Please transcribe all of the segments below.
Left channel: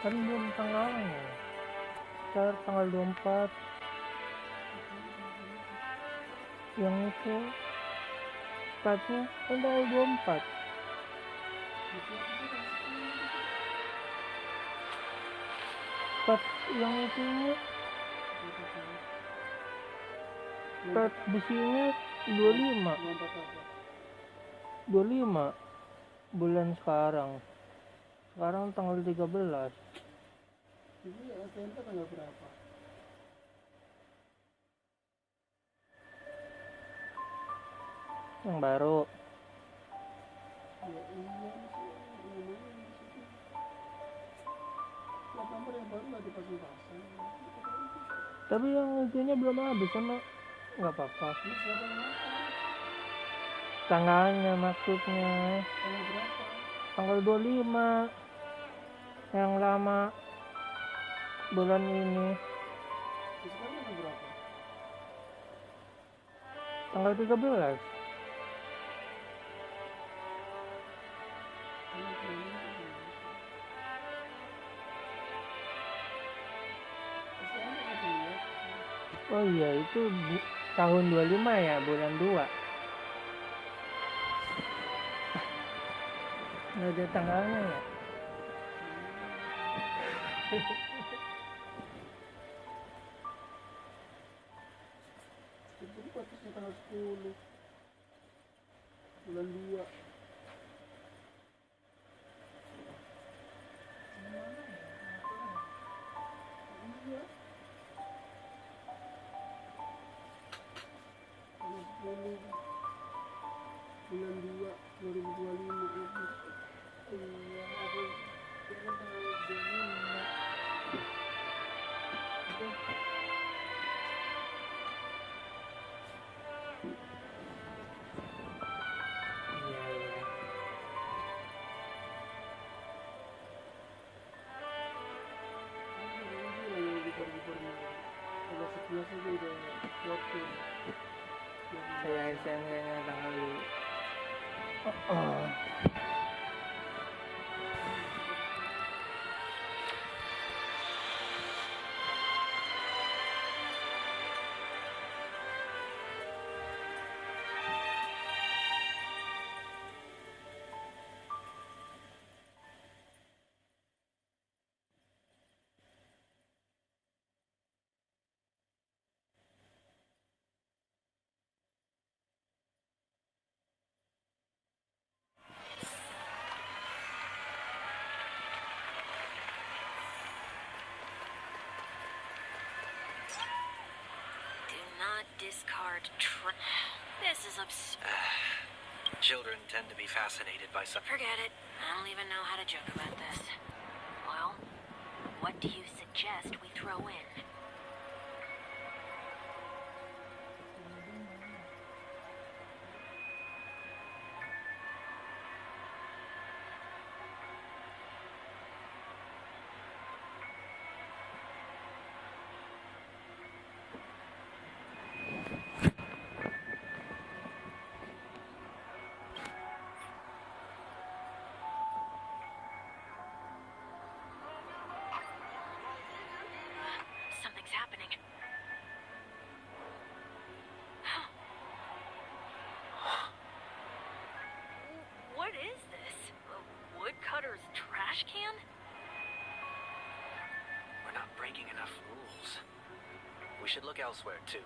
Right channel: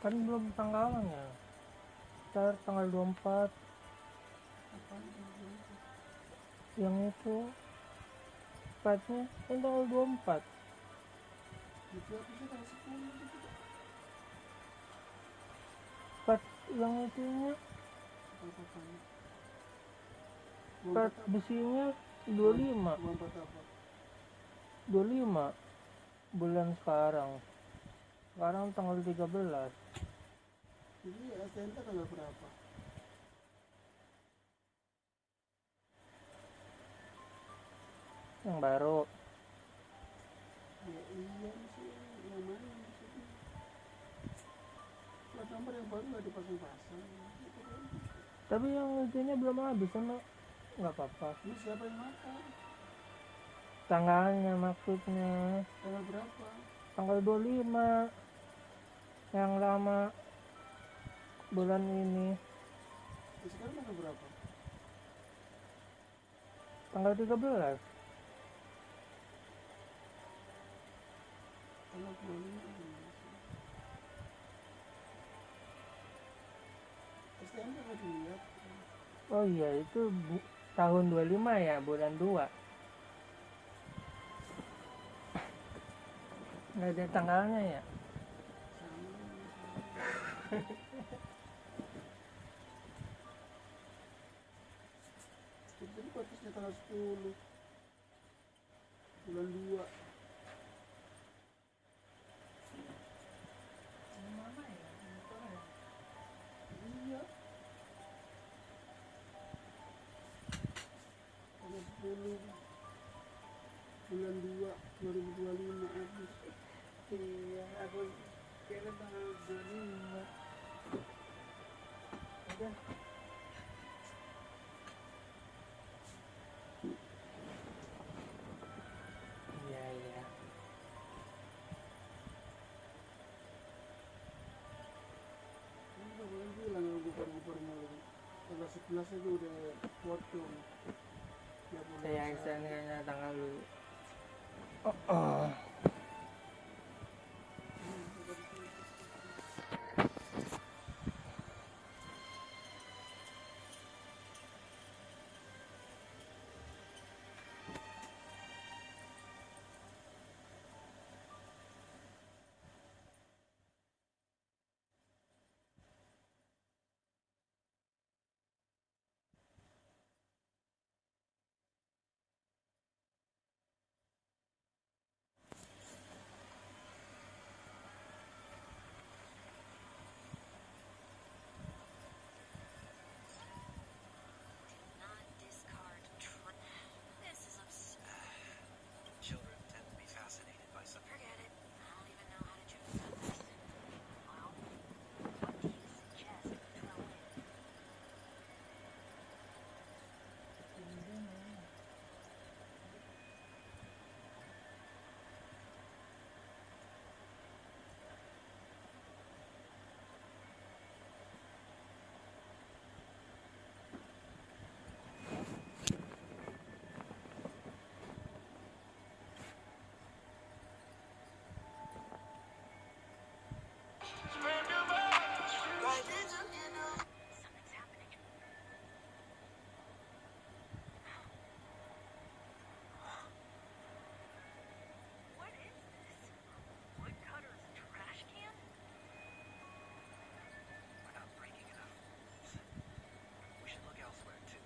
Kan belum tanggalnya. Ntar tanggal 24. Yang itu startnya kan tanggal 24. Start yang itu start besinya 25 bulan sekarang tanggal 13. Jadi STNK tanggal berapa? Yang baru. Ya iya sih, namanya di situ. Plat nomor yang baru nggak dipasang-pasang. Tapi yang itunya belum habis sama nggak apa-apa. Ini siapa yang makan? Tanggalnya maksudnya. Tanggal berapa? Tanggal 25. Yang lama bulan ini. Sekarang tanggal berapa? Tanggal 13. Tanggal 25. STNK nggak dilihat. Oh iya itu tahun 25 ya, bulan 2. Nggak ada tanggalnya ya. Jadi batasnya tanggal 10 bulan 2. Mana ya? Iya. Tanggal 10 bulan 2 2025 habis. Iya, aku kira tanggal 25. Udah. Iya, iya. Tanggal 11 aja udah waktu. Saya SNK-nya tanggal dulu. Oh. This is absurd. Children tend to be fascinated by some. Forget it. I don't even know how to joke about this. Well, what do you suggest we throw in? Something's happening. What is this? A woodcutter's trash can? We're not breaking enough rules. We should look elsewhere, too.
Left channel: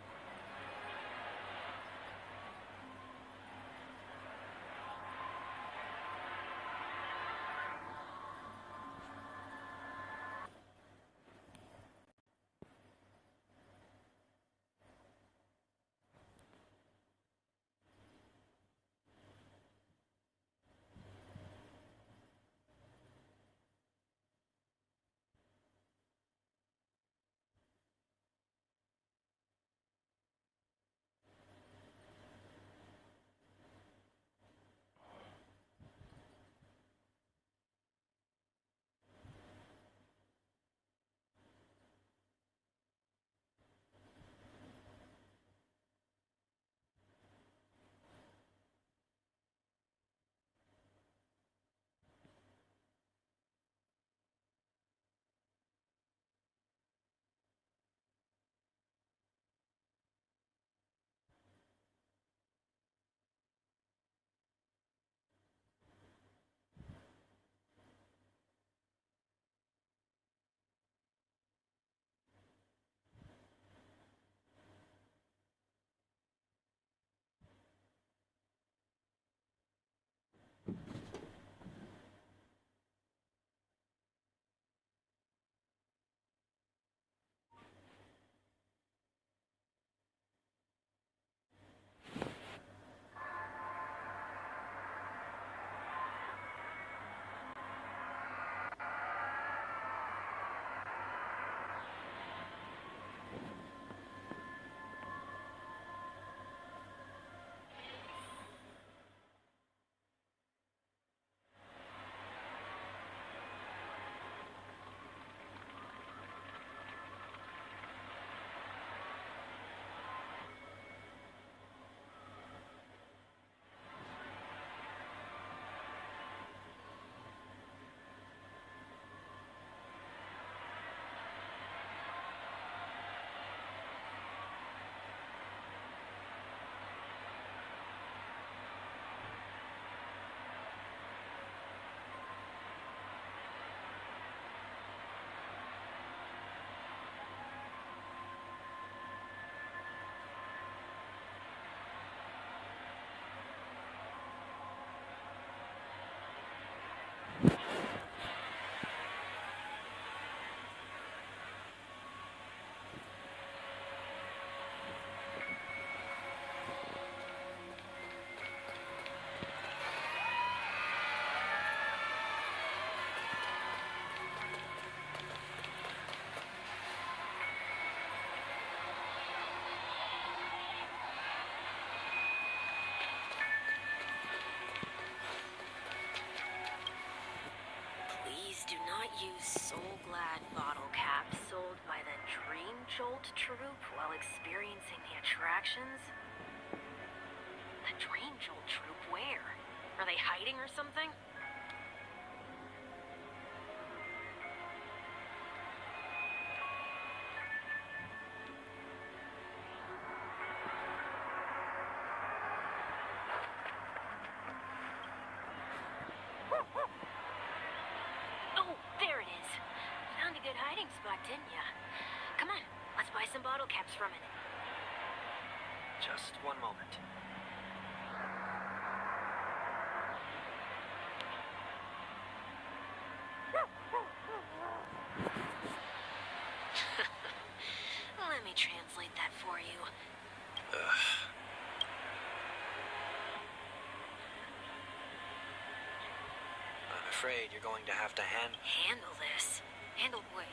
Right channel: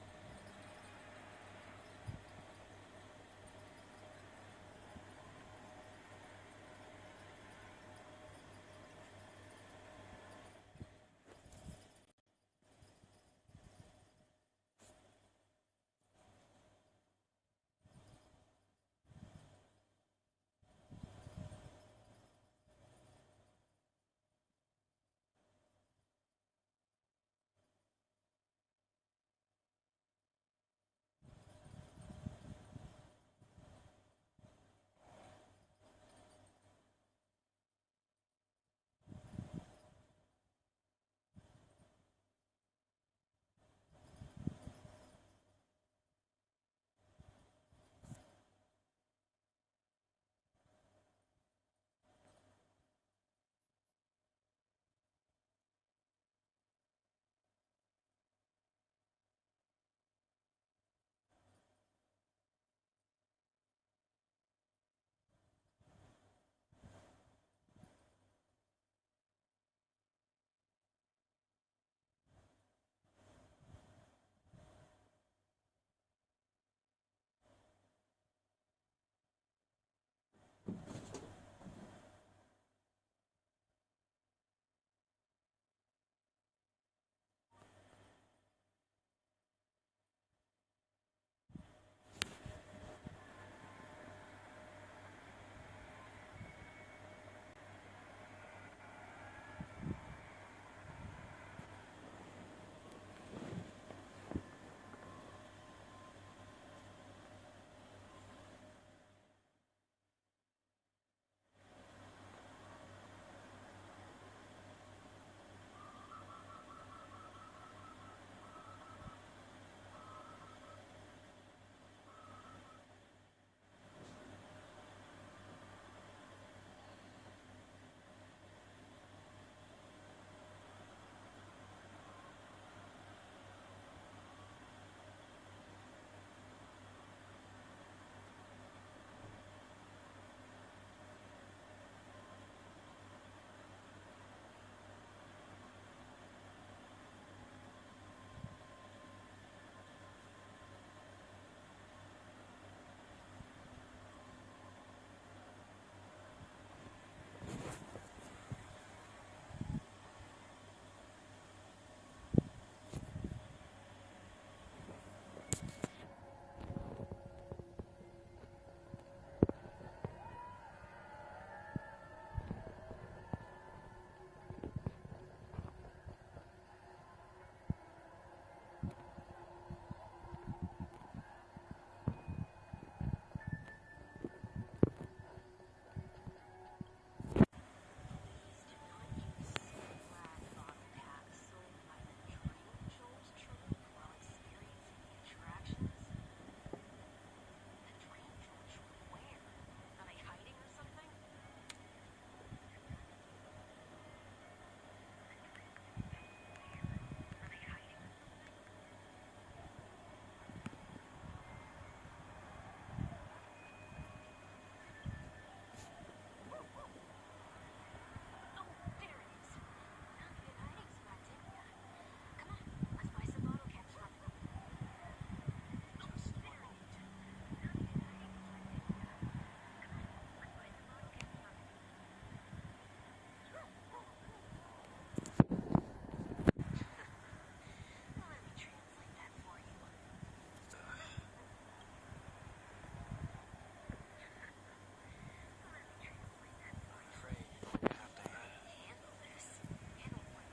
afraid you're going to have to Handle this? Handle what?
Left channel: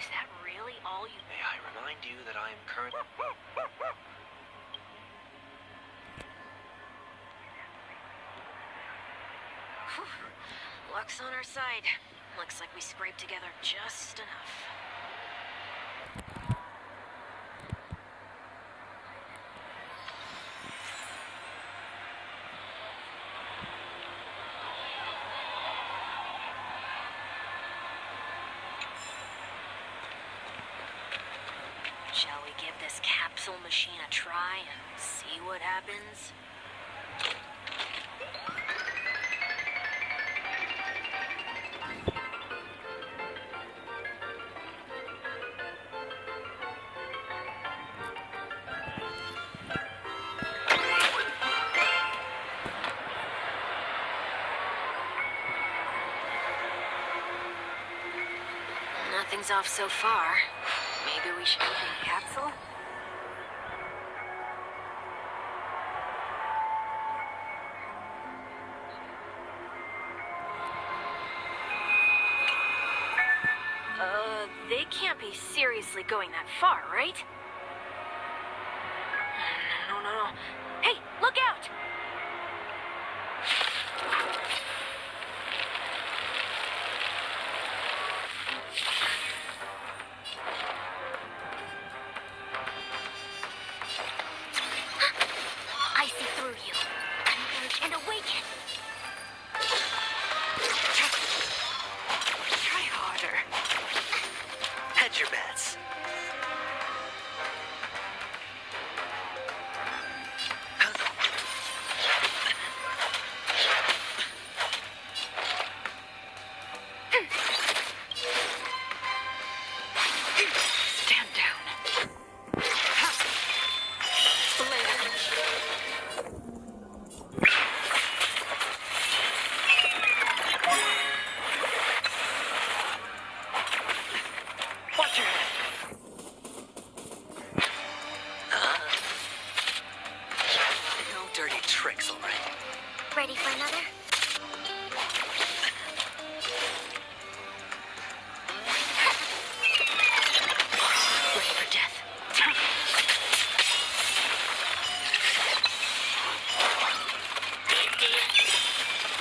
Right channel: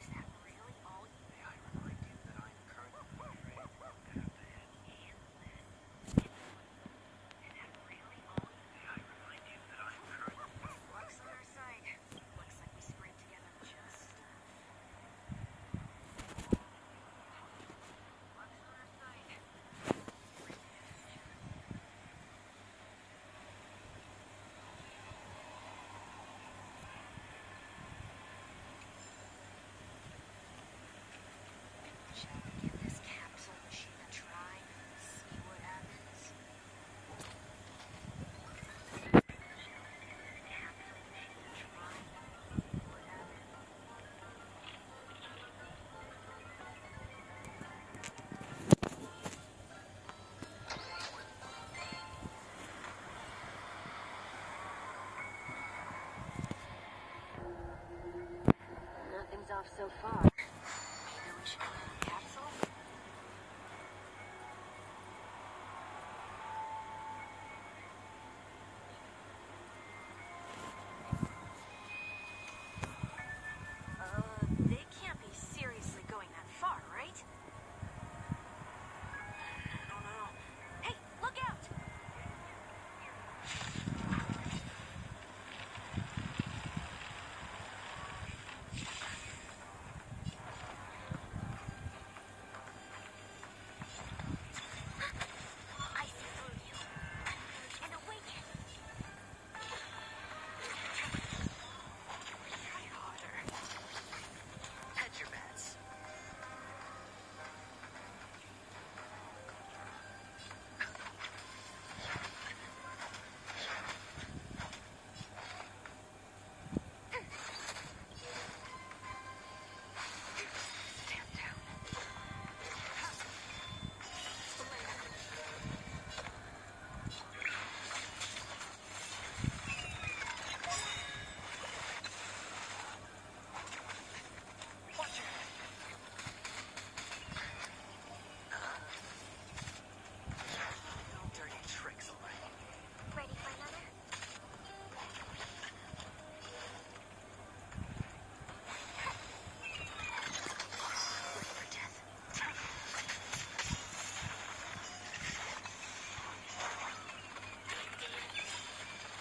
Is that really all you... May I remind you that I am currently... Luck's on our side. Looks like we scraped together just enough. Shall we give this capsule machine a try and see what happens? Nothing's off so far. Maybe we should open the capsule? They can't be seriously going that far, right? No. Hey, look out! I see through you. Converge and awaken. Try harder. Hedge your bets. Stand down. Watch your head. No dirty tricks, all right? Ready for another? Ready for death.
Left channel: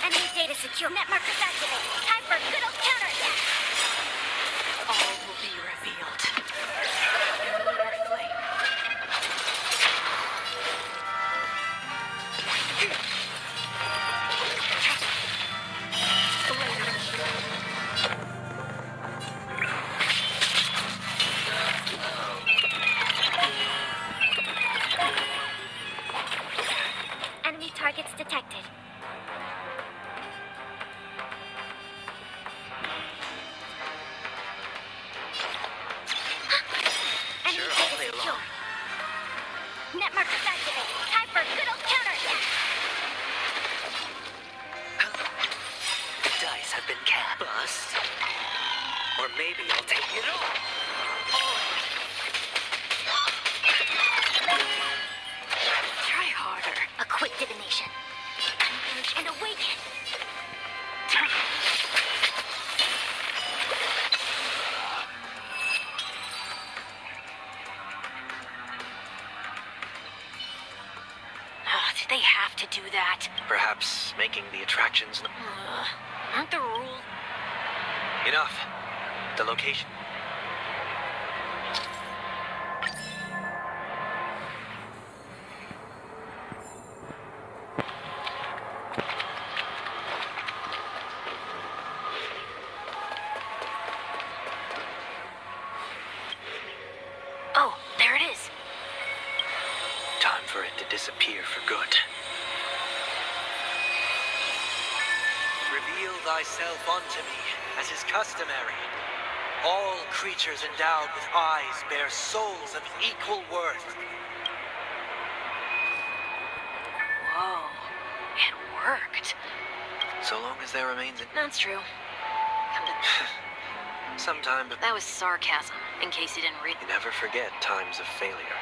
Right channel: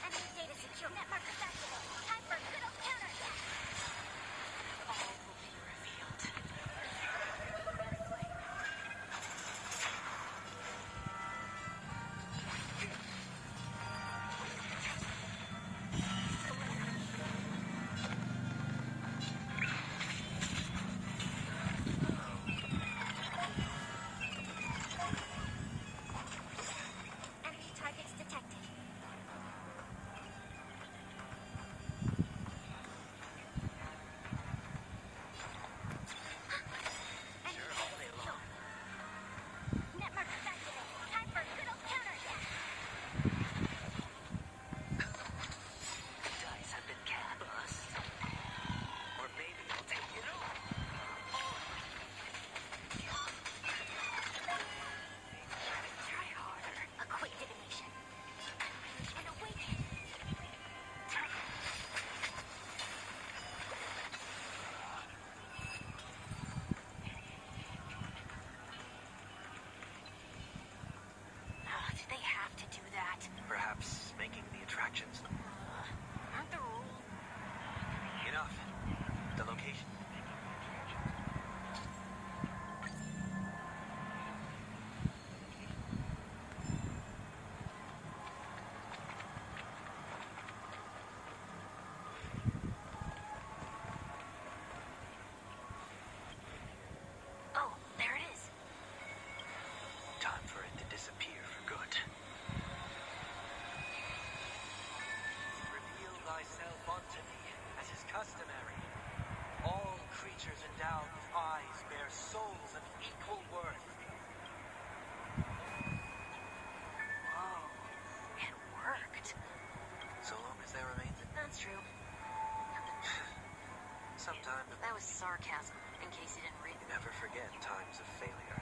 Enemy data secure. Net markers activated. Time for good old counterattack. All will be revealed. Earthly. Enemy targets detected. Enemy Sure, data I'll play secure. along. Net markers activated. Time for good old counterattack. The dice have been cast. Bust. Or maybe I'll take it all. Try harder. A quick divination. Converge and awaken. Did they have to do that? Perhaps making the attractions... Aren't the rules? Enough. The location. Oh, there it is. Time for it to disappear for good. Reveal thyself unto me, as is customary. All creatures endowed with eyes bear souls of equal worth. Whoa, it worked. So long as there remains a... That's true. Come to... Sometime, but That was sarcasm, in case you didn't read. you never forget times of failure.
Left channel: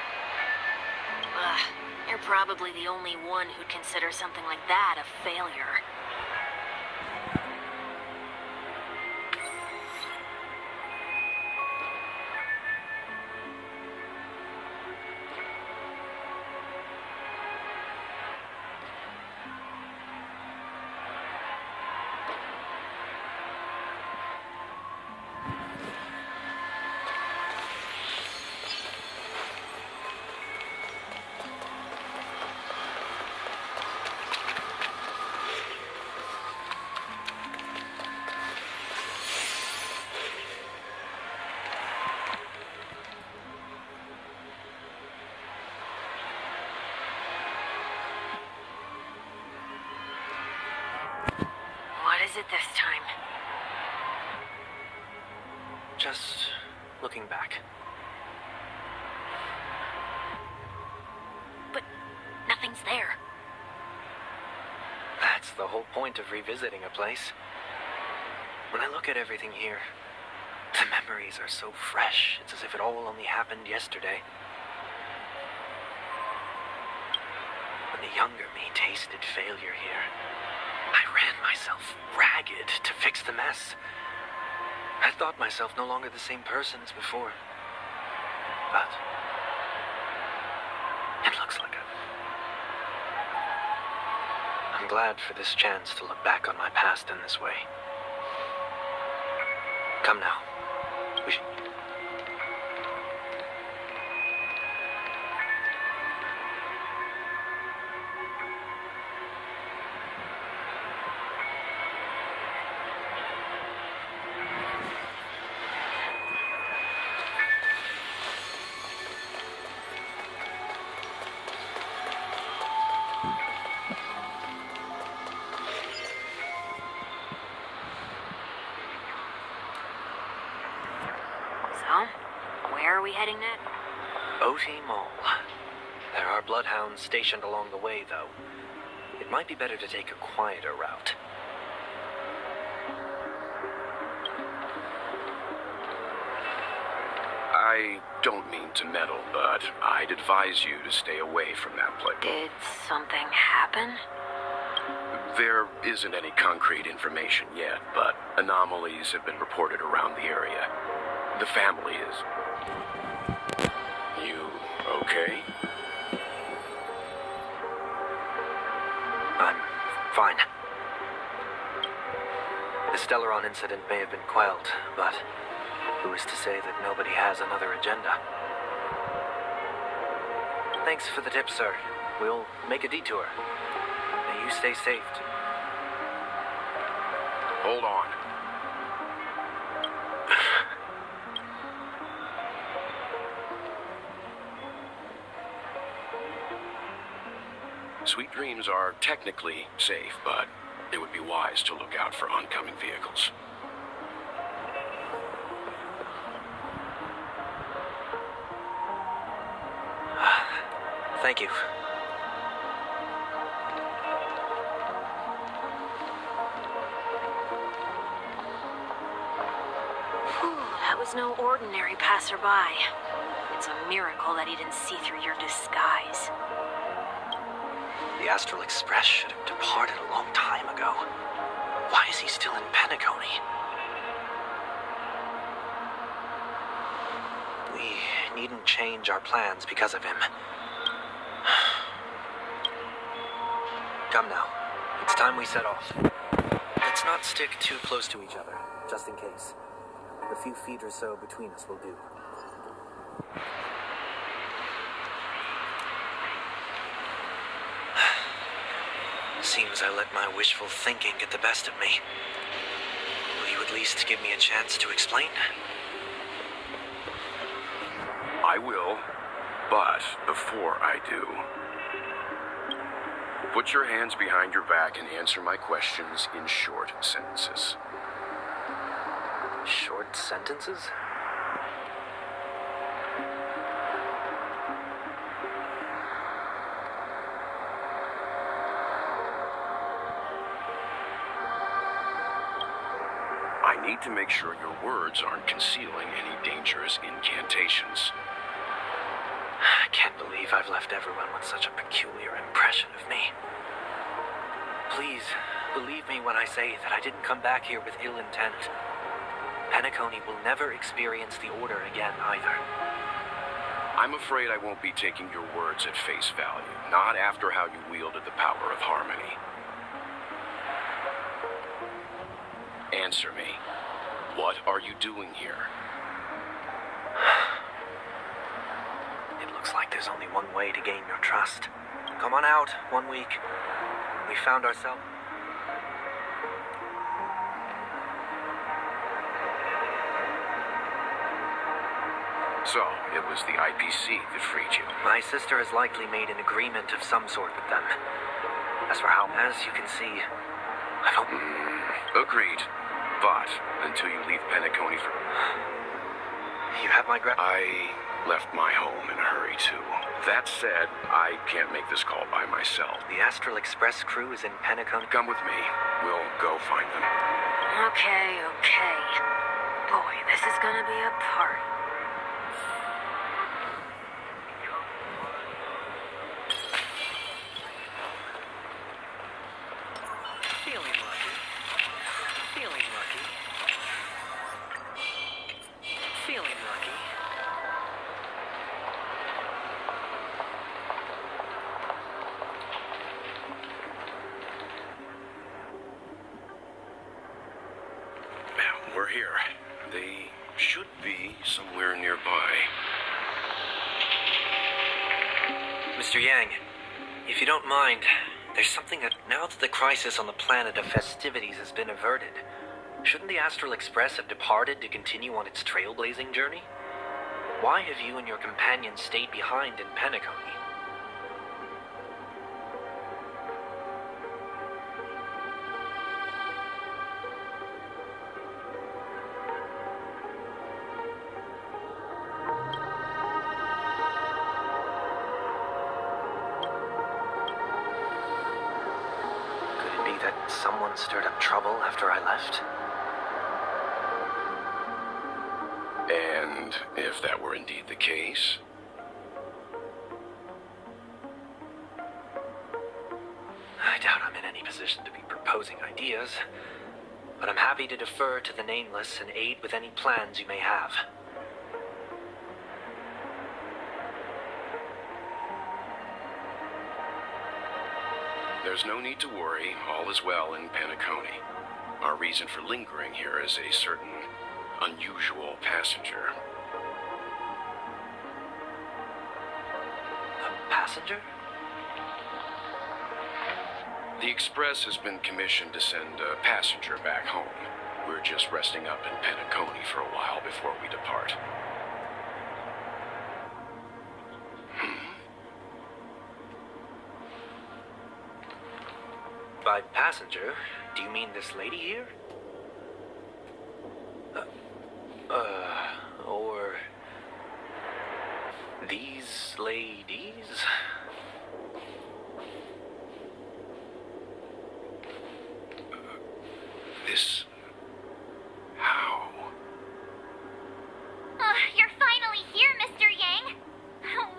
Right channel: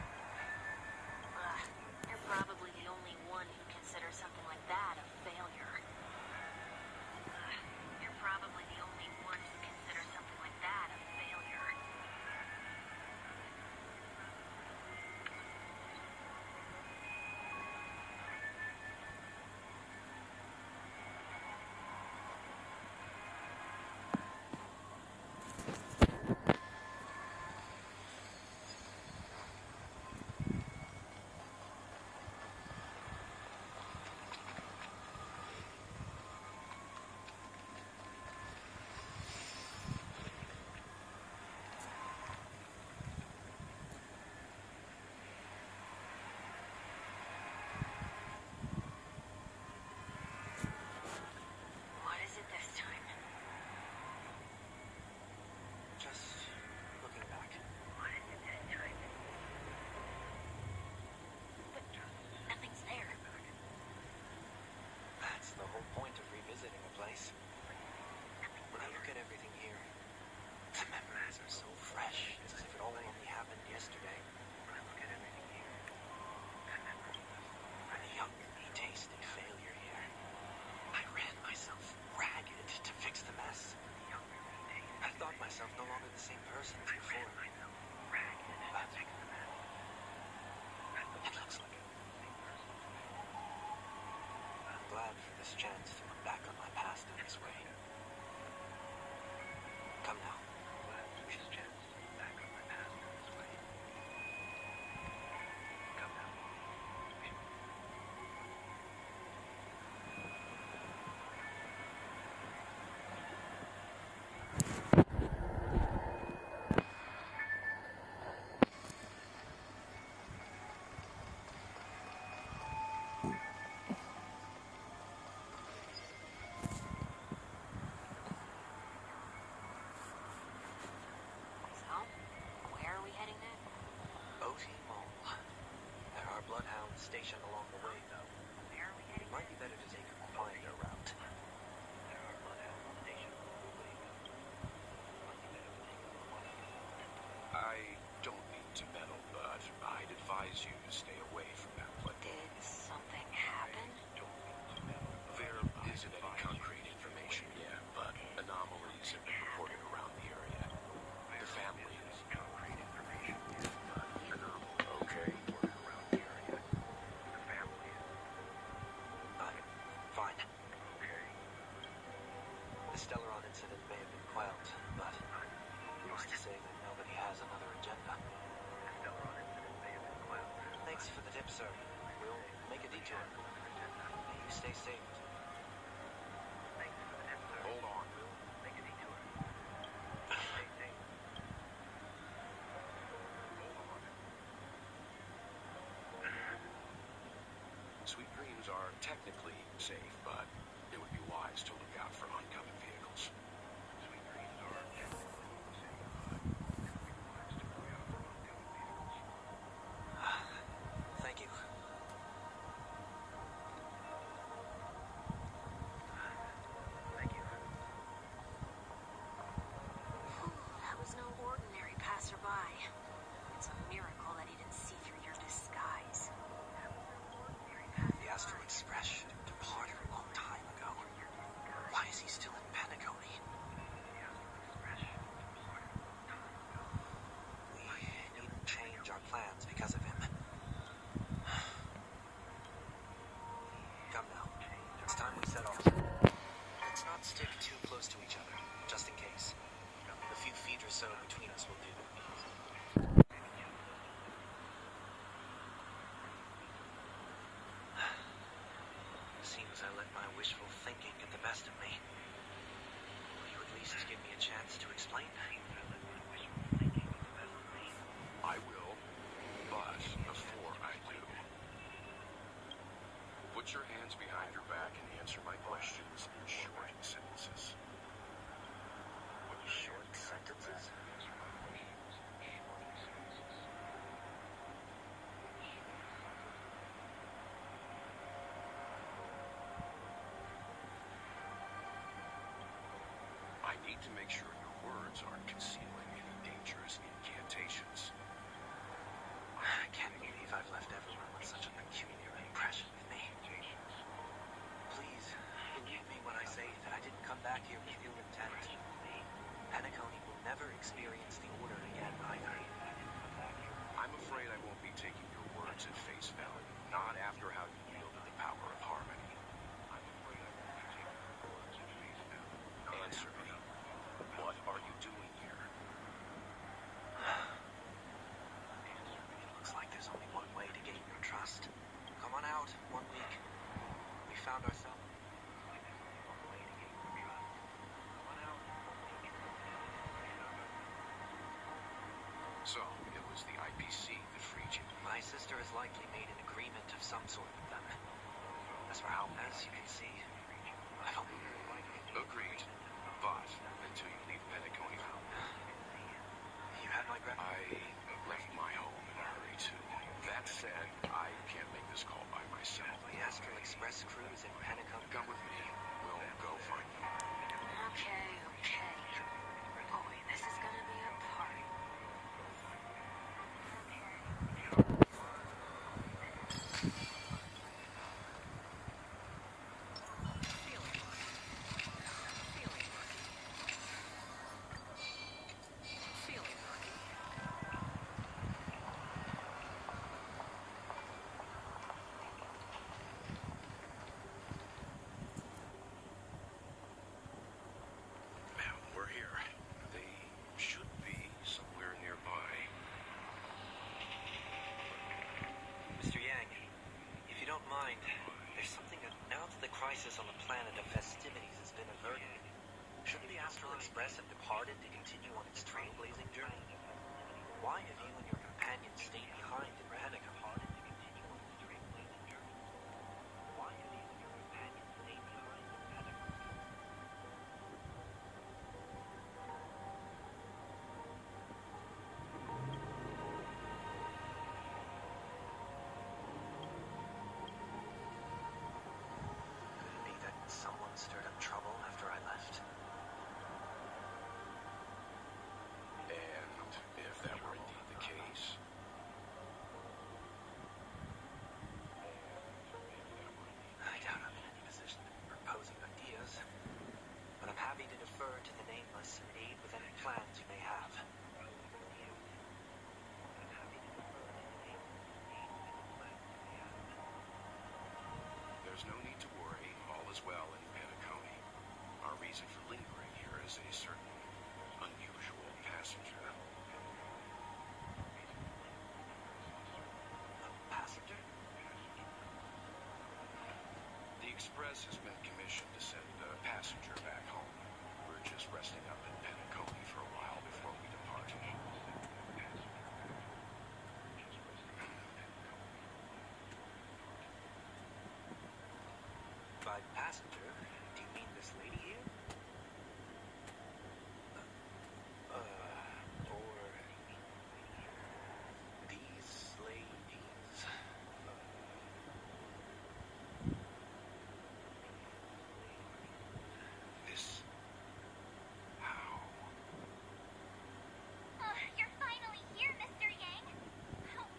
You're probably the only one who'd consider something like that a failure. this time? Just looking back. But nothing's there. That's the whole point of revisiting a place. When I look at everything here, the memories are so fresh. It's as if it all only happened yesterday. When the younger me tasted failure here, I ran myself ragged to fix the mess. I thought myself no longer the same person as before. But it looks like it. I'm glad for this chance to look back on my past in this way. Come now. We should... Where are we heading next? OT Mall. There are bloodhounds stationed along the way, though. It might be better to take a quieter route. I don't mean to meddle, but I'd advise you to stay away from that place. Did something happen? There isn't any concrete information yet, but anomalies have been reported around the area. The family is... You okay? I'm fine. The Stellaron incident may have been quelled, but who is to say that nobody has another agenda? Thanks for the tip, sir. We'll make a detour. May you stay safe. Hold on. Sweet Dreams are technically safe, but it would be wise to look out for oncoming vehicles. Thank you. Whew, that was no ordinary passerby. It's a miracle that he didn't see through your disguise. The Astral Express should have departed a long time ago. Why is he still in Penacony? We needn't change our plans because of him. Come now. It's time we set off. Let's not stick too close to each other, just in case. The few feet or so between us will do. Seems I let my wishful thinking get the best of me. Will you at least give me a chance to explain? I will, but before I do, put your hands behind your back and answer my questions in short sentences. Short sentences? I need to make sure your words aren't concealing any dangerous incantations. I can't believe I've left everyone with such a peculiar impression of me. Please, believe me when I say that I didn't come back here with ill intent. Penacony will never experience the Order again, either. I'm afraid I won't be taking your words at face value, not after how you wielded the power of harmony. Answer me. What are you doing here? It looks like there's only one way to gain your trust. Come on out, 1 week. We found ourselves... So, it was the IPC that freed you. My sister has likely made an agreement of some sort with them. As you can see, I don't... Agreed. But until you leave Penacony for... You have my I left my home in a hurry, too. That said, I can't make this call by myself. The Astral Express crew is in Penacony. Come with me. We'll go find them. Okay. Boy, this is gonna be a party. Feeling lucky. Feeling lucky. Feeling lucky. We're here. They should be somewhere nearby. Mr. Yang, if you don't mind, there's something that now that the crisis on the planet of festivities has been averted, shouldn't the Astral Express have departed to continue on its trailblazing journey? Why have you and your companions stayed behind in Penacony? Could it be that someone stirred up trouble after I left? And if that were indeed the case... I doubt I'm in any position to be proposing ideas, but I'm happy to defer to the Nameless and aid with any plans you may have. There's no need to worry. All is well in Penacony. Our reason for lingering here is a certain unusual passenger. A passenger? The Express has been commissioned to send a passenger back home. We're just resting up in Penacony for a while before we depart. By passenger, do you mean this lady here? Or these ladies? This... how? You're finally here, Mr. Yang.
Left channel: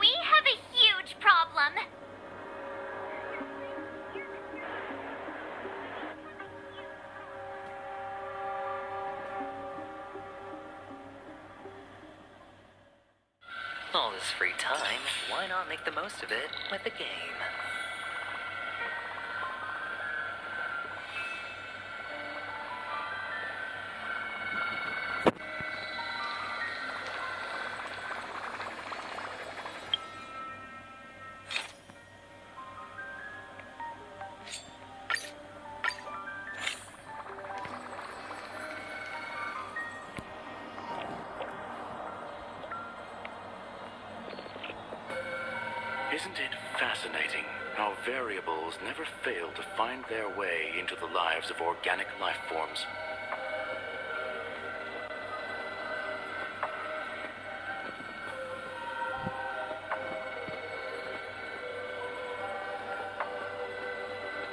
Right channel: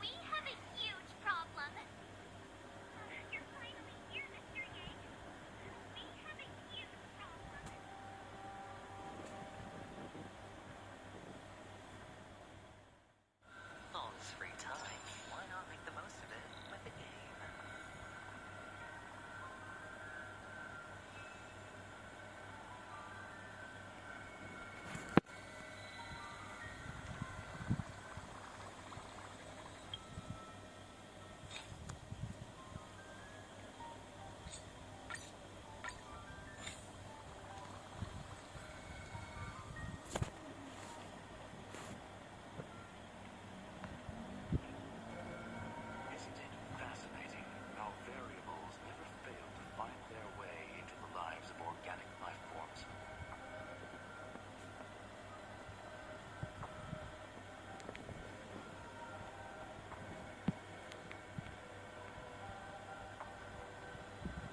We have a huge problem. All this free time, why not make the most of it with a game? Isn't it fascinating how variables never fail to find their way into the lives of organic life forms?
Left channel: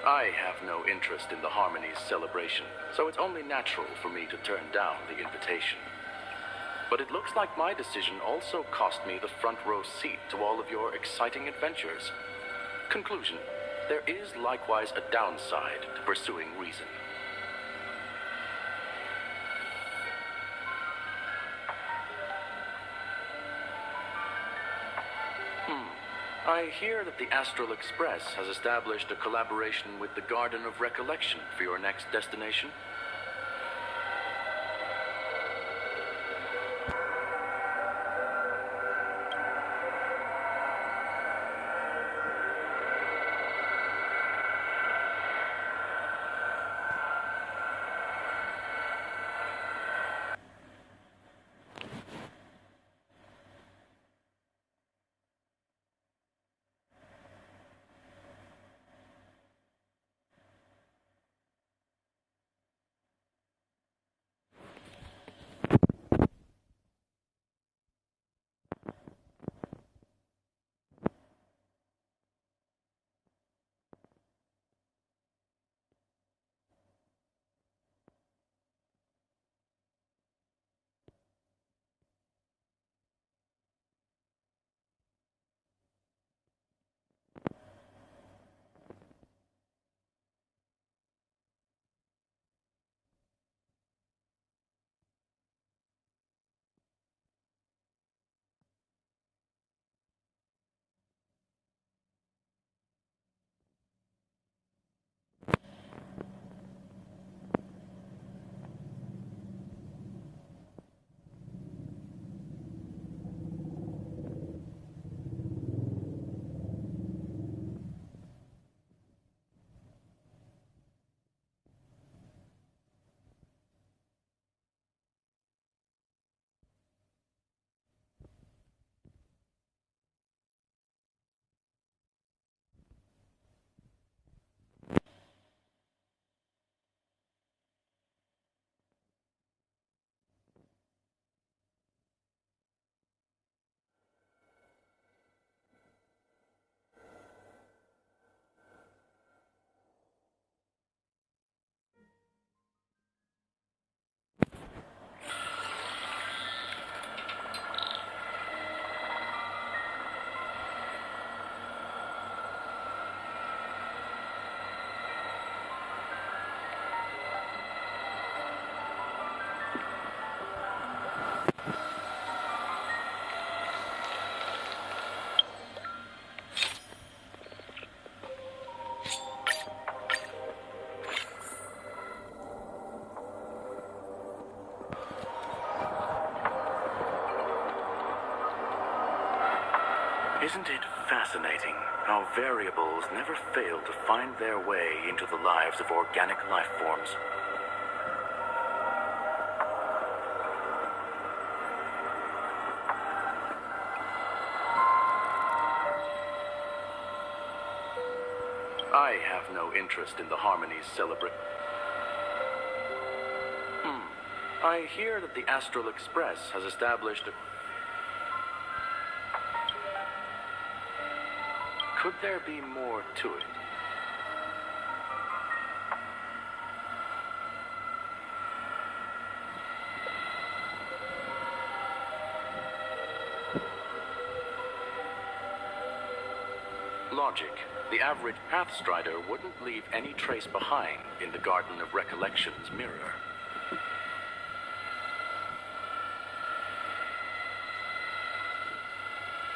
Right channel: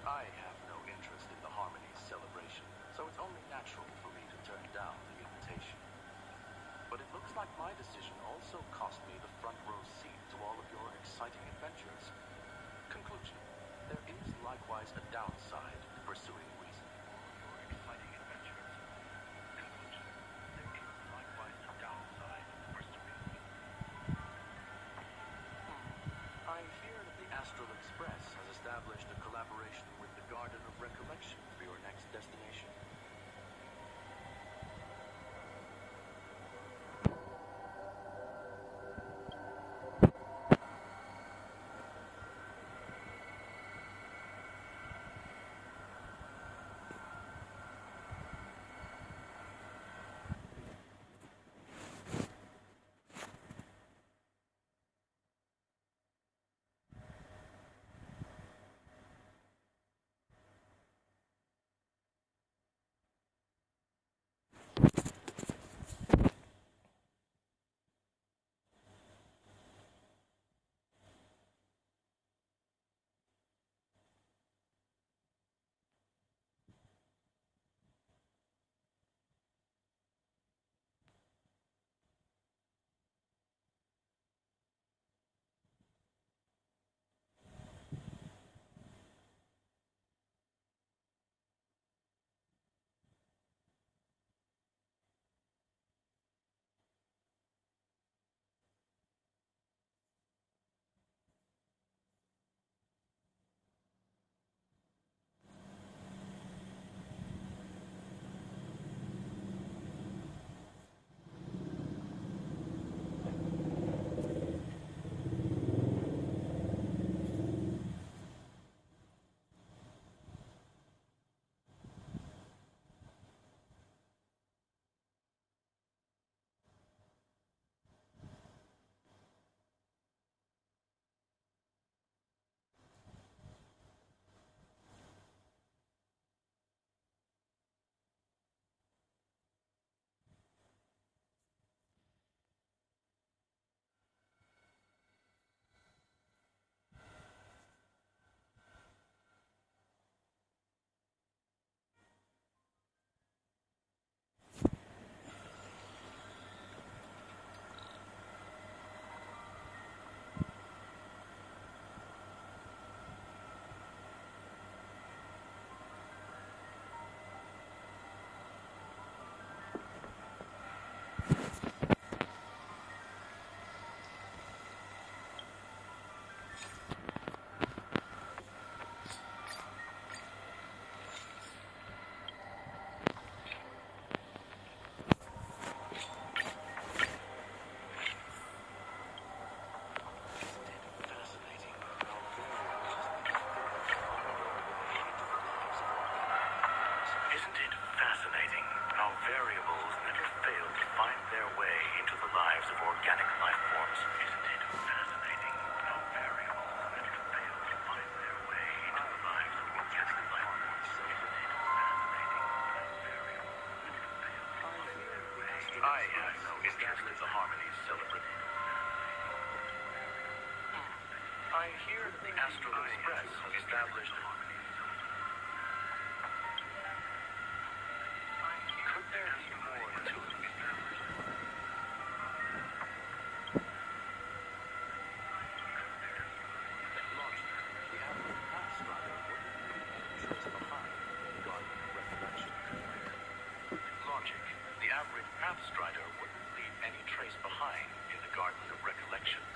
I have no interest in the Harmony's celebration, so it's only natural for me to turn down the invitation. But it looks like my decision also cost me the front row seat to all of your exciting adventures. Conclusion: there is likewise a downside to pursuing reason. I hear that the Astral Express has established a collaboration with the Garden of Recollection for your next destination. Isn't it fascinating how variables never fail to find their way into the lives of organic life forms? Isn't it fascinating how variables never fail to find their way into the lives of organic life forms? Isn't it fascinating how variables never fail to find their way? I have no interest in the harmonies celebrated. I hear that the Astral Express has established a... Could there be more to it? Logic. The average Pathstrider wouldn't leave any trace behind in the Garden of Recollection's mirror. Logic. The average Pathstrider wouldn't leave any trace behind in the Garden of Recollection's mirror.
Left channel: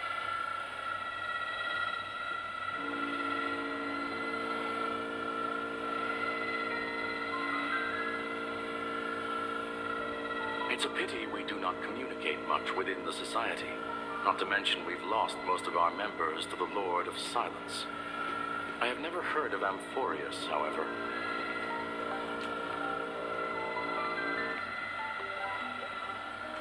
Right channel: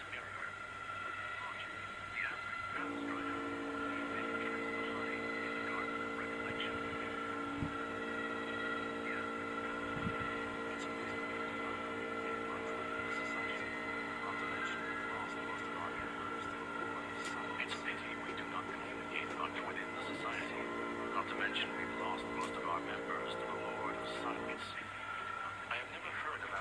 It's a pity we do not communicate much within the society. Not to mention we've lost most of our members to the Lord of Silence. I have never heard of Amphorius, however. Not to mention we've lost most of our members to the Lord of Silence. I have never heard of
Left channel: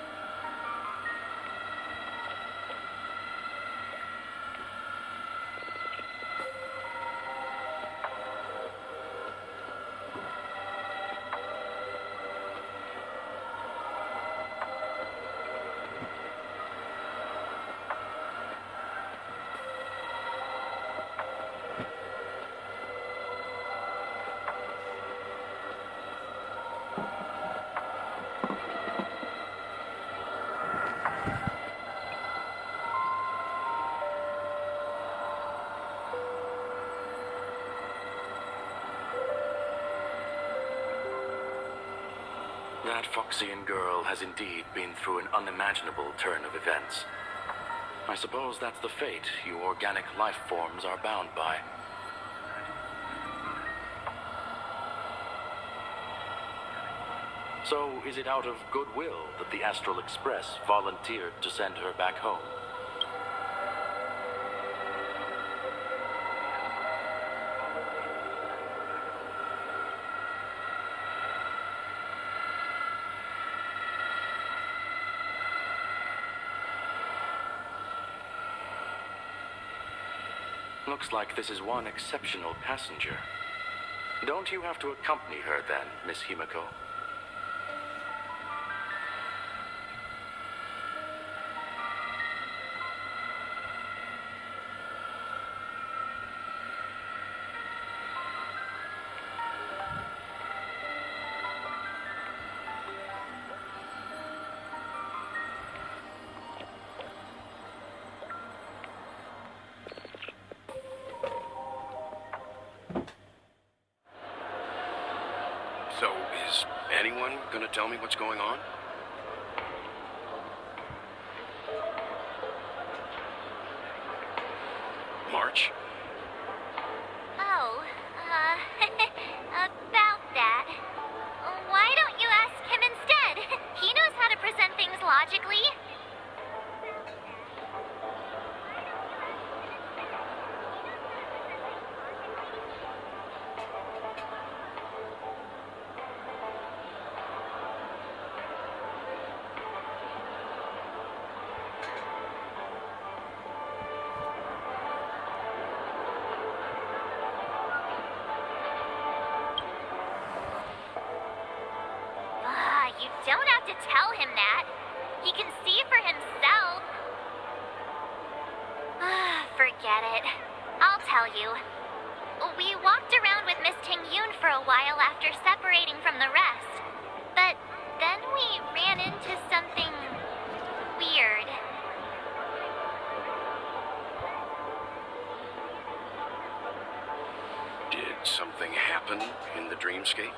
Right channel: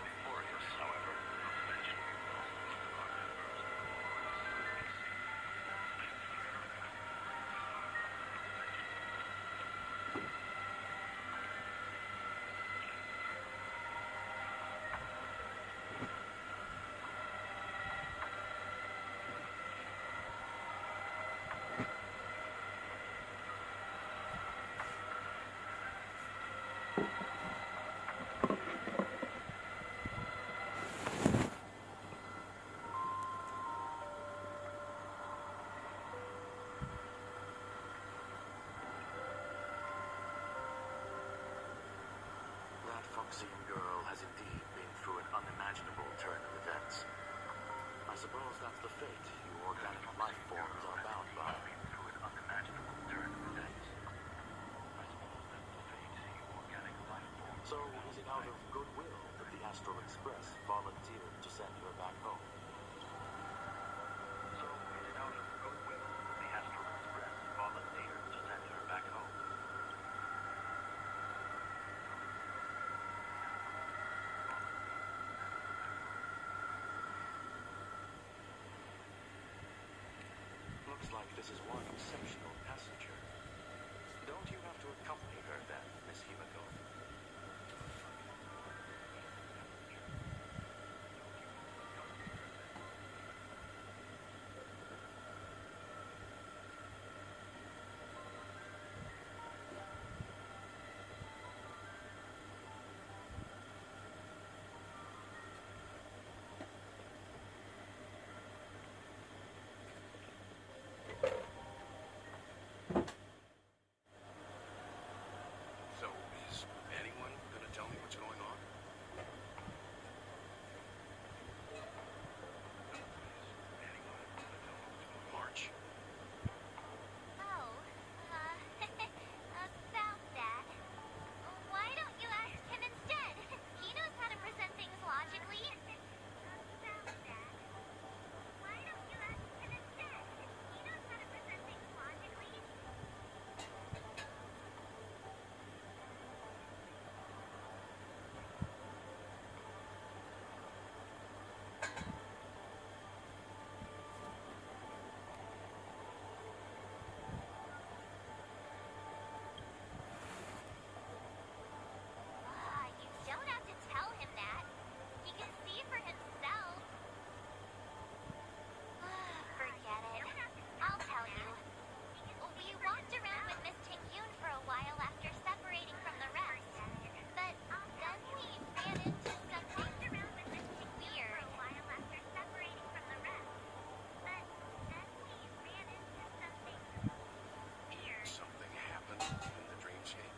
That Foxian girl has indeed been through an unimaginable turn of events. I suppose that's the fate you organic life forms are bound by. So, is it out of goodwill that the Astral Express volunteered to send her back home? Looks like this is one exceptional passenger. Don't you have to accompany her then, Miss Himiko? So, is anyone gonna tell me what's going on? March? Oh, about that. Why don't you ask him instead? He knows how to present things logically. You don't have to tell him that. He can see for himself. Forget it. I'll tell you. We walked around with Miss Tingyun for a while after separating from the rest. But then we ran into something weird. Did something happen in the dreamscape?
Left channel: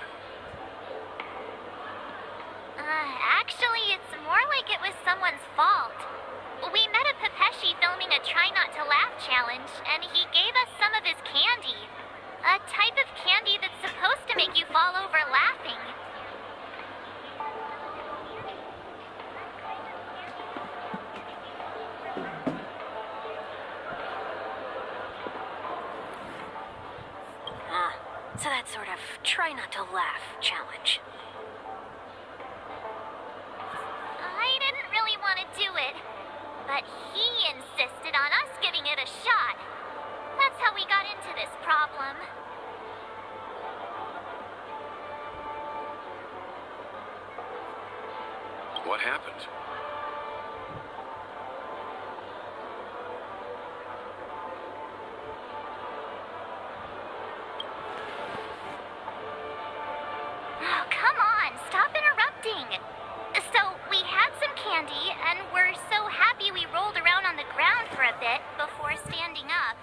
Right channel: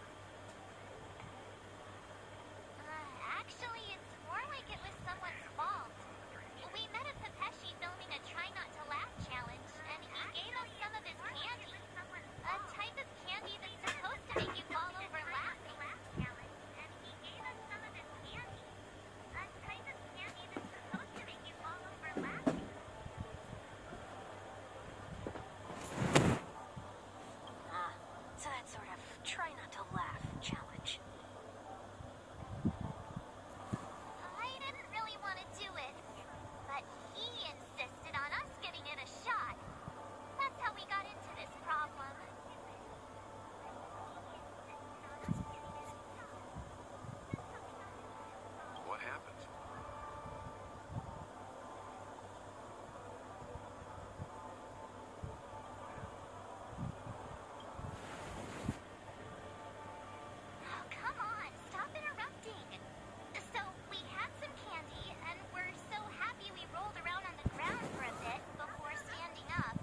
Actually, it's more like it was someone's fault. We met a Pepeshi filming a Try Not to Laugh challenge, and he gave us some of his candy. A type of candy that's supposed to make you fall over laughing. So that sort of try not to laugh challenge. I didn't really want to do it, but he insisted on us giving it a shot. That's how we got into this problem. What happened? Oh, come on, stop interrupting. So, we had some candy, and we're so happy we rolled around on the ground for a bit before standing up.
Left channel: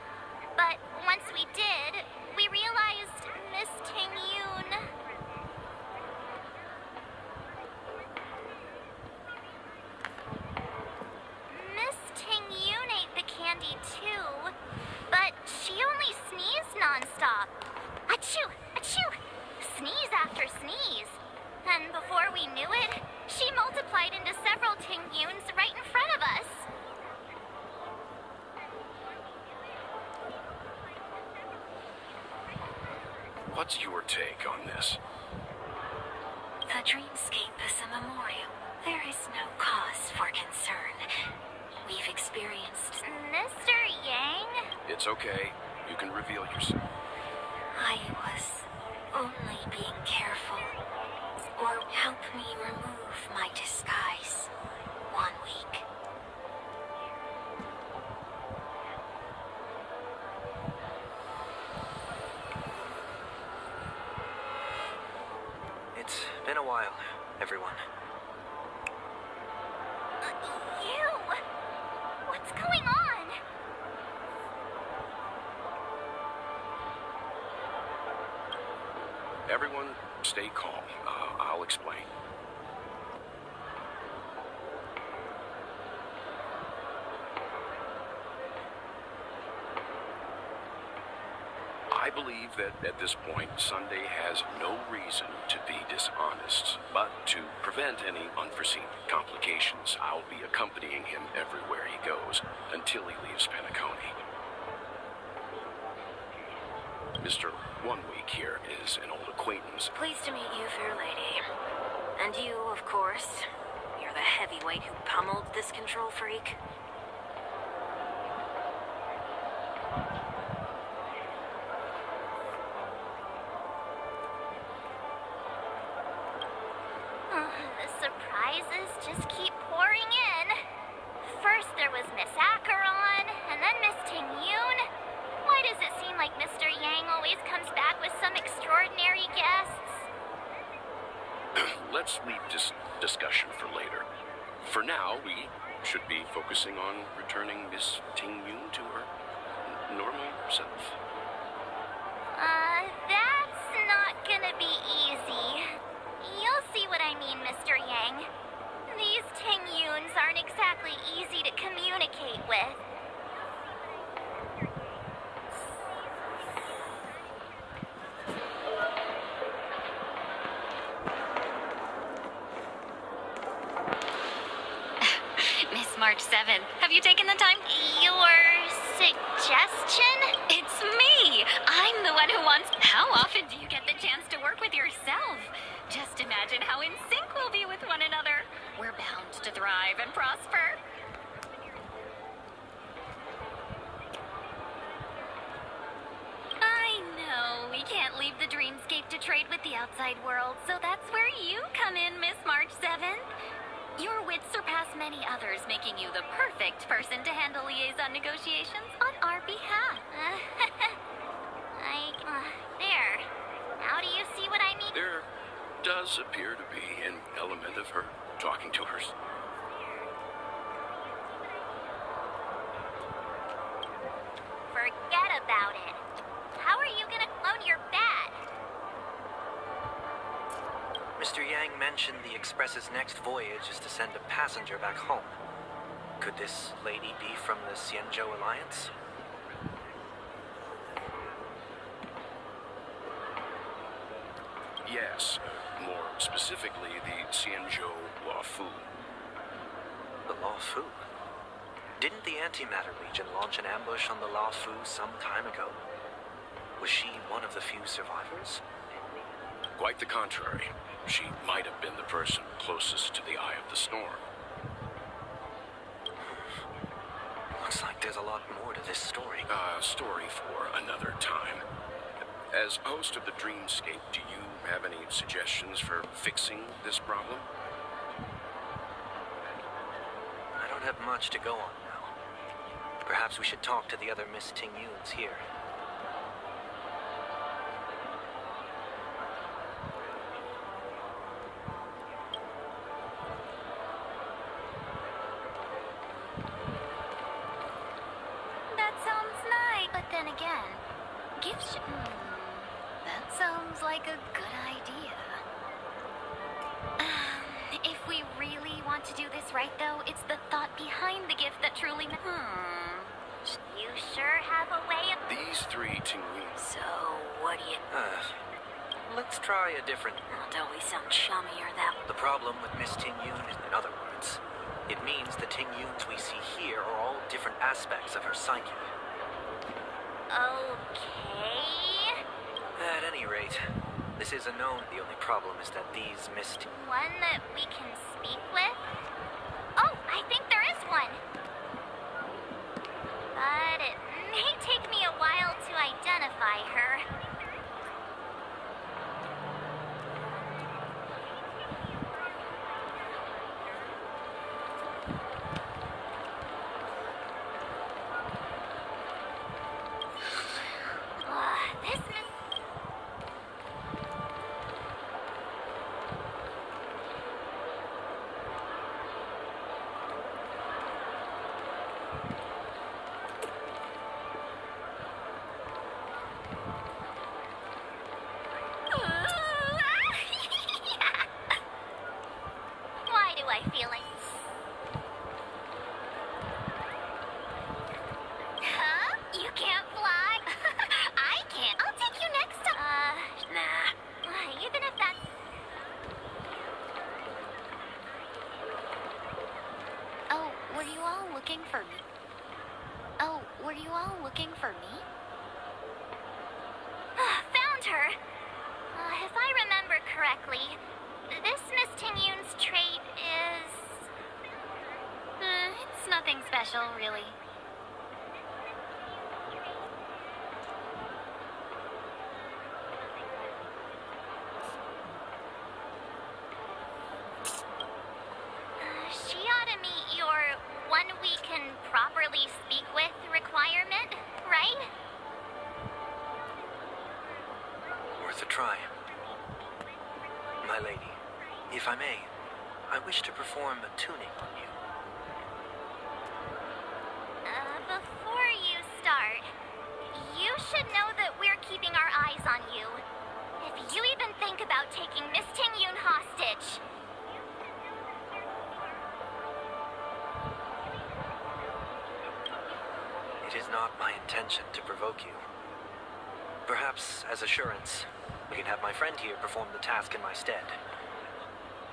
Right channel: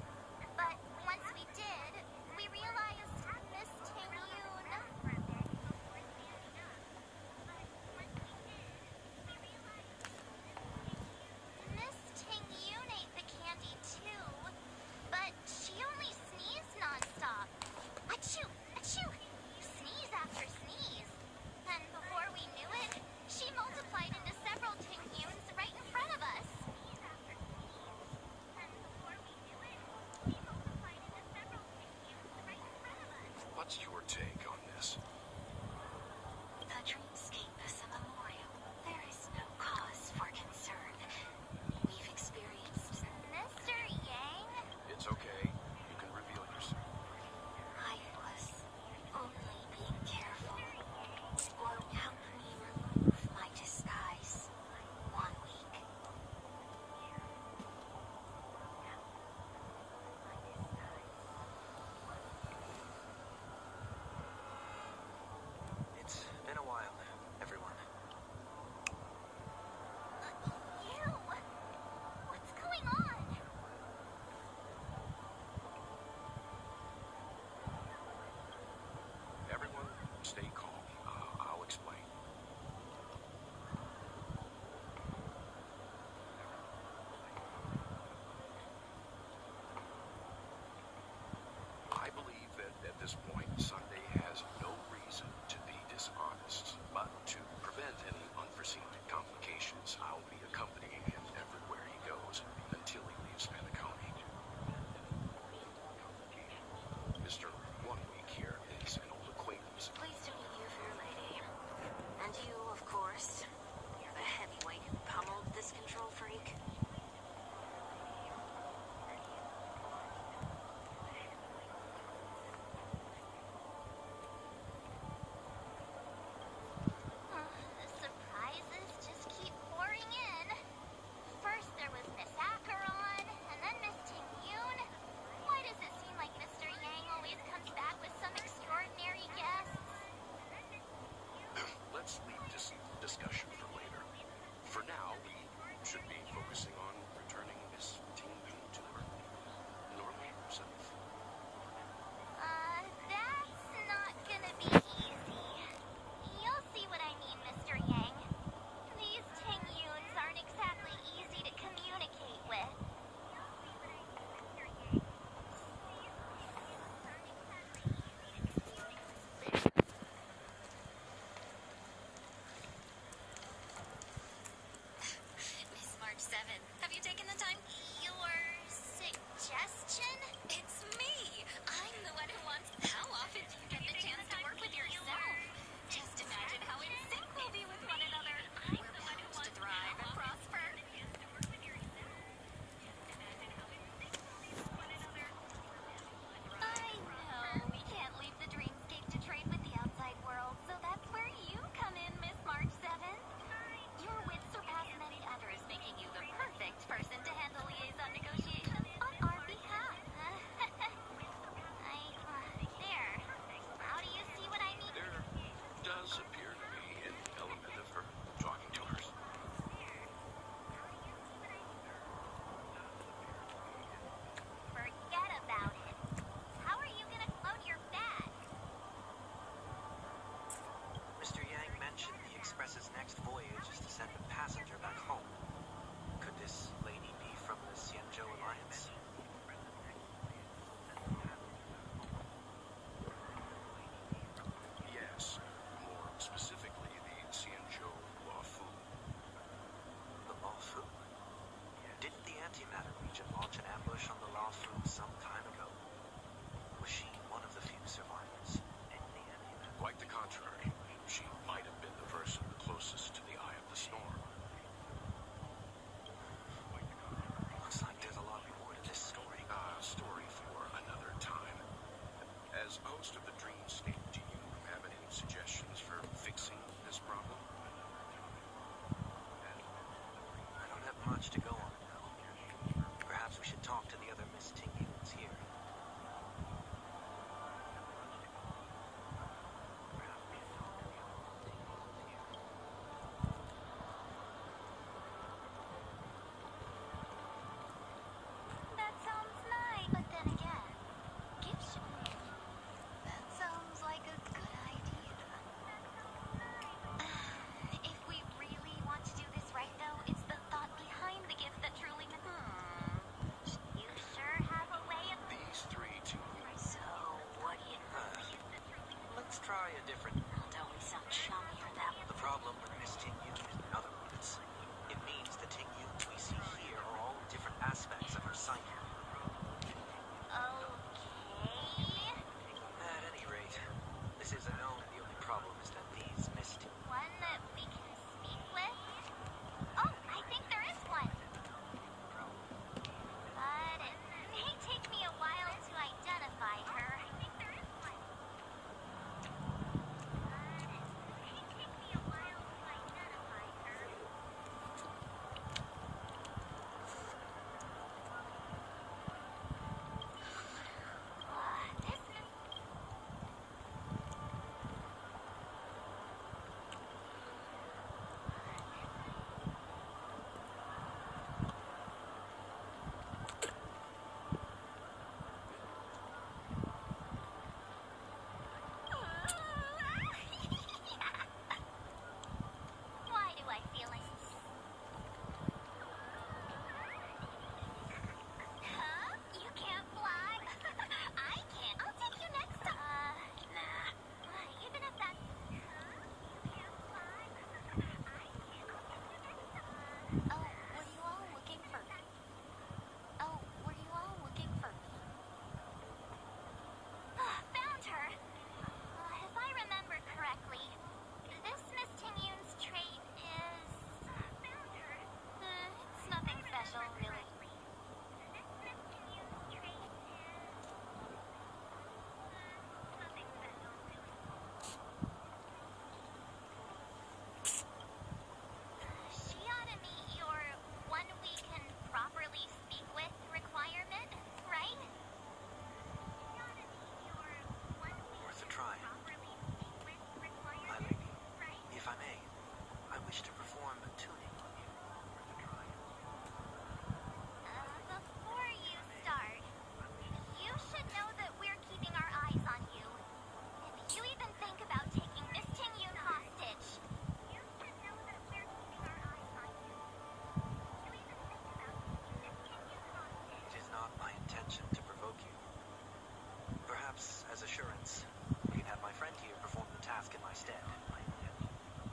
But once we did, we realized Miss Tingyun... Miss Tingyun ate the candy too, but she only sneezed nonstop. Achoo! Achoo! Sneeze after sneeze. And before we knew it, she multiplied into several Tingyuns right in front of us. What's your take on this? The dreamscape is a memorial. There is no cause for concern. We've experienced... Mr. Yang? It's okay. You can reveal yourself. I was only being careful. Or help me remove my disguise. 1 week. It's been a while, everyone. You! What's going on? Everyone, stay calm. I'll explain. I believe that at this point, Sunday has no reason to be dishonest, but to prevent any unforeseen complications, I'll be accompanying him everywhere he goes until he leaves Penacony. Mr. 1 Week here is an old acquaintance. Pleased to meet you, fair lady. And you, of course. You're the heavyweight who pummeled this control freak. The surprises just keep pouring in. First there was Miss Acheron, and then Miss Tingyun. Why does it seem like Mr. Yang always comes back with some extraordinary guests? Let's leave this discussion for later. For now, we should be focusing on returning Miss Tingyun to her normal self. That's not gonna be easy. You'll see what I mean, Mr. Yang. These Tingyuns aren't exactly easy to communicate with. Miss March 7th, have you taken the time? Your suggestion? It's me! I'm the one who wants... How often do you get the chance to work with yourself? Just imagine how in sync we'll be with one another. We're bound to thrive and prosper. I know we can't leave the dreamscape to trade with the outside world, so that's where you come in, Miss March 7th. Your wits surpass many others, making you the perfect person to handle liaison negotiations on our behalf. There. Now do you see what I mean? There does appear to be an element of her talking to her. Forget about it. How are you gonna clone your bat? Mr. Yang mentioned the Express's next voyage is to send a passenger back home. Could this lady be from the Xianzhou Alliance? Yes, more specifically the Xianzhou Luofu. The Luofu? Didn't the Antimatter Legion launch an ambush on the Luofu some time ago? Was Was she one of the few survivors? Quite the contrary. She might have been the person closest to the eye of the storm. Looks like there's a lot more to this story. Story for another time. As host of the Dreamscape, do you have any suggestions for fixing this problem? I don't have much to go on now. Perhaps we should talk to the other Miss Tingyuns here. That sounds nice. But then again, gifts. That sounds like a good idea. If we really want to do this right, though, it's the thought behind the gift that truly. You sure have a way of. These three Tingyun. So, what do you? Let's try a different... Don't we sound chummier that way? The problem with Miss Tingyun is, in other words, it means the Tingyuns we see here are all different aspects of her psyche. Okay. At any rate, this is a known. The only problem is that these Miss... One that we can speak with? Oh, I think there is one. But it may take me a while to identify her. This Why do I feel like... Huh? You can't fly? I can't. I'll take you next time. Nah. Even if that's... Oh, were you all looking for me? Oh, were you all looking for me? Found her. If I remember correctly, this Miss Tingyun's trait is... It's nothing special, really. She ought to meet your one we can properly speak with requirement, right? Worth a try. My lady, if I may, I wish to perform a tuning on you. Before you start, you should know that we're keeping our eyes on you. If you even think about taking Miss Tingyun hostage... It is not my intention to provoke you. Perhaps, as assurance, we can have my friend here perform the task in my stead.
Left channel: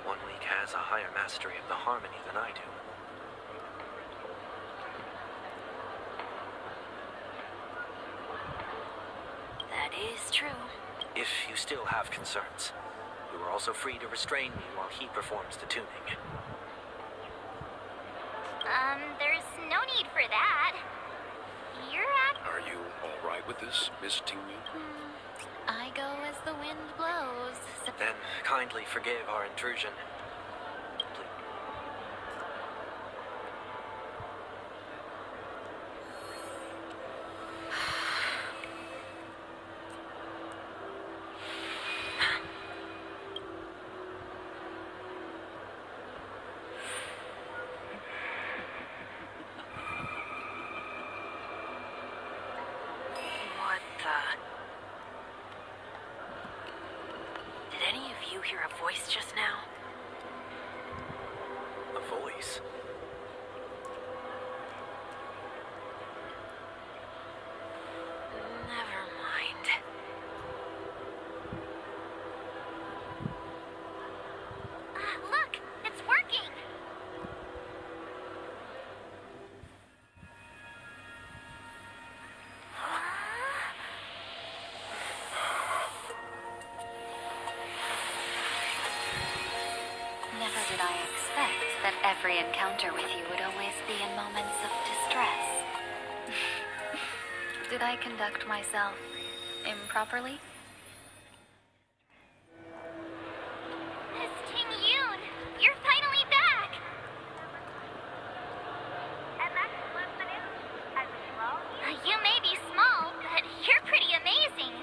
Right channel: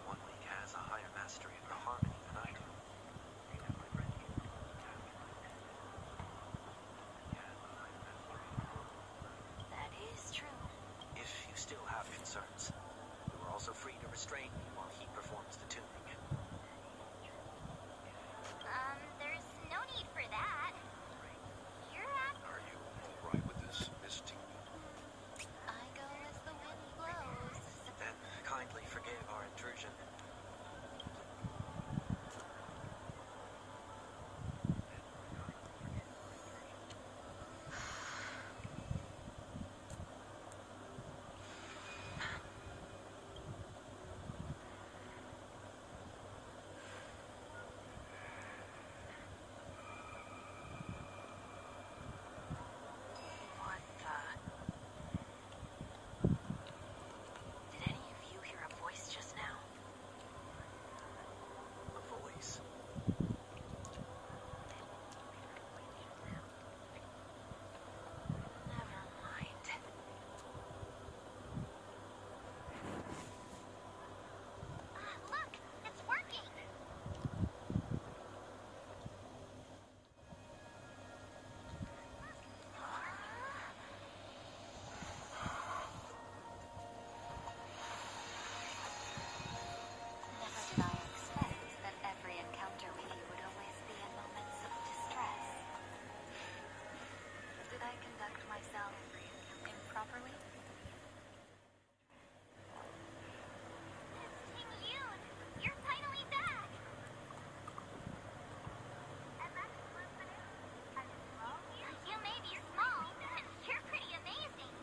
One week has a higher mastery of the harmony than I do. That is true. If you still have concerns, you are also free to restrain me while he performs the tuning. There's no need for that. You're at... Are you all right with this, Miss Tingyun? I go as the wind blows. Then kindly forgive our intrusion. What the? Did any of you hear a voice just now? laughter with you would always be in moments of distress. Did I conduct myself improperly? Miss Tingyun, you're finally back! And that's what's the news. As usual. You may be small, but you're pretty amazing.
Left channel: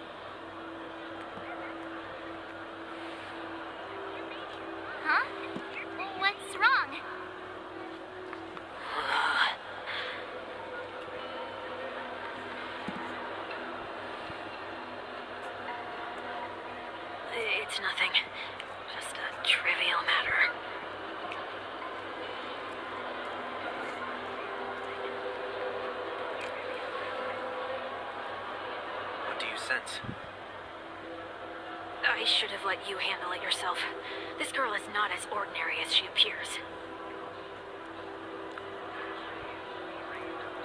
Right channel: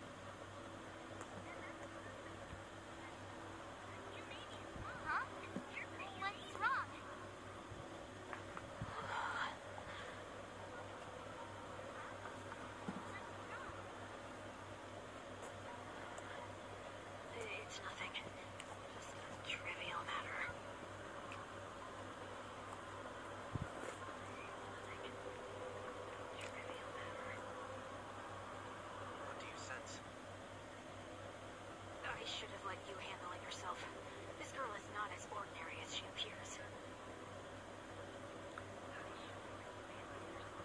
Huh? What's wrong? It's nothing. Just a trivial matter. What do you sense? I should have let you handle it yourself. This girl is not as ordinary as she appears.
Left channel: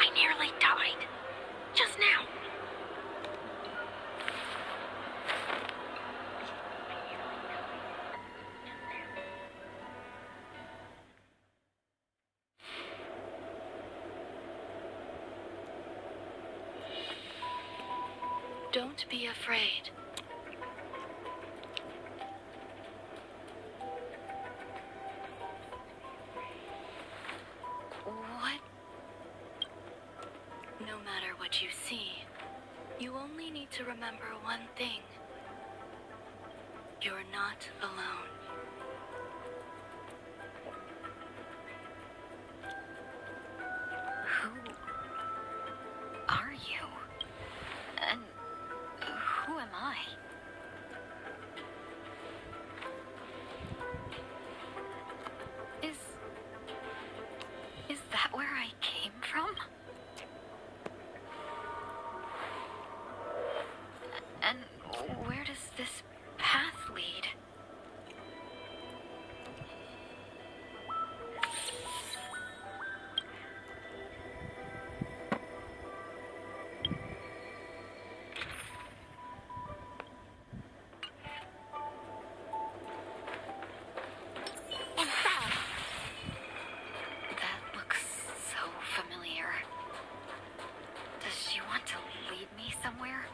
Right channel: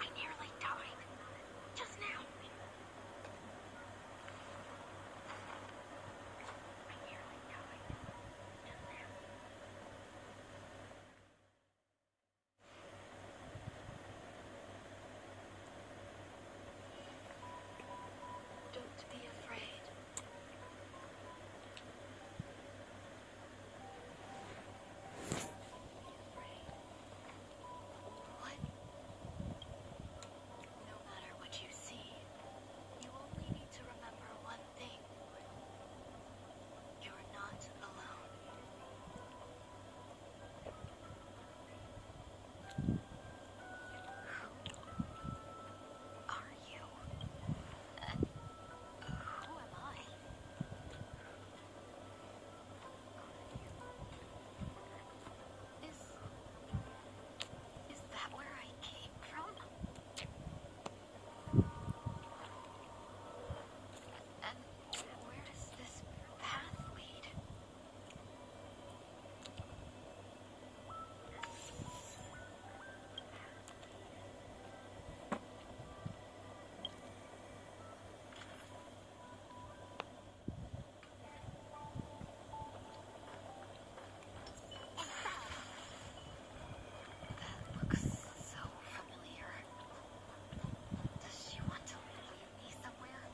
I nearly died. Just now. Don't be afraid. What? No matter what you see, you only need to remember one thing. You're not alone. Who are you? And who am I? Is that where I came from? And where does this path lead? That looks so familiar. Does she want to lead me somewhere?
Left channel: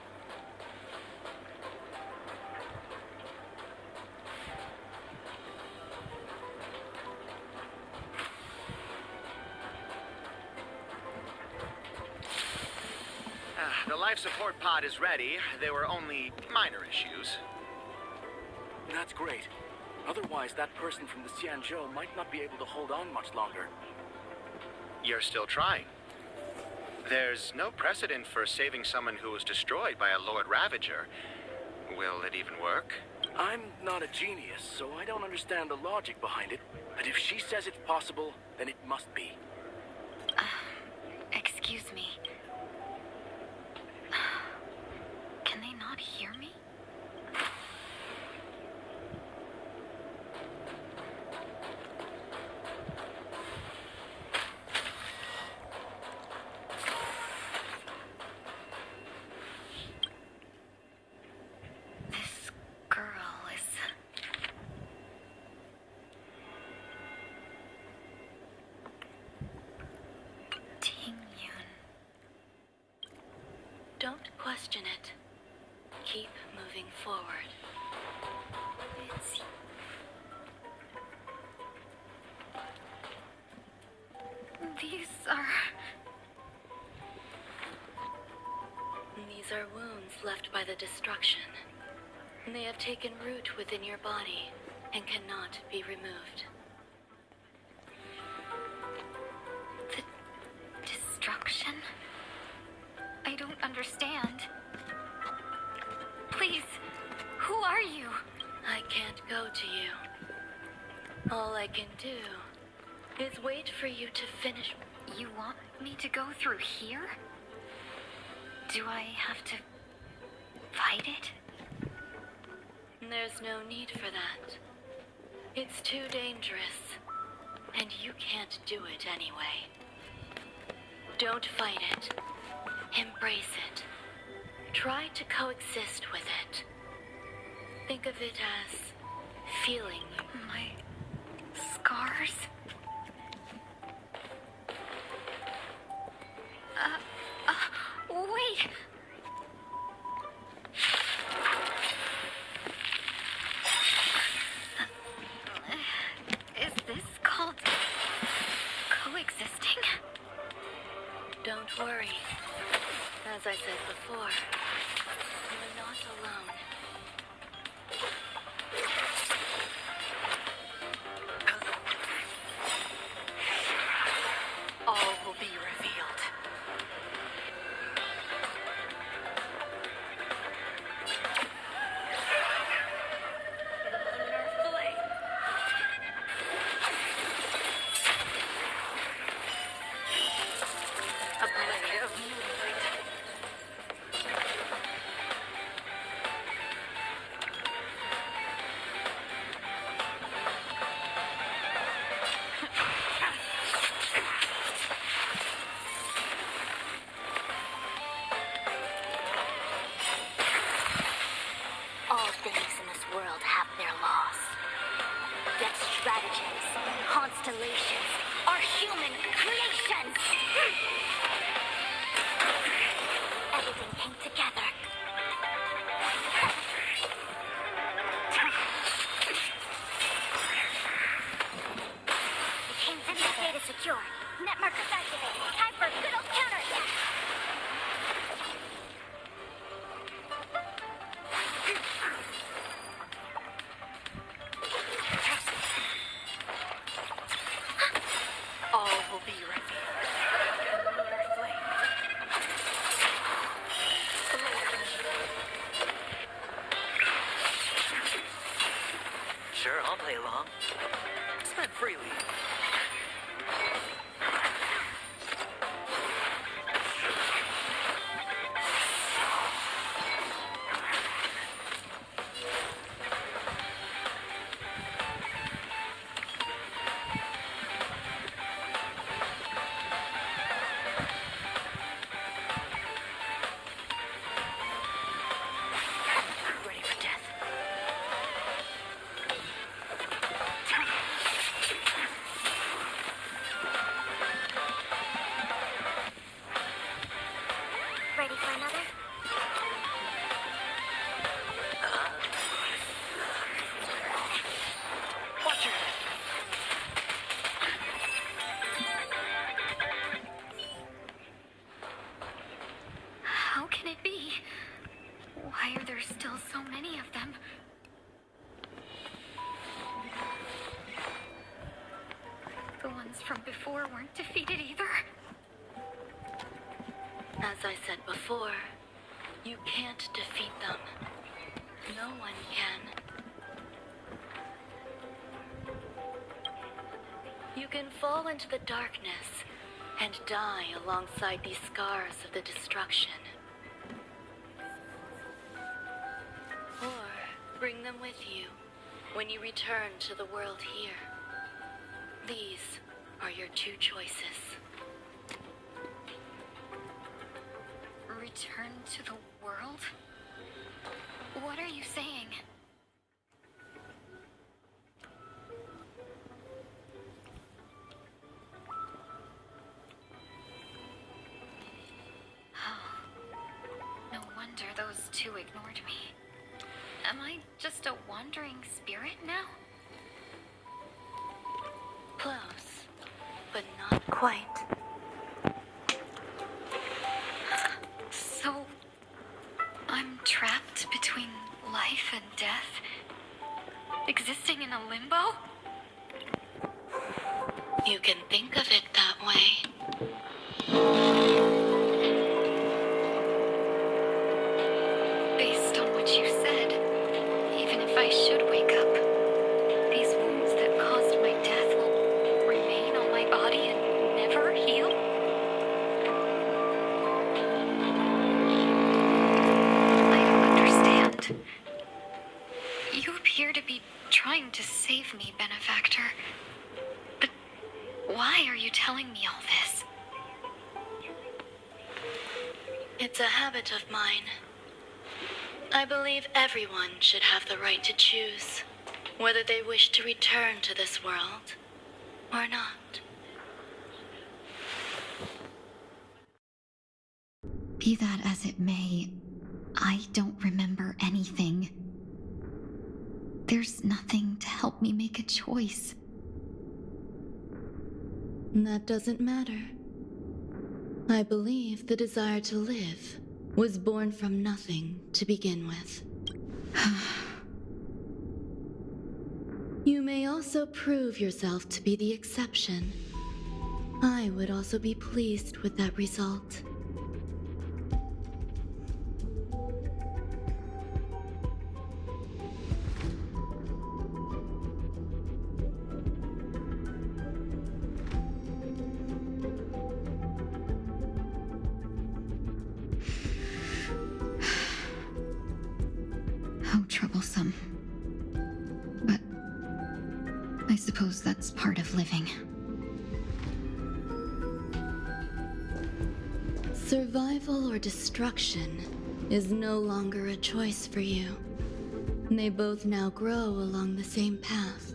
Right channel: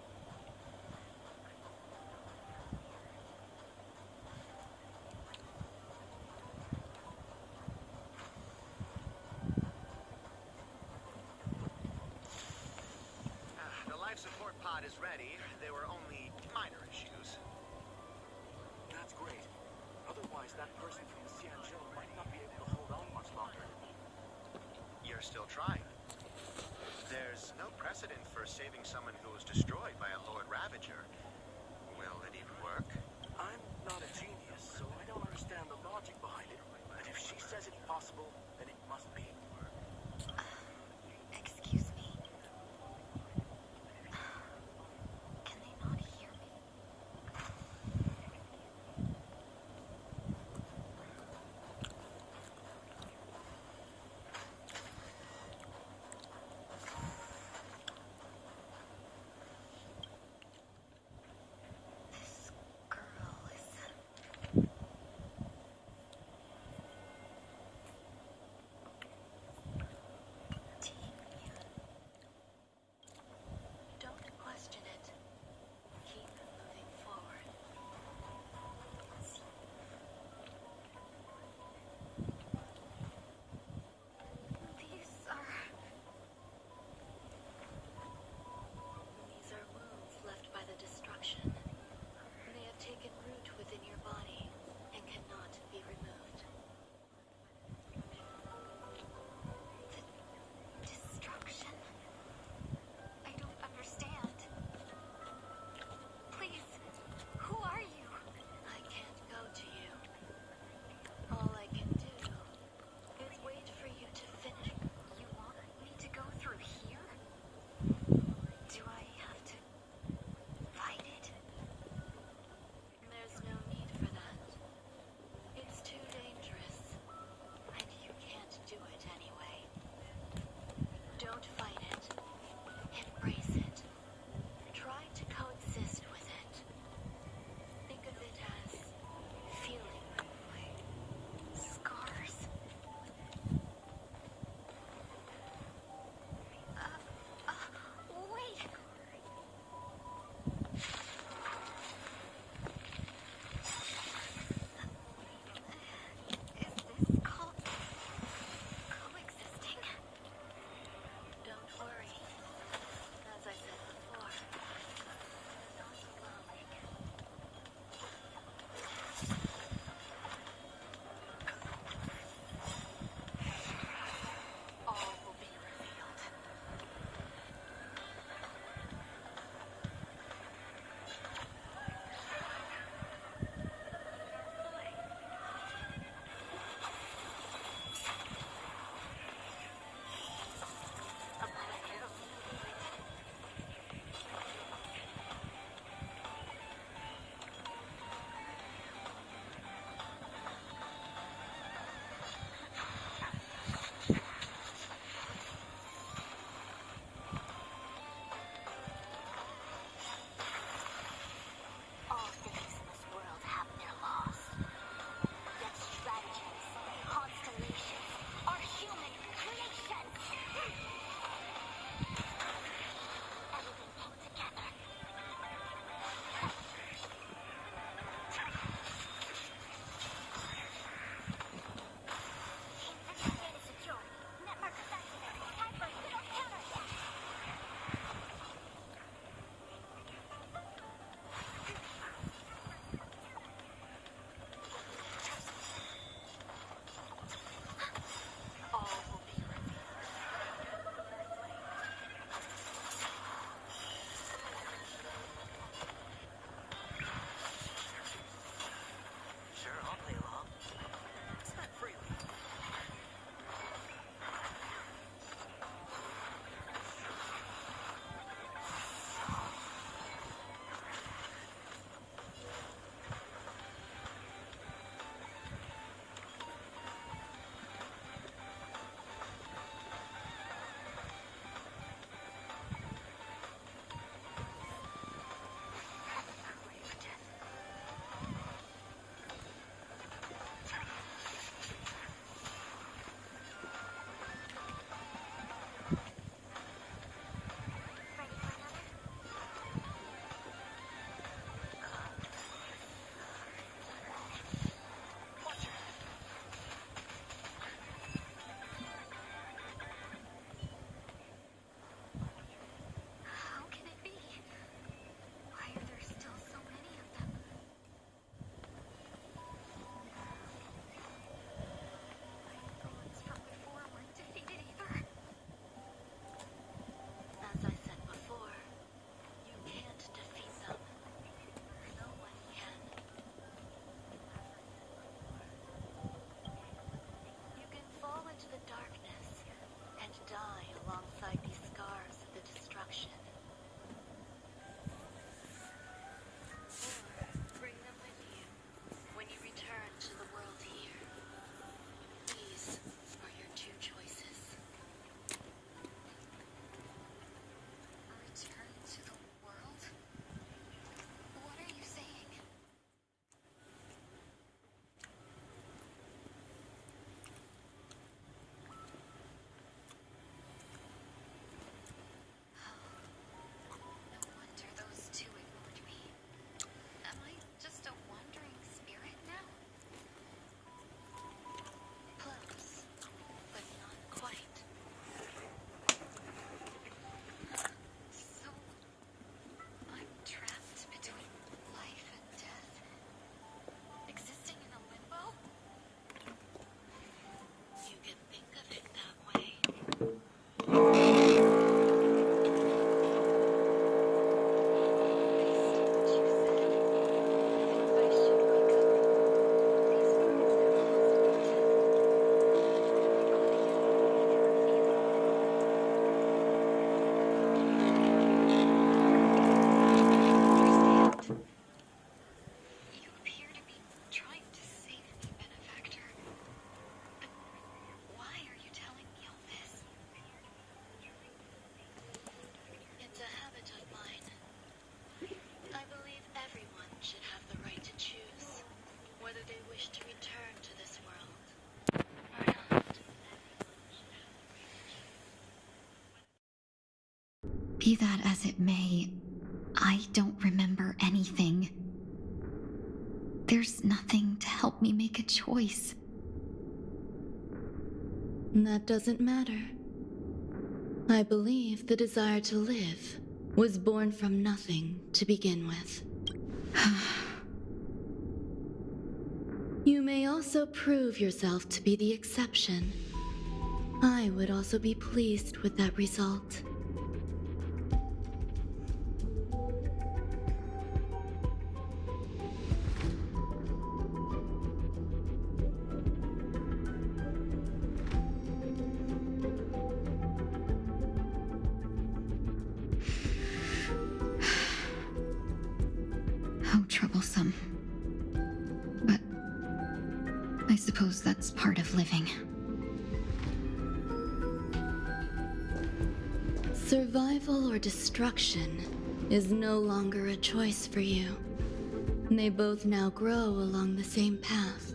The life support pod is ready. There were only minor issues. That's great. Otherwise, that person from the Xianzhou might not be able to hold on much longer. You're still trying. There's no precedent for saving someone who was destroyed by a Lord Ravager. Will it even work? I'm not a genius, so I don't understand the logic behind it. But if she says it's possible, then it must be. Excuse me. Can they not hear me? This girl is... Tingyun. Don't question it. Keep moving forward. It's... These are wounds left by the destruction. They have taken root within your body and cannot be removed. The destruction? I don't understand. Please, who are you? I can't go to you. All I can do is wait for you to finish. You want me to go through here? Do I have to fight it? There's no need for that. It's too dangerous, and you can't do it anyway. Don't fight it. Embrace it. Try to coexist with it. Think of it as feeling my scars. constellations are human creations. Everything came together. Team's internet data secure. Net markers activated. Time for a good old counterattack. All will be ready. Sure, I'll play along. Spend freely. Ready for death. Ready for another? Watch your head. How can it be? Why are there still so many of them? The ones from before weren't defeated either. As I said before, you can't defeat them. No one can. You can fall into the darkness and die alongside these scars of the destruction. Or bring them with you when you return to the world here. These are your two choices. Return to the world? What are you saying? No wonder those two ignored me. Am I just a wandering spirit now? Close, but not quite. So, I'm trapped between life and death? Existing in a limbo? You can think of it that way. Based on what you said, even if I should wake up, these wounds that caused my death will remain on my body and never heal? I don't understand. You appear to be trying to save me, Benefactor. But why are you telling me all this? It's a habit of mine. I believe everyone should have the right to choose whether they wish to return to this world or not. Be that as it may, I don't remember anything. There's nothing to help me make a choice. That doesn't matter. I believe the desire to live was born from nothing to begin with. You may also prove yourself to be the exception. I would also be pleased with that result. How troublesome. But I suppose that's part of living. Survival or destruction is no longer a choice for you. They both now grow along the same path.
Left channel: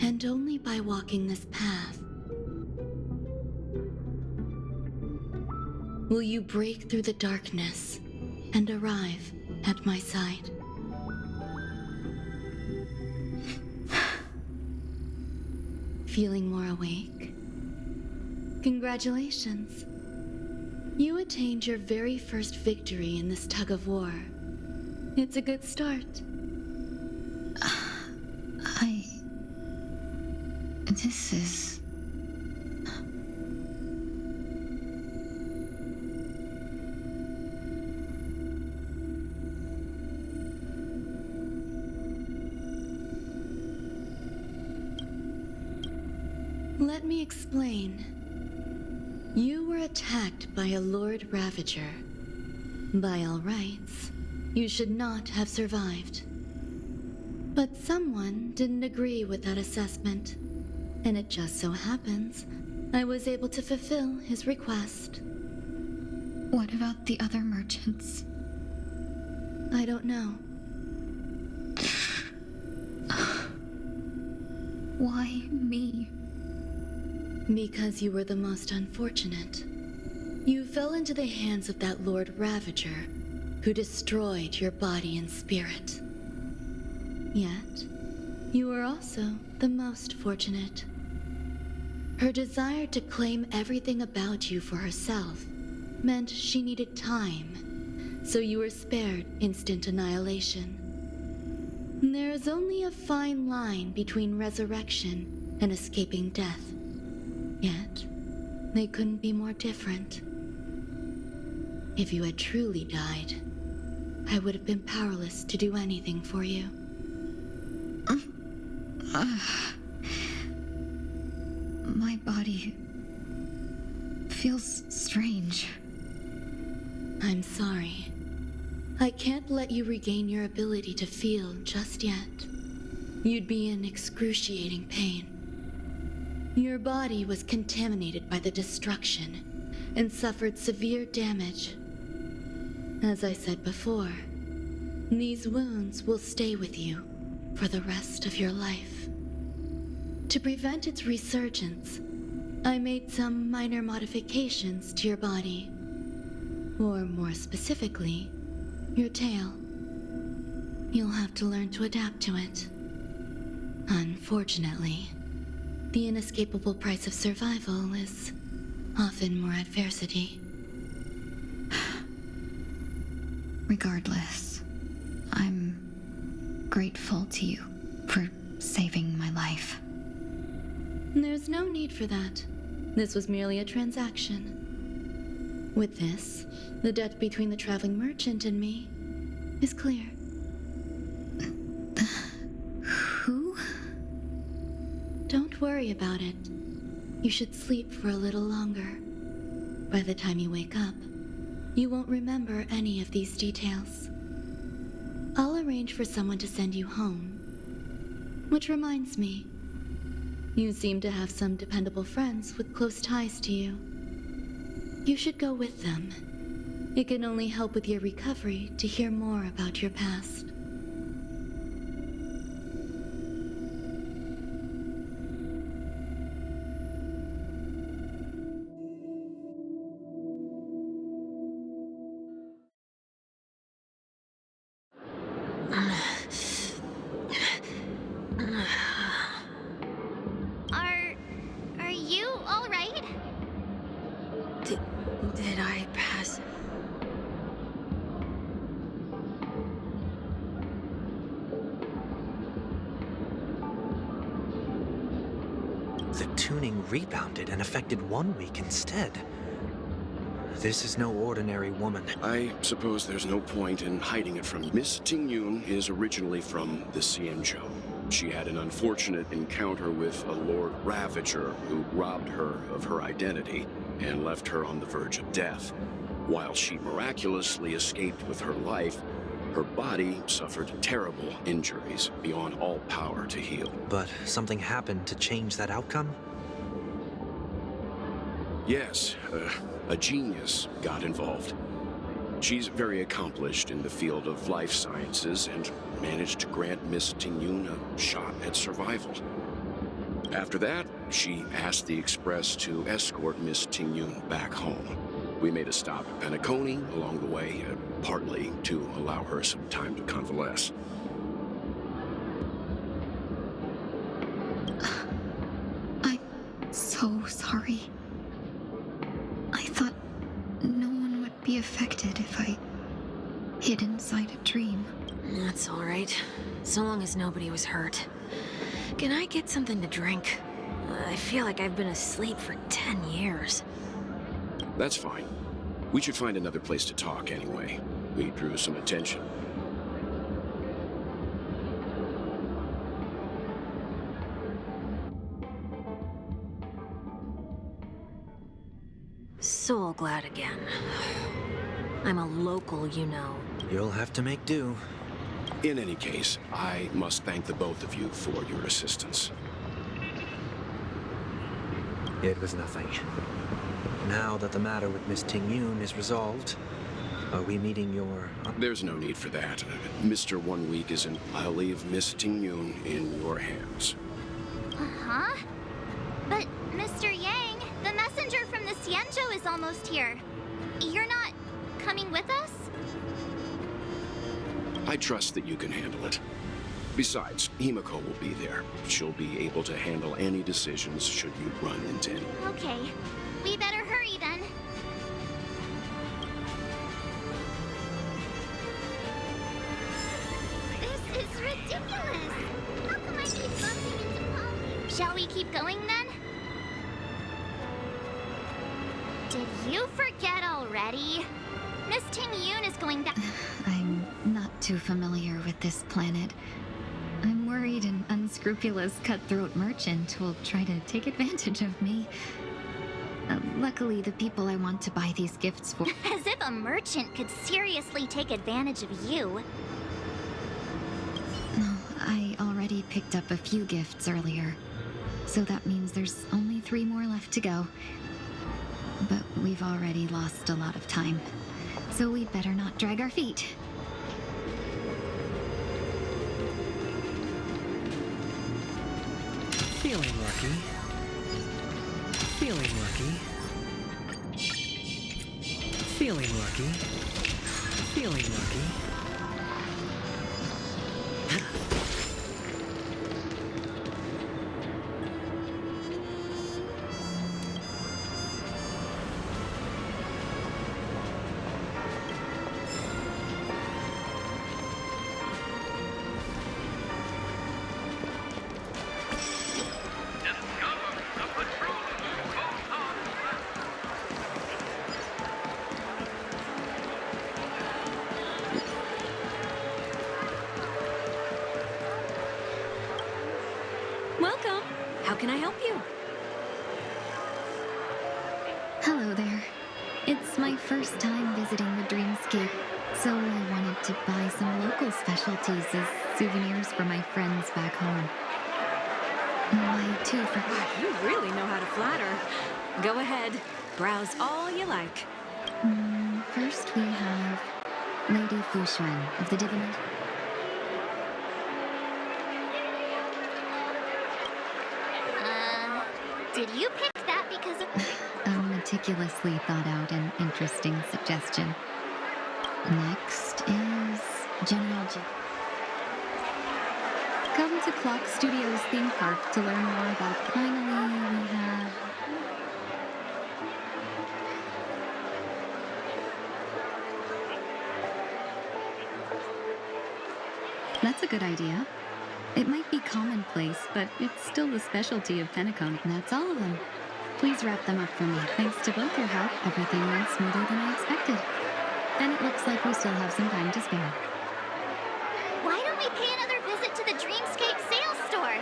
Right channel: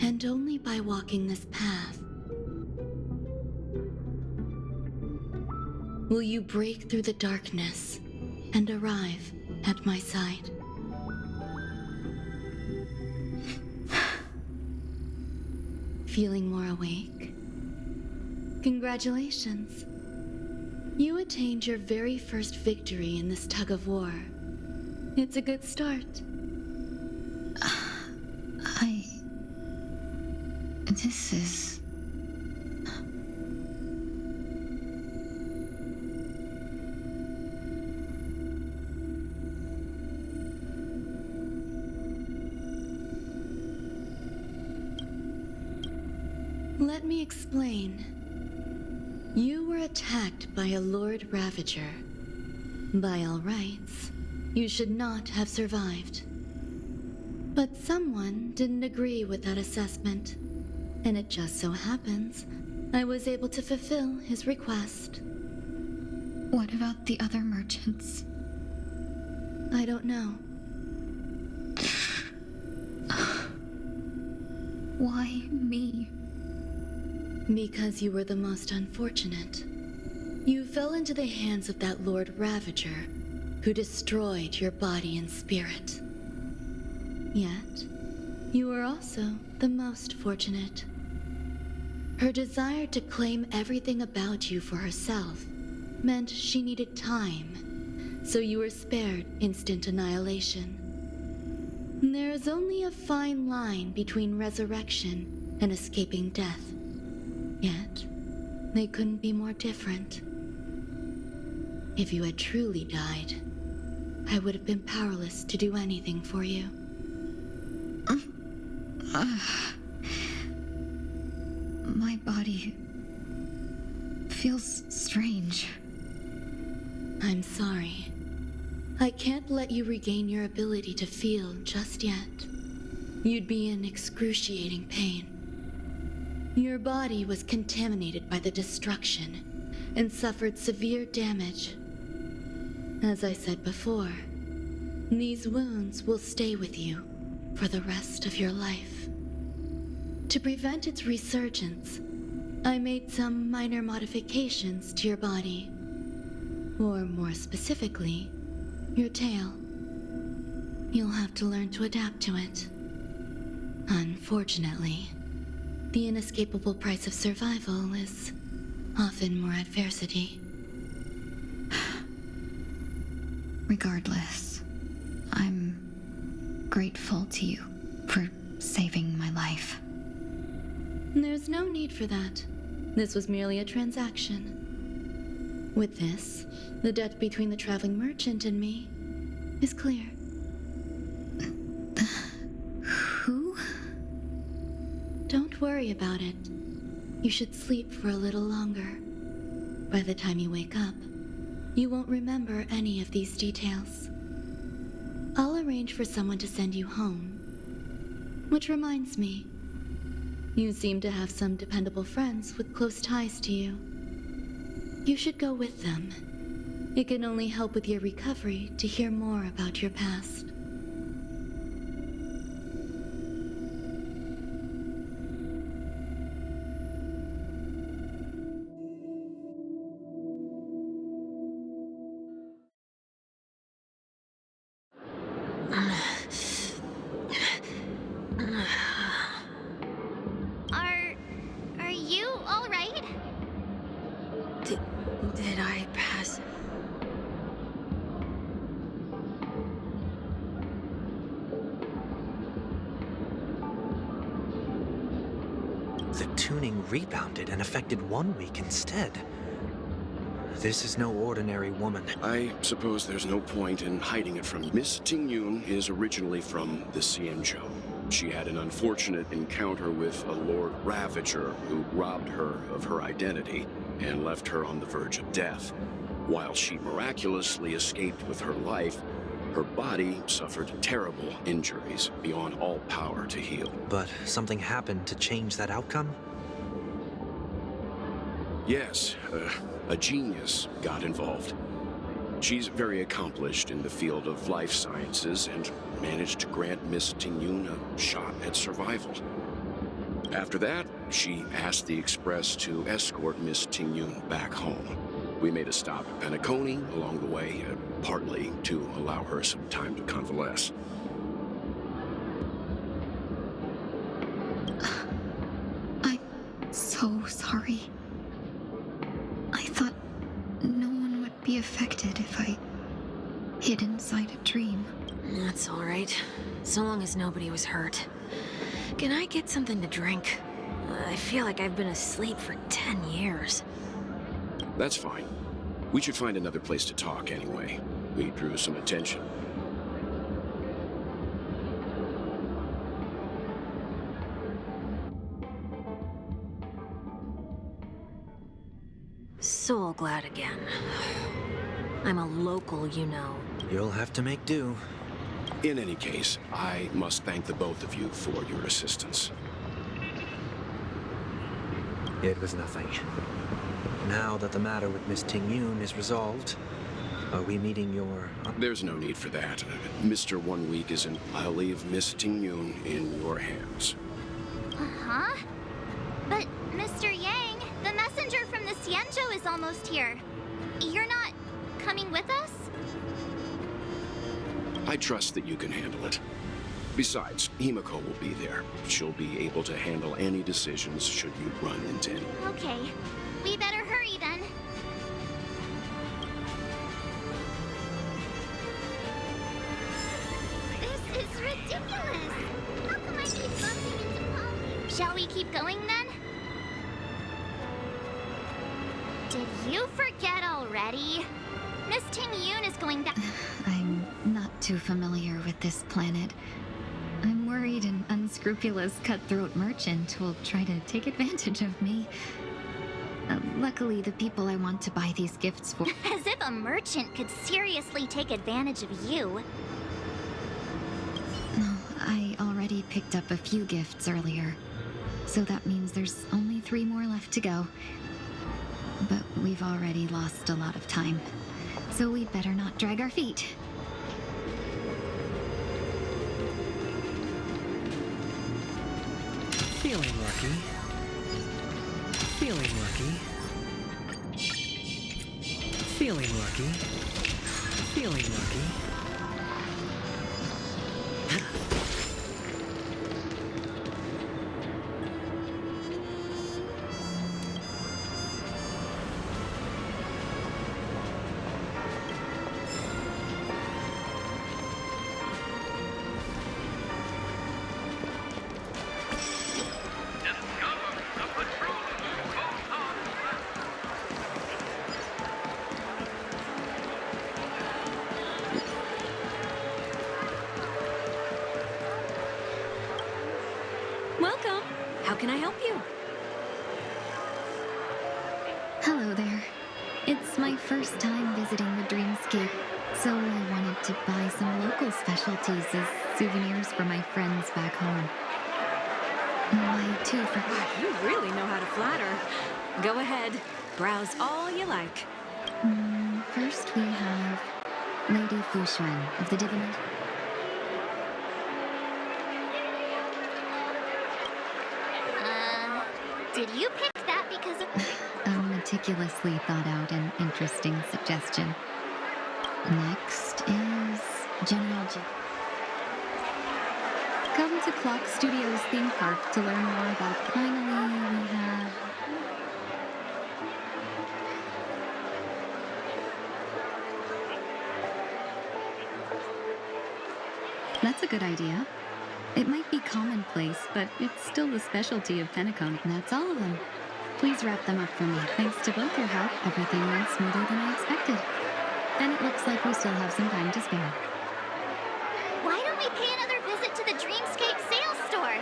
And and only by walking this path will you break through the darkness and arrive at my side. Feeling more awake? Congratulations. You attained your very first victory in this tug of war. It's a good start. This is... Let me explain. You were attacked by a Lord Ravager. By all rights, you should not have survived. But someone didn't agree with that assessment, and it just so happens I was able to fulfill his request. What about the other merchants? I don't know. Why me? Because you were the most unfortunate. You fell into the hands of that Lord Ravager, who destroyed your body and spirit. Yet, you were also the most fortunate. Her desire to claim everything about you for herself meant she needed time, so you were spared instant annihilation. There is only a fine line between resurrection and escaping death. Yet, they couldn't be more different. If you had truly died, I would have been powerless to do anything for you. My body feels strange. I'm sorry. I can't let you regain your ability to feel just yet. You'd be in excruciating pain. Your body was contaminated by the destruction and suffered severe damage. As I said before, these wounds will stay with you for the rest of your life. To prevent its resurgence, I made some minor modifications to your body. Or more specifically, your tail. You'll have to learn to adapt to it. Unfortunately, the inescapable price of survival is often more adversity. Regardless, I'm grateful to you for saving my life. There's no need for that. This was merely a transaction. With this, the debt between the traveling merchant and me is clear. Who? Don't worry about it. You should sleep for a little longer. By the time you wake up, you won't remember any of these details. I'll arrange for someone to send you home. Which reminds me, you seem to have some dependable friends with close ties to you. You should go with them. It can only help with your recovery to hear more about your past. Are you all right? Did I pass? The tuning rebounded and affected 1 week instead. This is no ordinary woman. I suppose there's no point in hiding it from you. Miss Tingyun is originally from the Xianzhou. She had an unfortunate encounter with a Lord Ravager who robbed her of her identity and left her on the verge of death. While she miraculously escaped with her life, her body suffered terrible injuries beyond all power to heal. But something happened to change that outcome? Yes, a genius got involved. She's very accomplished in the field of life sciences and managed to grant Miss Tingyun a shot at survival. After that, she asked the express to escort Miss Tingyun back home. We made a stop at Penacony along the way, partly to allow her some time to convalesce. I'm so sorry. I thought no one would be affected if I hid inside a dream. That's all right. So long as nobody was hurt. Can I get something to drink? I feel like I've been asleep for 10 years. That's fine. We should find another place to talk anyway. We drew some attention. So glad again. I'm a local, you know. You'll have to make do. In any case, I must thank the both of you for your assistance. It was nothing. Now that the matter with Miss Tingyun is resolved, are we meeting your... There's no need for that. Mr. 1 Week isn't. I'll leave Miss Tingyun in your hands. Uh-huh. But, Mr. Yang, the messenger from the Xianzhou is almost here. You're not coming with us? I trust that you can handle it. Besides, Himiko will be there. She'll be able to handle any decisions should you run into any. Okay. We better hurry then. This is ridiculous! How come I keep bumping into Polly? Shall we keep going then? Did you forget already? Miss Tingyun is going back. I'm not too familiar with this planet. I'm worried an unscrupulous cutthroat merchant will try to take advantage of me. Luckily, the people I want to buy these gifts for... As if a merchant could seriously take advantage of you. No, I already picked up a few gifts earlier. So that means there's only 3 more left to go. But we've already lost a lot of time. So we better not drag our feet. Feeling lucky. Feeling lucky. Feeling lucky. Feeling lucky. Welcome. How can I help you? Hello there. It's my first time visiting the Dreamscape, so I wanted to buy some local specialties as souvenirs for my friends back home. My 2 friends... You really know how to flatter. Go ahead. Browse all you like. First we have Lady Fushuan of the Divination. Did you pick that because of... A meticulously thought out and interesting suggestion. Next is General G. Come to Clock Studios theme park to learn more about... Finally, we have... That's a good idea. It might be commonplace, but it's still the specialty of Penacony. And that's all of them. Please wrap them up for me. Thanks to both your help, everything went smoother than I expected. And it looks like we still have some time to spare. Why don't we pay another visit to the Dreamscape sales store?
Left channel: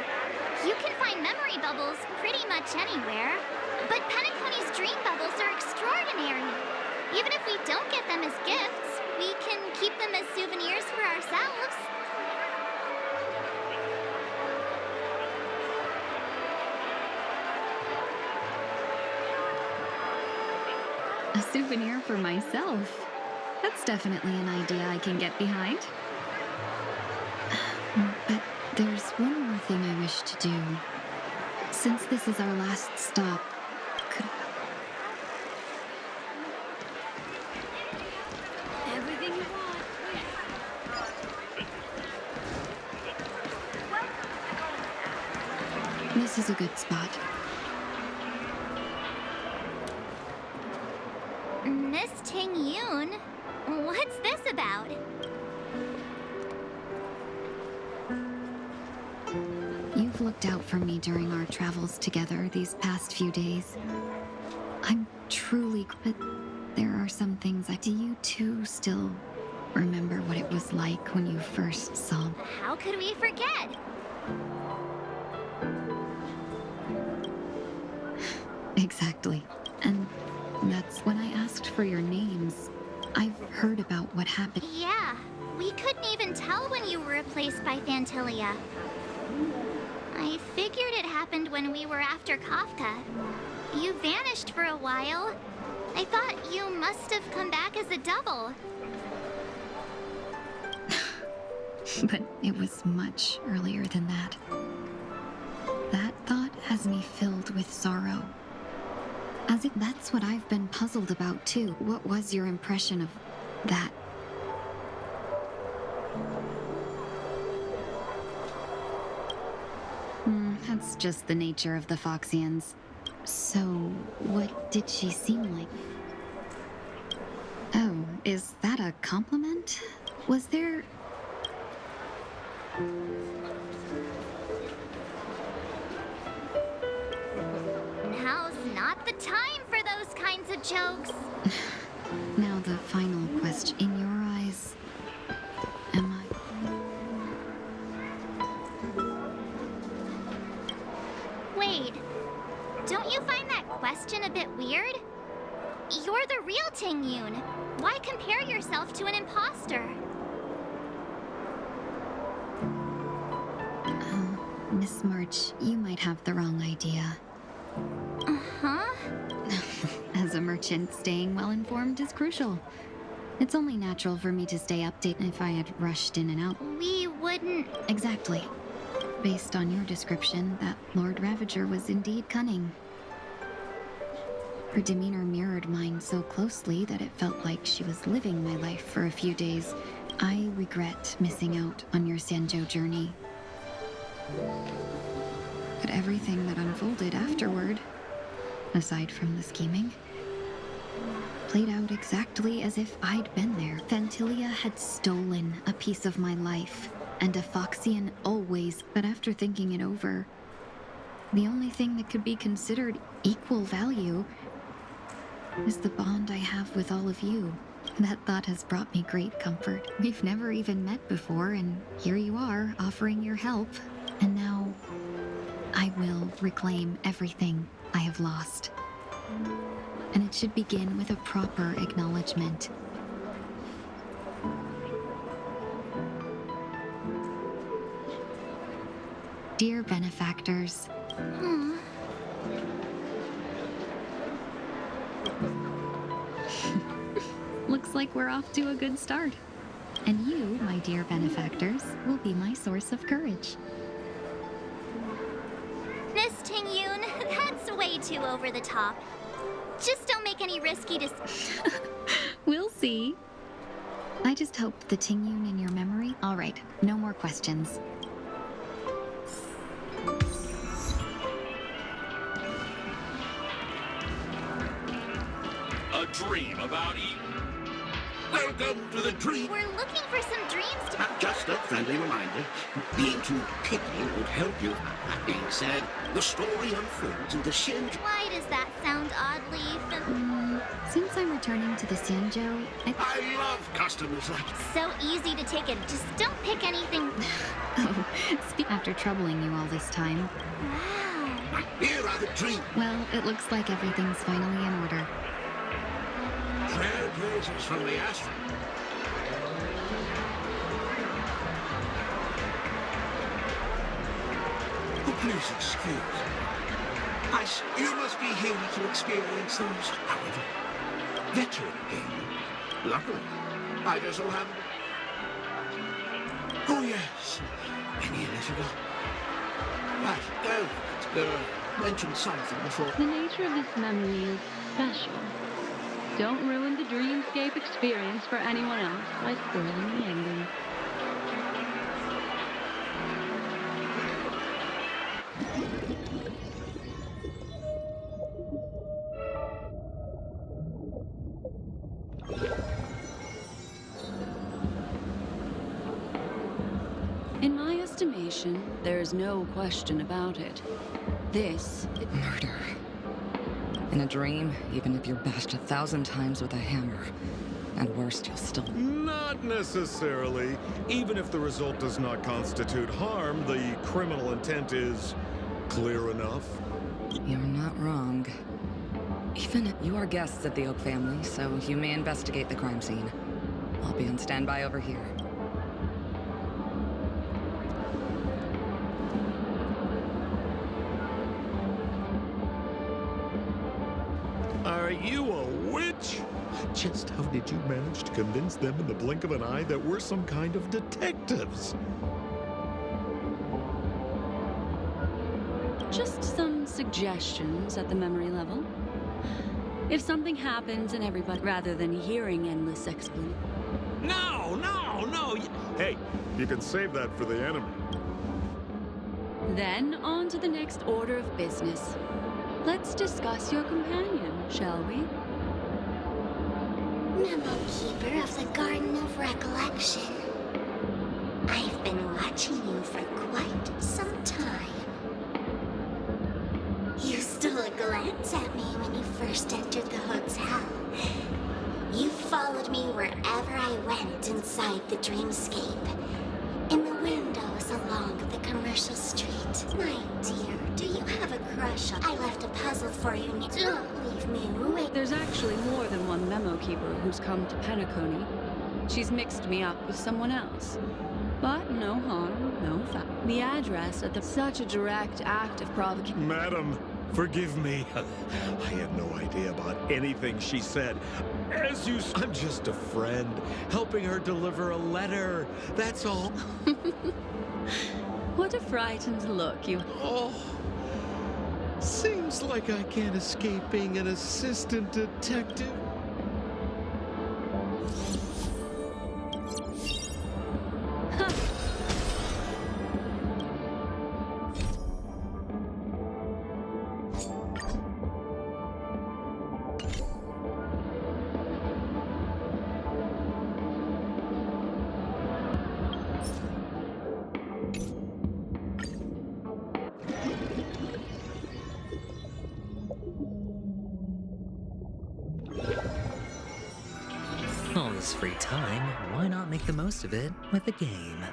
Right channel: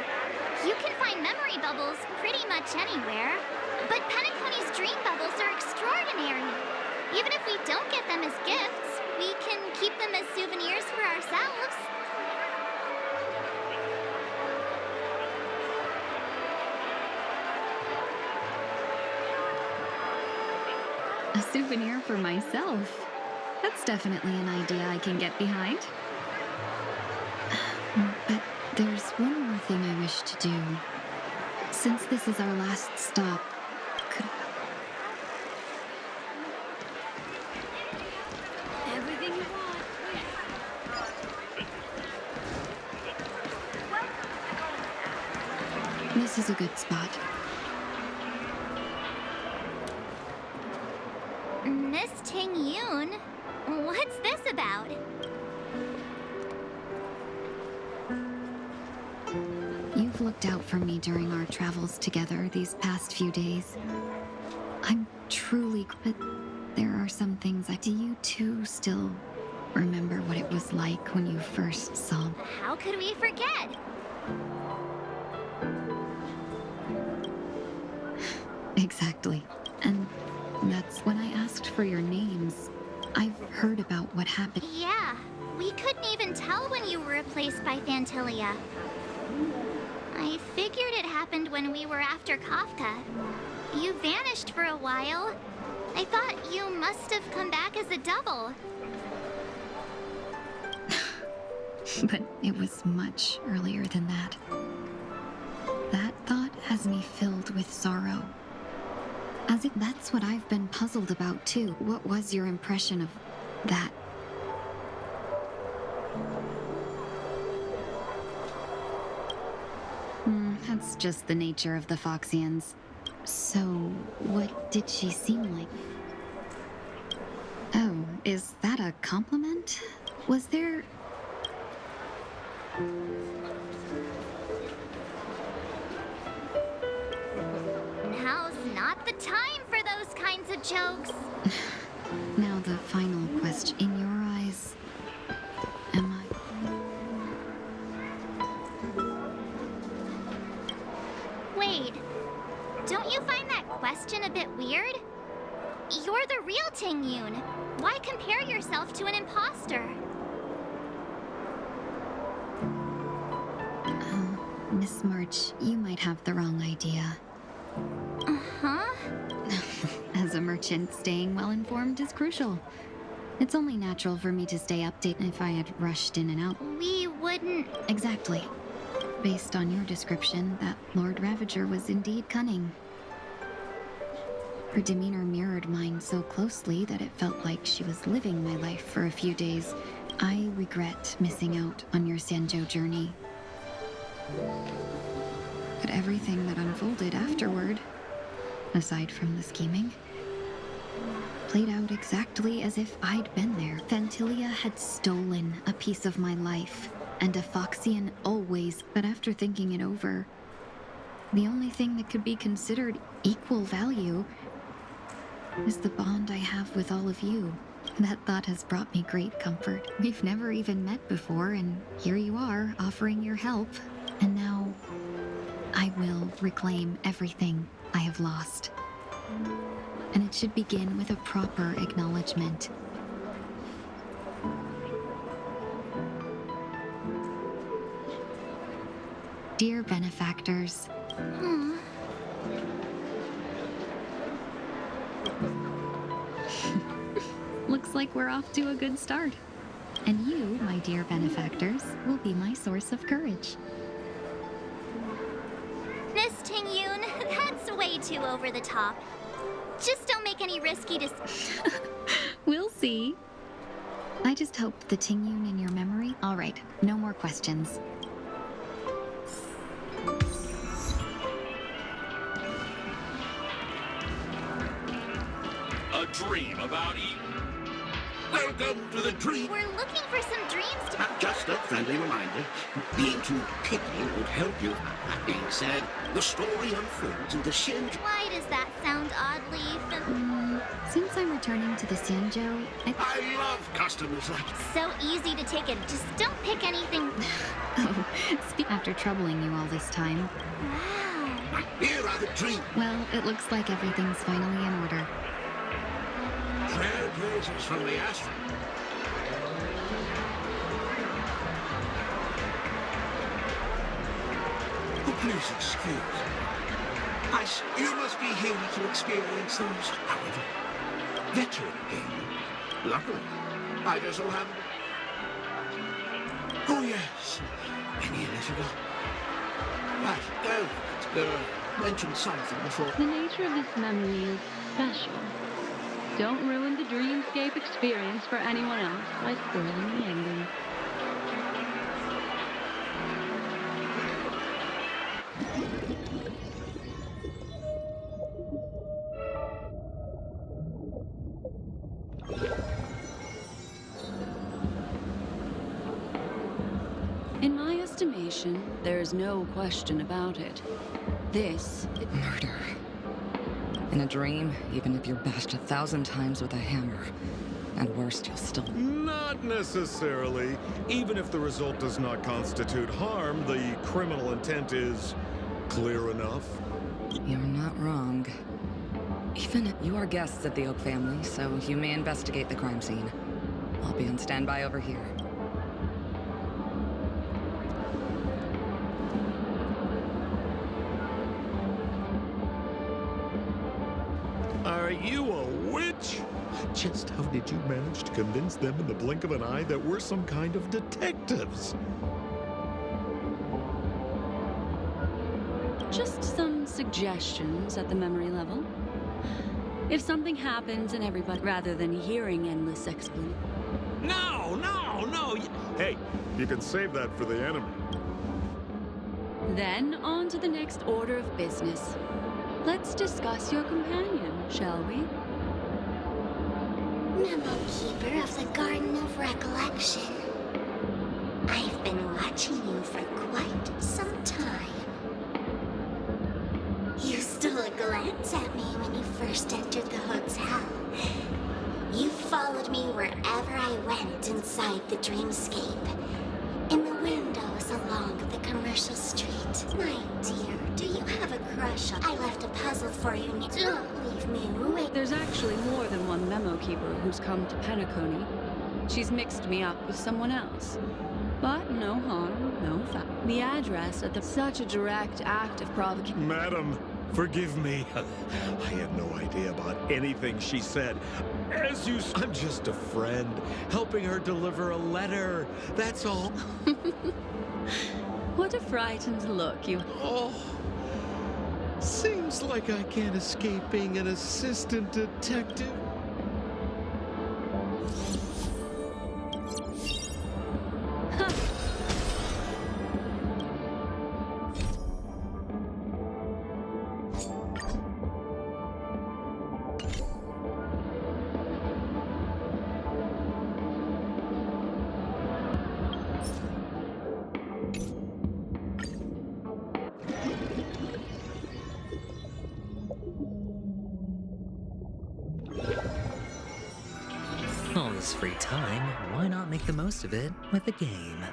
You can find memory bubbles pretty much anywhere. But Penacony's dream bubbles are extraordinary. Even if we don't get them as gifts, we can keep them as souvenirs for ourselves. A souvenir for myself. That's definitely an idea I can get behind. But there's one more thing I wish to do. Since this is our last stop, could... Everything you want. This is a good spot. Miss Tingyun, what's this about? You've looked out for me during our travels together these past few days. I'm truly... But there are some things I... Do you two still remember what it was like when you first saw... How could we forget? Exactly. And that's when I asked for your names. I've heard about what happened. Yeah, we couldn't even tell when you were replaced by Phantilia. I figured it happened when we were after Kafka. You vanished for a while. I thought you must have come back as a double. But it was much earlier than that. That thought has me filled with sorrow. As if that's what I've been puzzled about too. What was your impression of that? That's just the nature of the Foxians. So, what did she seem like? Oh, is that a compliment? Was there... Now's not the time for those kinds of jokes. Now the final question. In your eyes, am I... Wait, don't you find that question a bit weird? You're the real Tingyun. Why compare yourself to an imposter? Miss March, you might have the wrong idea. Uh-huh. As a merchant, staying well-informed is crucial. It's only natural for me to stay updated. If I had rushed in and out. We wouldn't... Exactly. Based on your description, that Lord Ravager was indeed cunning. Her demeanor mirrored mine so closely that it felt like she was living my life for a few days. I regret missing out on your Sanjo journey. But everything that unfolded afterward, aside from the scheming, played out exactly as if I'd been there. Phantilia had stolen a piece of my life, and a Foxian always. But after thinking it over, the only thing that could be considered equal value is the bond I have with all of you. That thought has brought me great comfort. We've never even met before, and here you are, offering your help. And now, I will reclaim everything I have lost. And it should begin with a proper acknowledgement. Dear benefactors, looks like we're off to a good start. And you, my dear benefactors, will be my source of courage. Miss Tingyun, that's way too over the top. Just don't make any risky We'll see. I just hope the Tingyun in your memory... All right, no more questions. A dream about Eden. Welcome to the dream. We're looking for some dreams to... Just a friendly reminder. Being too picky won't help you. That being said, the story unfolds in the Shinjo. Why does that sound oddly Since I'm returning to the Sanjo, I love customers like you. So easy to take it. Just don't pick anything. Oh, after troubling you all this time. Wow. Here are the dreams. Well, it looks like everything's finally in order. Trailblazers from the astral. Oh, please excuse me. You must be here to experience those. However, veteran game. Luckily, I just so happen. Oh, yes. Many years ago. That elegant girl mentioned something before. The nature of this memory is special. Don't ruin the dreamscape experience for anyone else by spoiling the ending. In my estimation, there's no question about it. This Murder. In a dream, even if you're bashed 1,000 times with a hammer, and worst, you'll still... Not necessarily. Even if the result does not constitute harm, the criminal intent is clear enough. You're not wrong. Even if you are guests of the Oak family, so you may investigate the crime scene. I'll be on standby over here. Are you a witch? Just how did you manage to convince them in the blink of an eye that we're some kind of detectives? Just some suggestions at the memory level. If something happens and everybody, rather than hearing endless explanations. No, no, no! Hey, you can save that for the enemy. Then on to the next order of business. Let's discuss your companion, shall we? Memo Keeper of the Garden of Recollection. I've been watching you for quite some time. You stole a glance at me when you first entered the hotel. You followed me wherever I went inside the dreamscape. In the windows along the commercial street. My dear, do you have a crush on... I left a puzzle for you. Don't leave me wait. There's actually more than one memo keeper who's come to Penacony. She's mixed me up with someone else. But no harm, no foul. The address at the... Such a direct act of provocation. Madam, forgive me. I had no idea about anything she said. As you... I'm just a friend, helping her deliver a letter. That's all. What a frightened look you... Oh, seems like I can't escape being an assistant detective. All this free time, why not make the most of it with a game?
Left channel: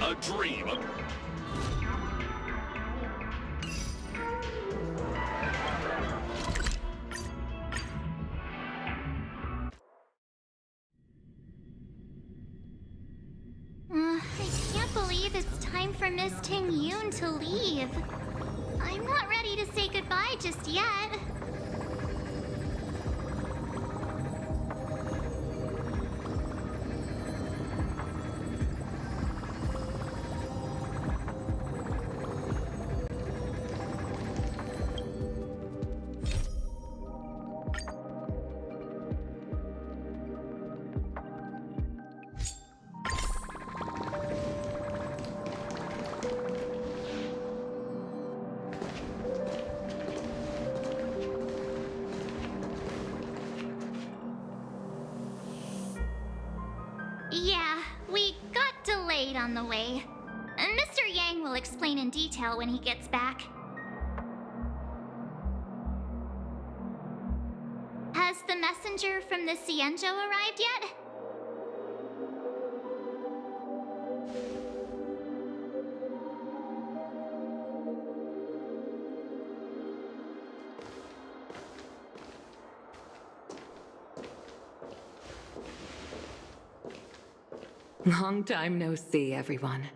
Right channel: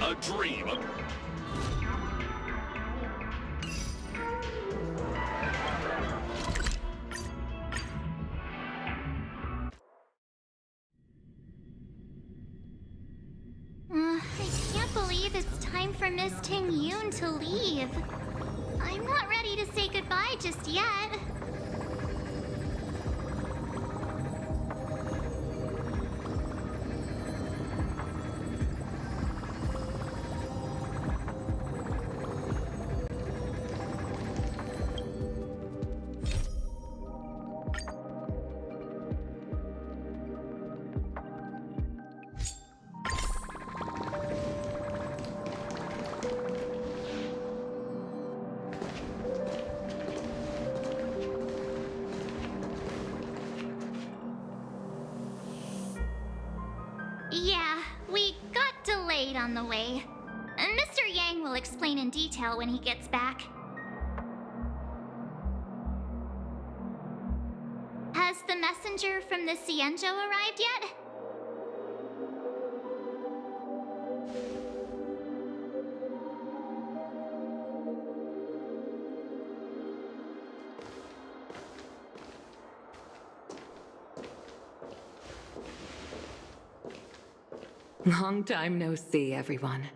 A dream. I can't believe it's time for Miss Tingyun to leave. I'm not ready to say goodbye just yet. Yeah, we got delayed on the way. Mr. Yang will explain in detail when he gets back. Has the messenger from the Cienjo arrived yet? Long time no see, everyone.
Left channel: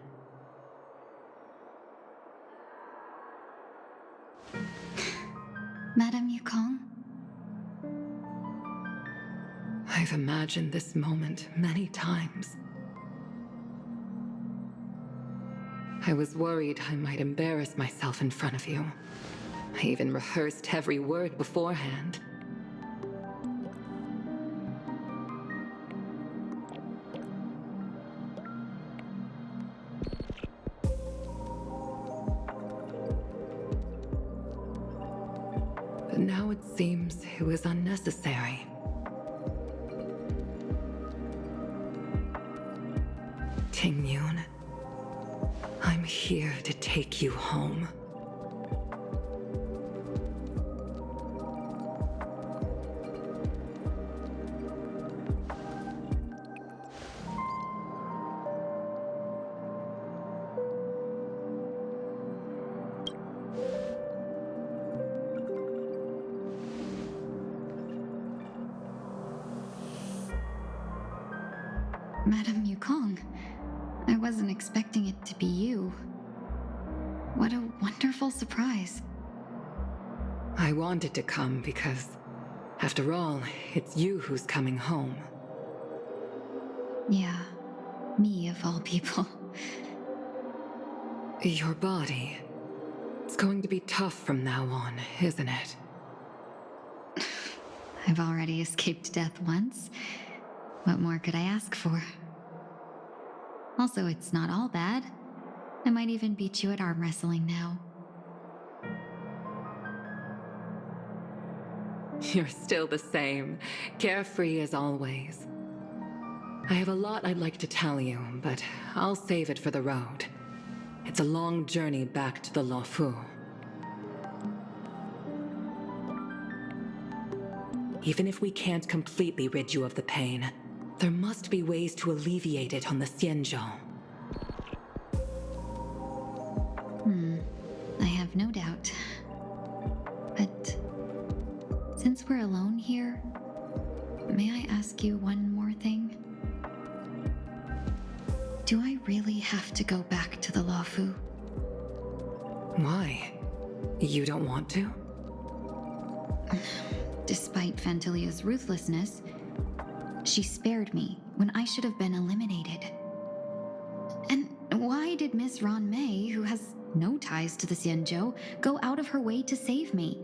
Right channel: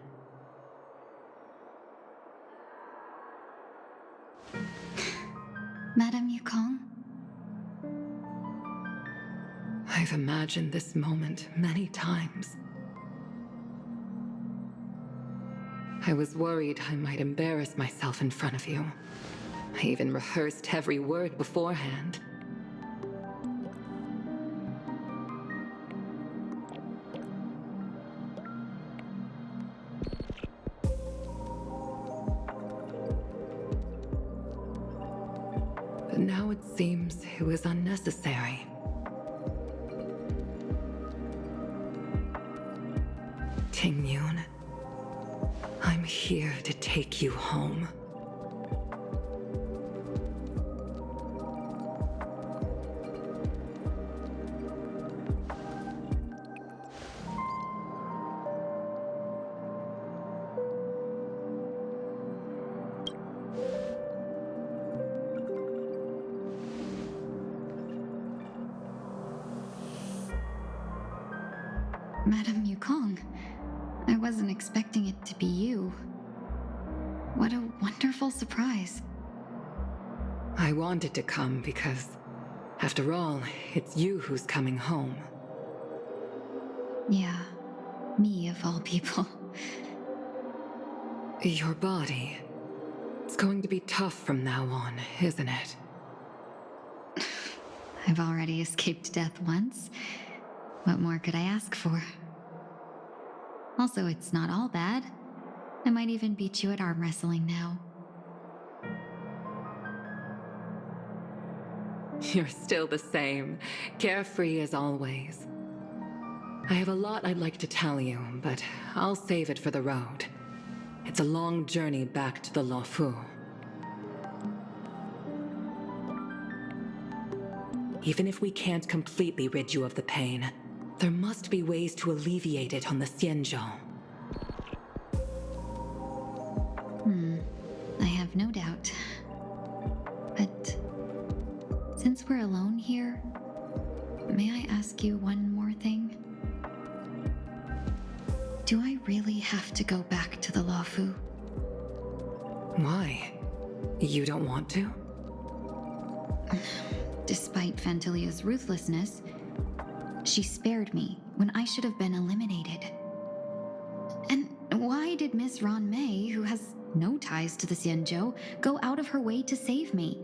Madame Yukong? I've imagined this moment many times. I was worried I might embarrass myself in front of you. I even rehearsed every word beforehand. But now it seems it was unnecessary. Tingyun, I'm here to take you home. Madame Yukong, I wasn't expecting it to be you. What a wonderful surprise. I wanted to come because, after all, it's you who's coming home. Yeah, me of all people. Your body. It's going to be tough from now on, isn't it? I've already escaped death once. What more could I ask for? Also, it's not all bad. I might even beat you at arm wrestling now. You're still the same, carefree as always. I have a lot I'd like to tell you, but I'll save it for the road. It's a long journey back to the Luofu. Even if we can't completely rid you of the pain, there must be ways to alleviate it on the Xianzhou. I have no doubt. But since we're alone here, may I ask you one more thing? Do I really have to go back to the Luofu? Why? You don't want to? Despite Fantilia's ruthlessness, she spared me when I should have been eliminated. And why did Miss Ron Mei, who has no ties to the Xianzhou, go out of her way to save me?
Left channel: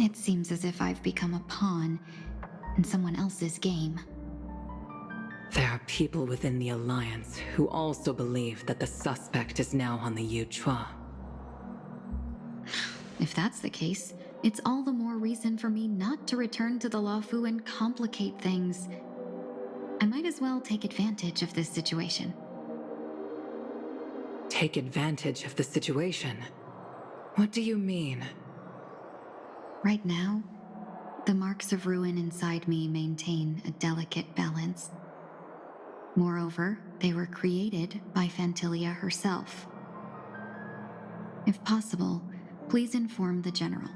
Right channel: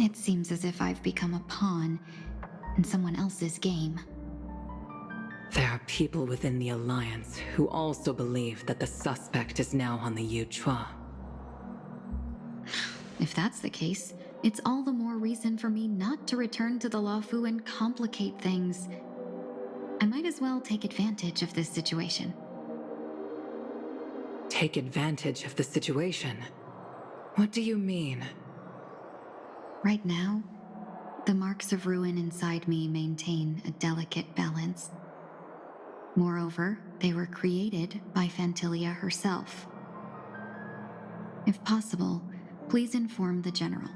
It seems as if I've become a pawn in someone else's game. There are people within the Alliance who also believe that the suspect is now on the Yuchua. If that's the case, it's all the more reason for me not to return to the Luofu and complicate things. I might as well take advantage of this situation. Take advantage of the situation? What do you mean? Right now, the marks of ruin inside me maintain a delicate balance. Moreover, they were created by Fantilia herself. If possible, please inform the General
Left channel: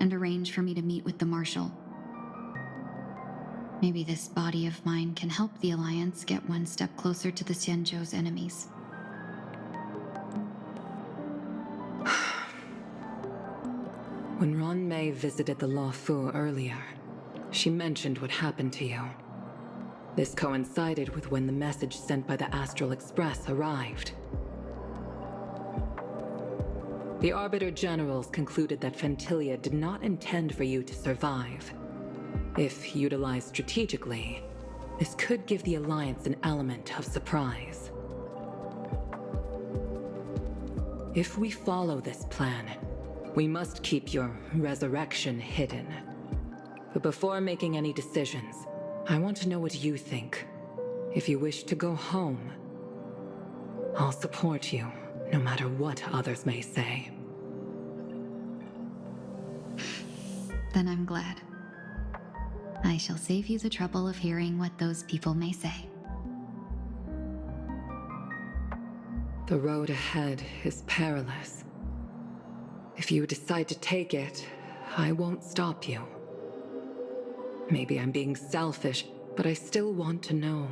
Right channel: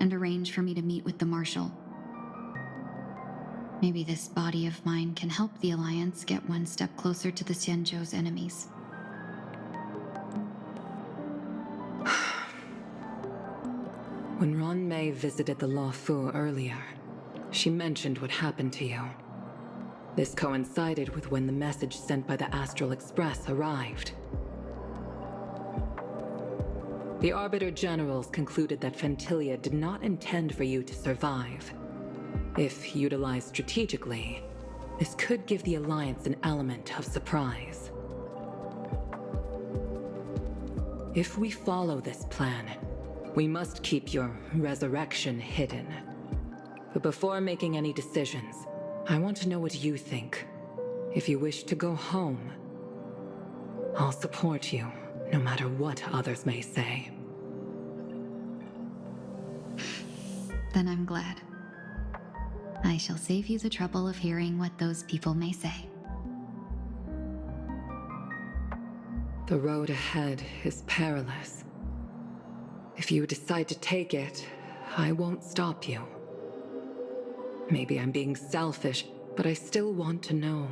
and arrange for me to meet with the Marshal. Maybe this body of mine can help the Alliance get one step closer to the Xianzhou's enemies. When Ron Mei visited the Luofu earlier, she mentioned what happened to you. This coincided with when the message sent by the Astral Express arrived. The Arbiter Generals concluded that Fantilia did not intend for you to survive. If utilized strategically, this could give the Alliance an element of surprise. If we follow this plan, we must keep your resurrection hidden. But before making any decisions, I want to know what you think. If you wish to go home, I'll support you, no matter what others may say. Then I'm glad. I shall save you the trouble of hearing what those people may say. The road ahead is perilous. If you decide to take it, I won't stop you. Maybe I'm being selfish, but I still want to know.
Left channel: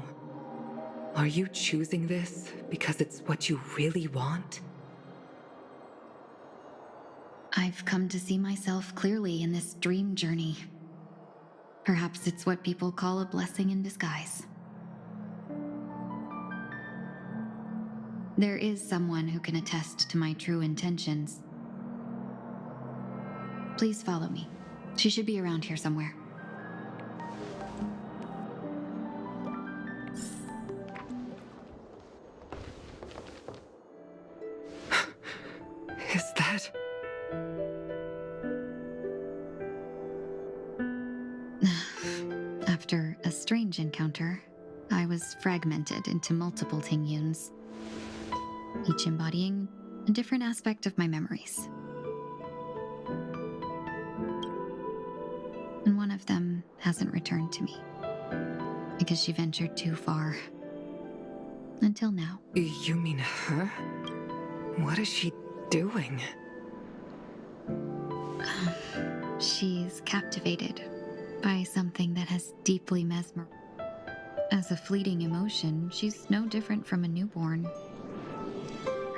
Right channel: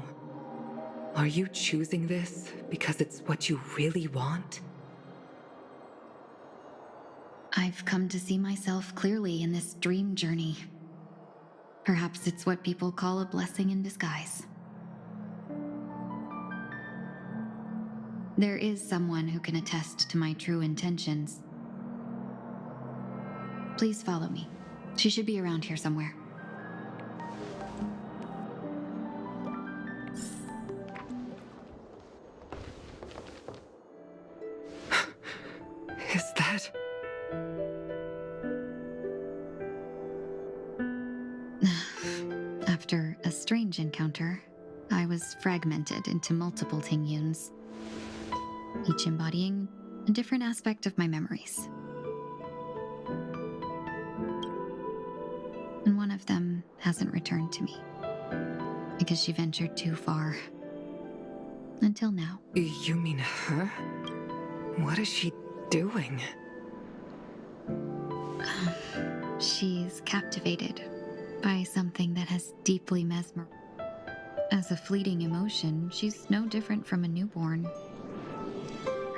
Are you choosing this because it's what you really want? I've come to see myself clearly in this dream journey. Perhaps it's what people call a blessing in disguise. There is someone who can attest to my true intentions. Please follow me. She should be around here somewhere. Is that... After a strange encounter, I was fragmented into multiple Tingyuns, each embodying a different aspect of my memories. And one of them hasn't returned to me, because she ventured too far. Until now. You mean her? What is she doing? She's captivated by something that has deeply mesmerized. As a fleeting emotion, she's no different from a newborn.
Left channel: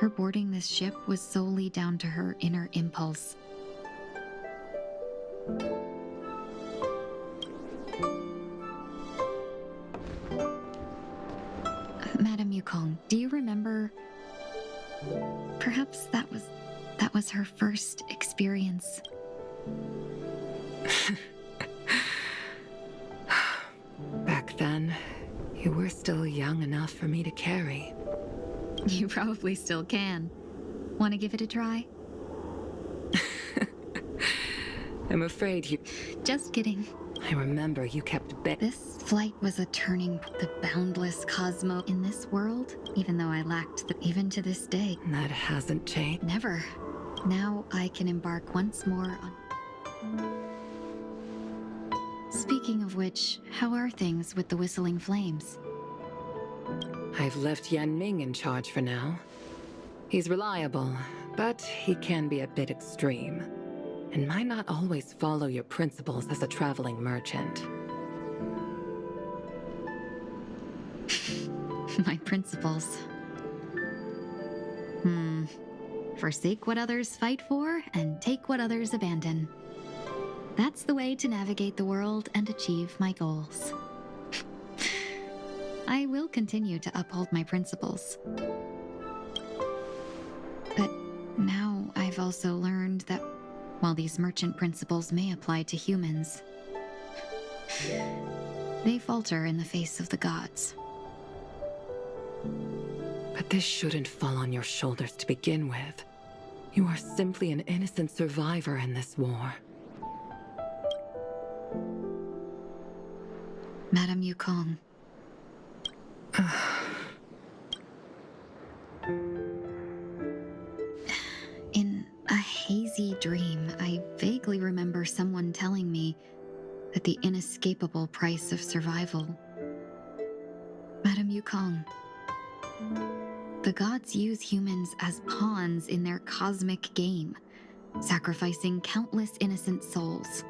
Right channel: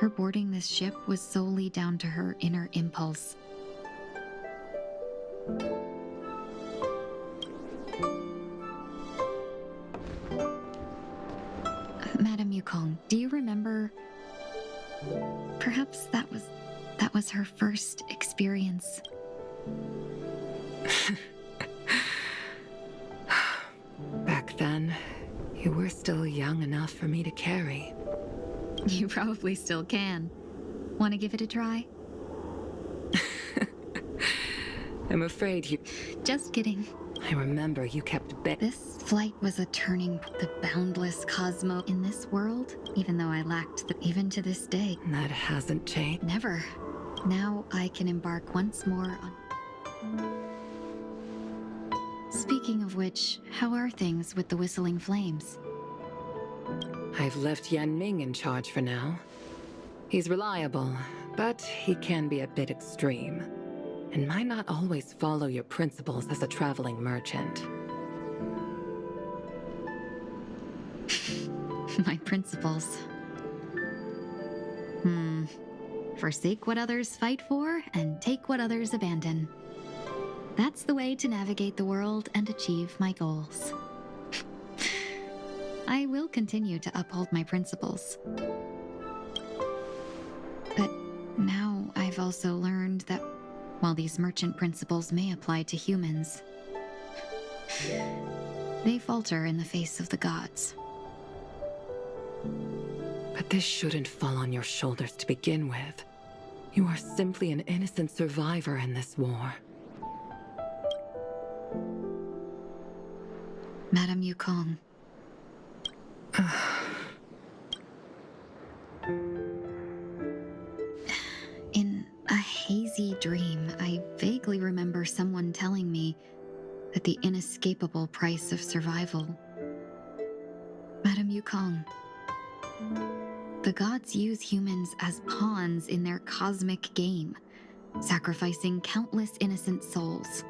Her boarding this ship was solely down to her inner impulse. Madame Yukong, do you remember? Perhaps that was her first experience. Back then, you were still young enough for me to carry. You probably still can. Want to give it a try? I'm afraid you... Just kidding. I remember you kept This flight was a turning the boundless cosmos in this world, even though I lacked even to this day. That hasn't changed. Never. Now I can embark once more on... Speaking of which, how are things with the Whistling Flames? I've left Yan Ming in charge for now. He's reliable, but he can be a bit extreme, and might not always follow your principles as a traveling merchant. My principles. Forsake what others fight for, and take what others abandon. That's the way to navigate the world and achieve my goals. I will continue to uphold my principles. But now I've also learned that while these merchant principles may apply to humans, they falter in the face of the gods. But this shouldn't fall on your shoulders to begin with. You are simply an innocent survivor in this war. Madame Yukong. In a hazy dream, I vaguely remember someone telling me that the inescapable price of survival. Madame Yukong, the gods use humans as pawns in their cosmic game, sacrificing countless innocent souls.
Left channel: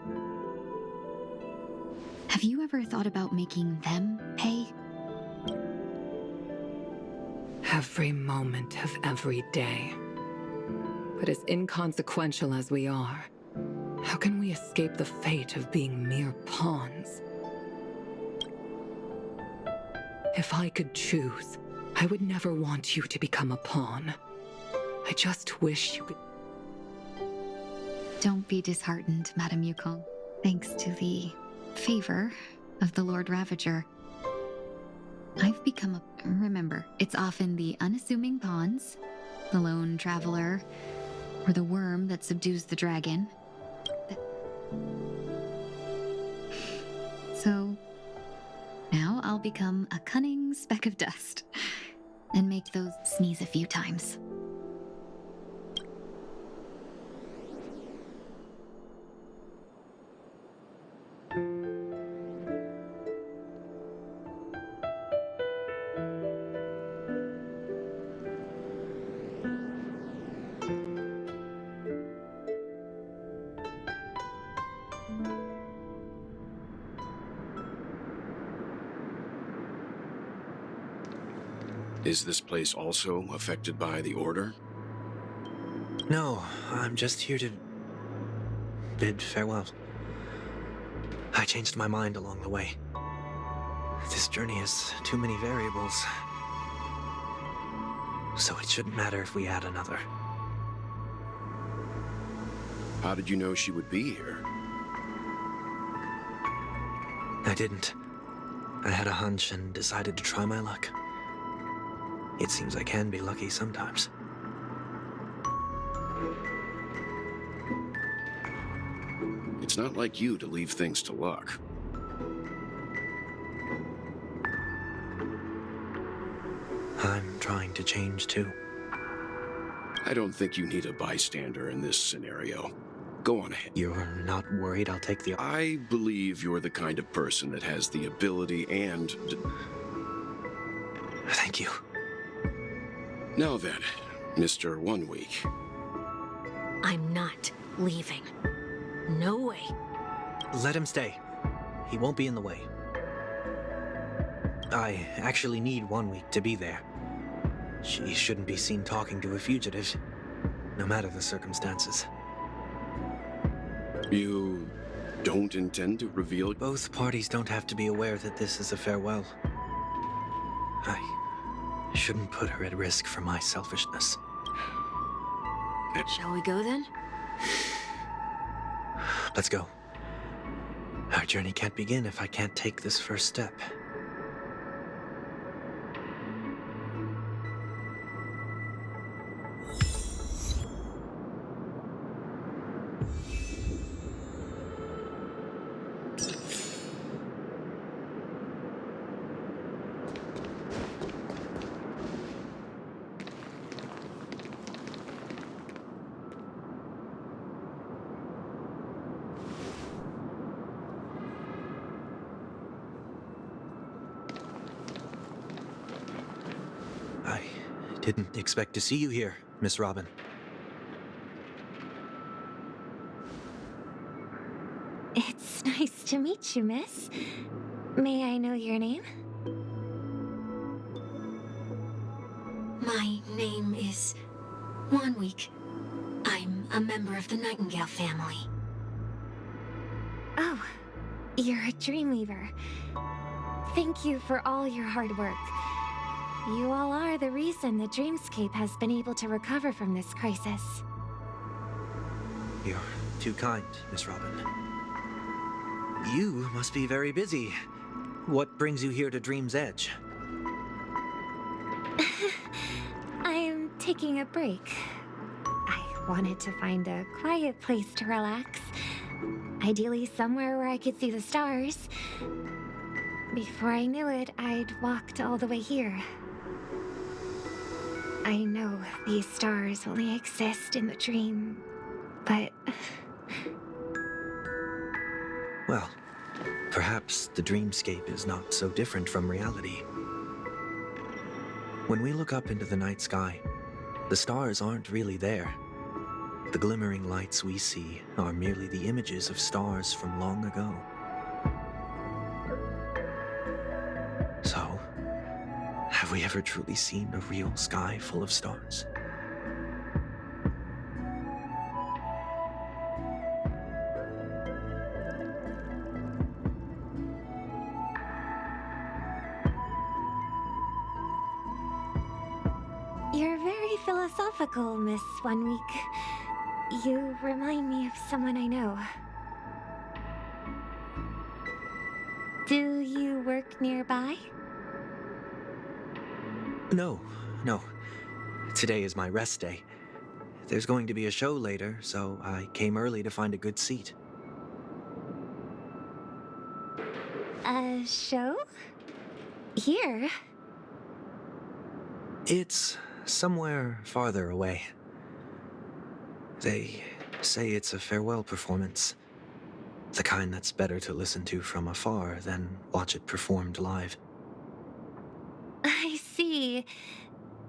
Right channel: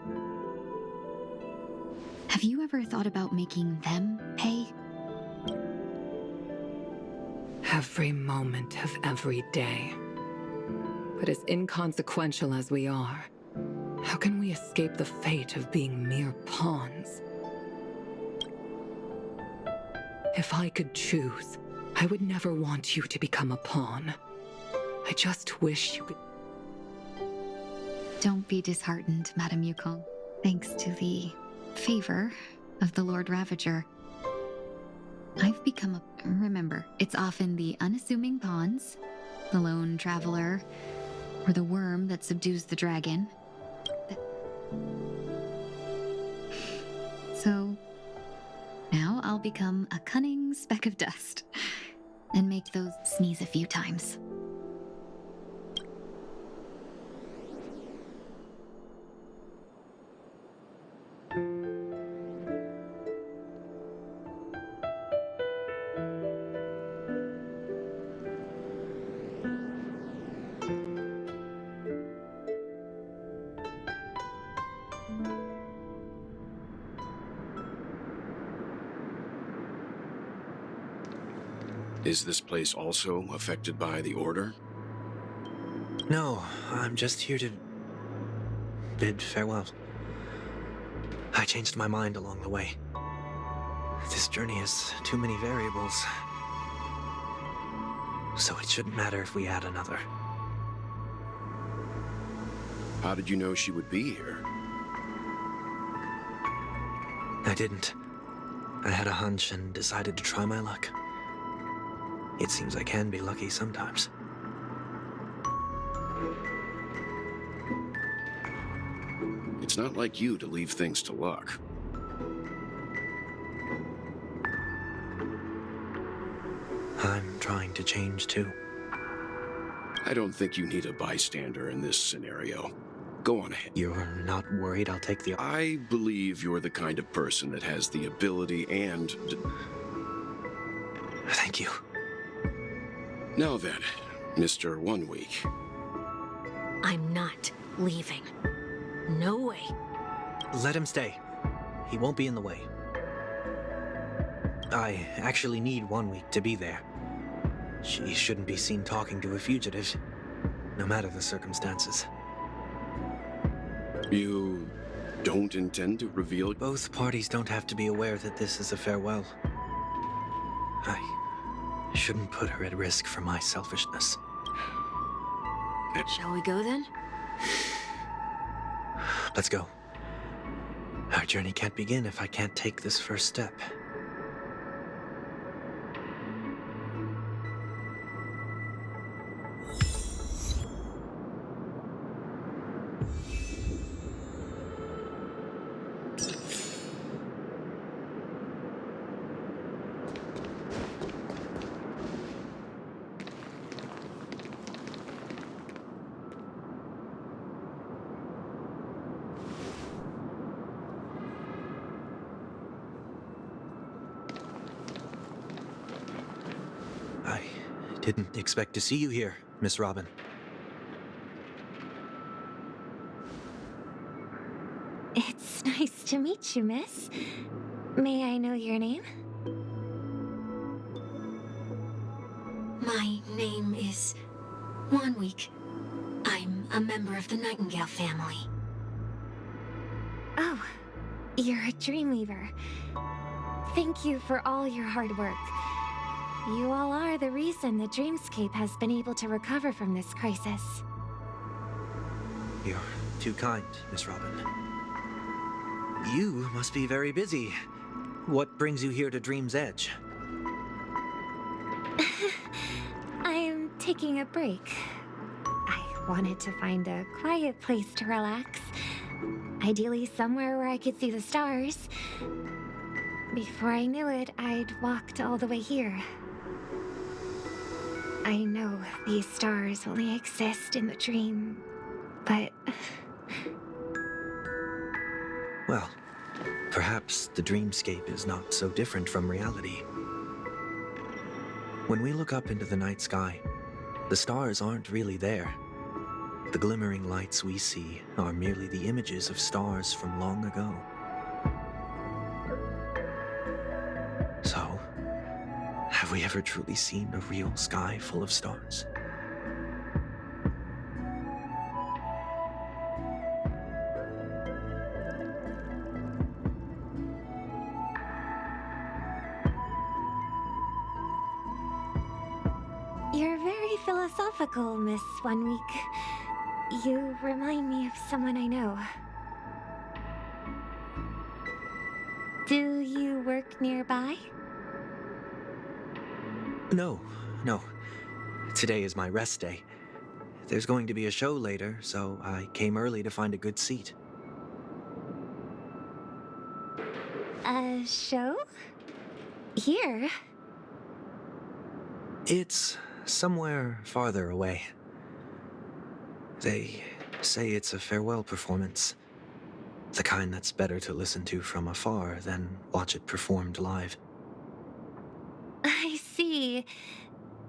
Have you ever thought about making them pay? Every moment of every day. But as inconsequential as we are, how can we escape the fate of being mere pawns? If I could choose, I would never want you to become a pawn. I just wish you could... Don't be disheartened, Madame Yukong. Thanks to the favor of the Lord Ravager, I've become a... Remember, it's often the unassuming pawns, the lone traveler, or the worm that subdues the dragon. So, now I'll become a cunning speck of dust, and make those sneeze a few times. Is this place also affected by the Order? No, I'm just here to bid farewell. I changed my mind along the way. This journey has too many variables. So it shouldn't matter if we add another. How did you know she would be here? I didn't. I had a hunch and decided to try my luck. It seems I can be lucky sometimes. It's not like you to leave things to luck. I'm trying to change too. I don't think you need a bystander in this scenario. Go on ahead. You're not worried I'll take the... I believe you're the kind of person that has the ability and... Thank you. Now then, Mr. 1 Week. I'm not leaving. No way. Let him stay. He won't be in the way. I actually need 1 week to be there. She shouldn't be seen talking to a fugitive, no matter the circumstances. You don't intend to reveal... Both parties don't have to be aware that this is a farewell. I shouldn't put her at risk for my selfishness. Shall we go then? Let's go. Our journey can't begin if I can't take this first step. I didn't expect to see you here, Miss Robin. It's nice to meet you, miss. May I know your name? My name is 1 Week. I'm a member of the Nightingale family. Oh, you're a Dreamweaver. Thank you for all your hard work. You all are the reason the Dreamscape has been able to recover from this crisis. You're too kind, Miss Robin. You must be very busy. What brings you here to Dream's Edge? I'm taking a break. I wanted to find a quiet place to relax. Ideally somewhere where I could see the stars. Before I knew it, I'd walked all the way here. I know these stars only exist in the dream, but... Well, perhaps the dreamscape is not so different from reality. When we look up into the night sky, the stars aren't really there. The glimmering lights we see are merely the images of stars from long ago. So, have we ever truly seen a real sky full of stars? You're very philosophical, Miss 1 Week. You remind me of someone I know. Do you work nearby? No. Today is my rest day. There's going to be a show later, so I came early to find a good seat. A show? Here? It's somewhere farther away. They say it's a farewell performance. The kind that's better to listen to from afar than watch it performed live. I see.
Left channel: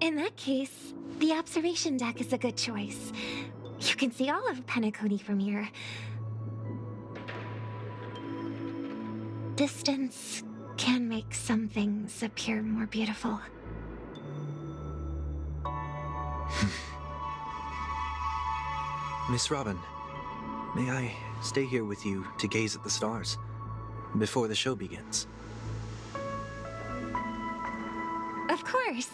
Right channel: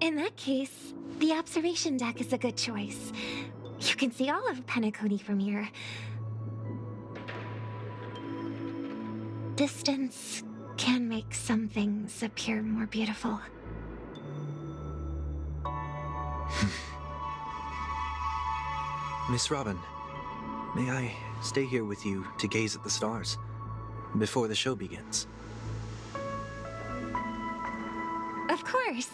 In that case, the observation deck is a good choice. You can see all of Penacony from here. Distance can make some things appear more beautiful. Miss Robin, may I stay here with you to gaze at the stars before the show begins? Of course.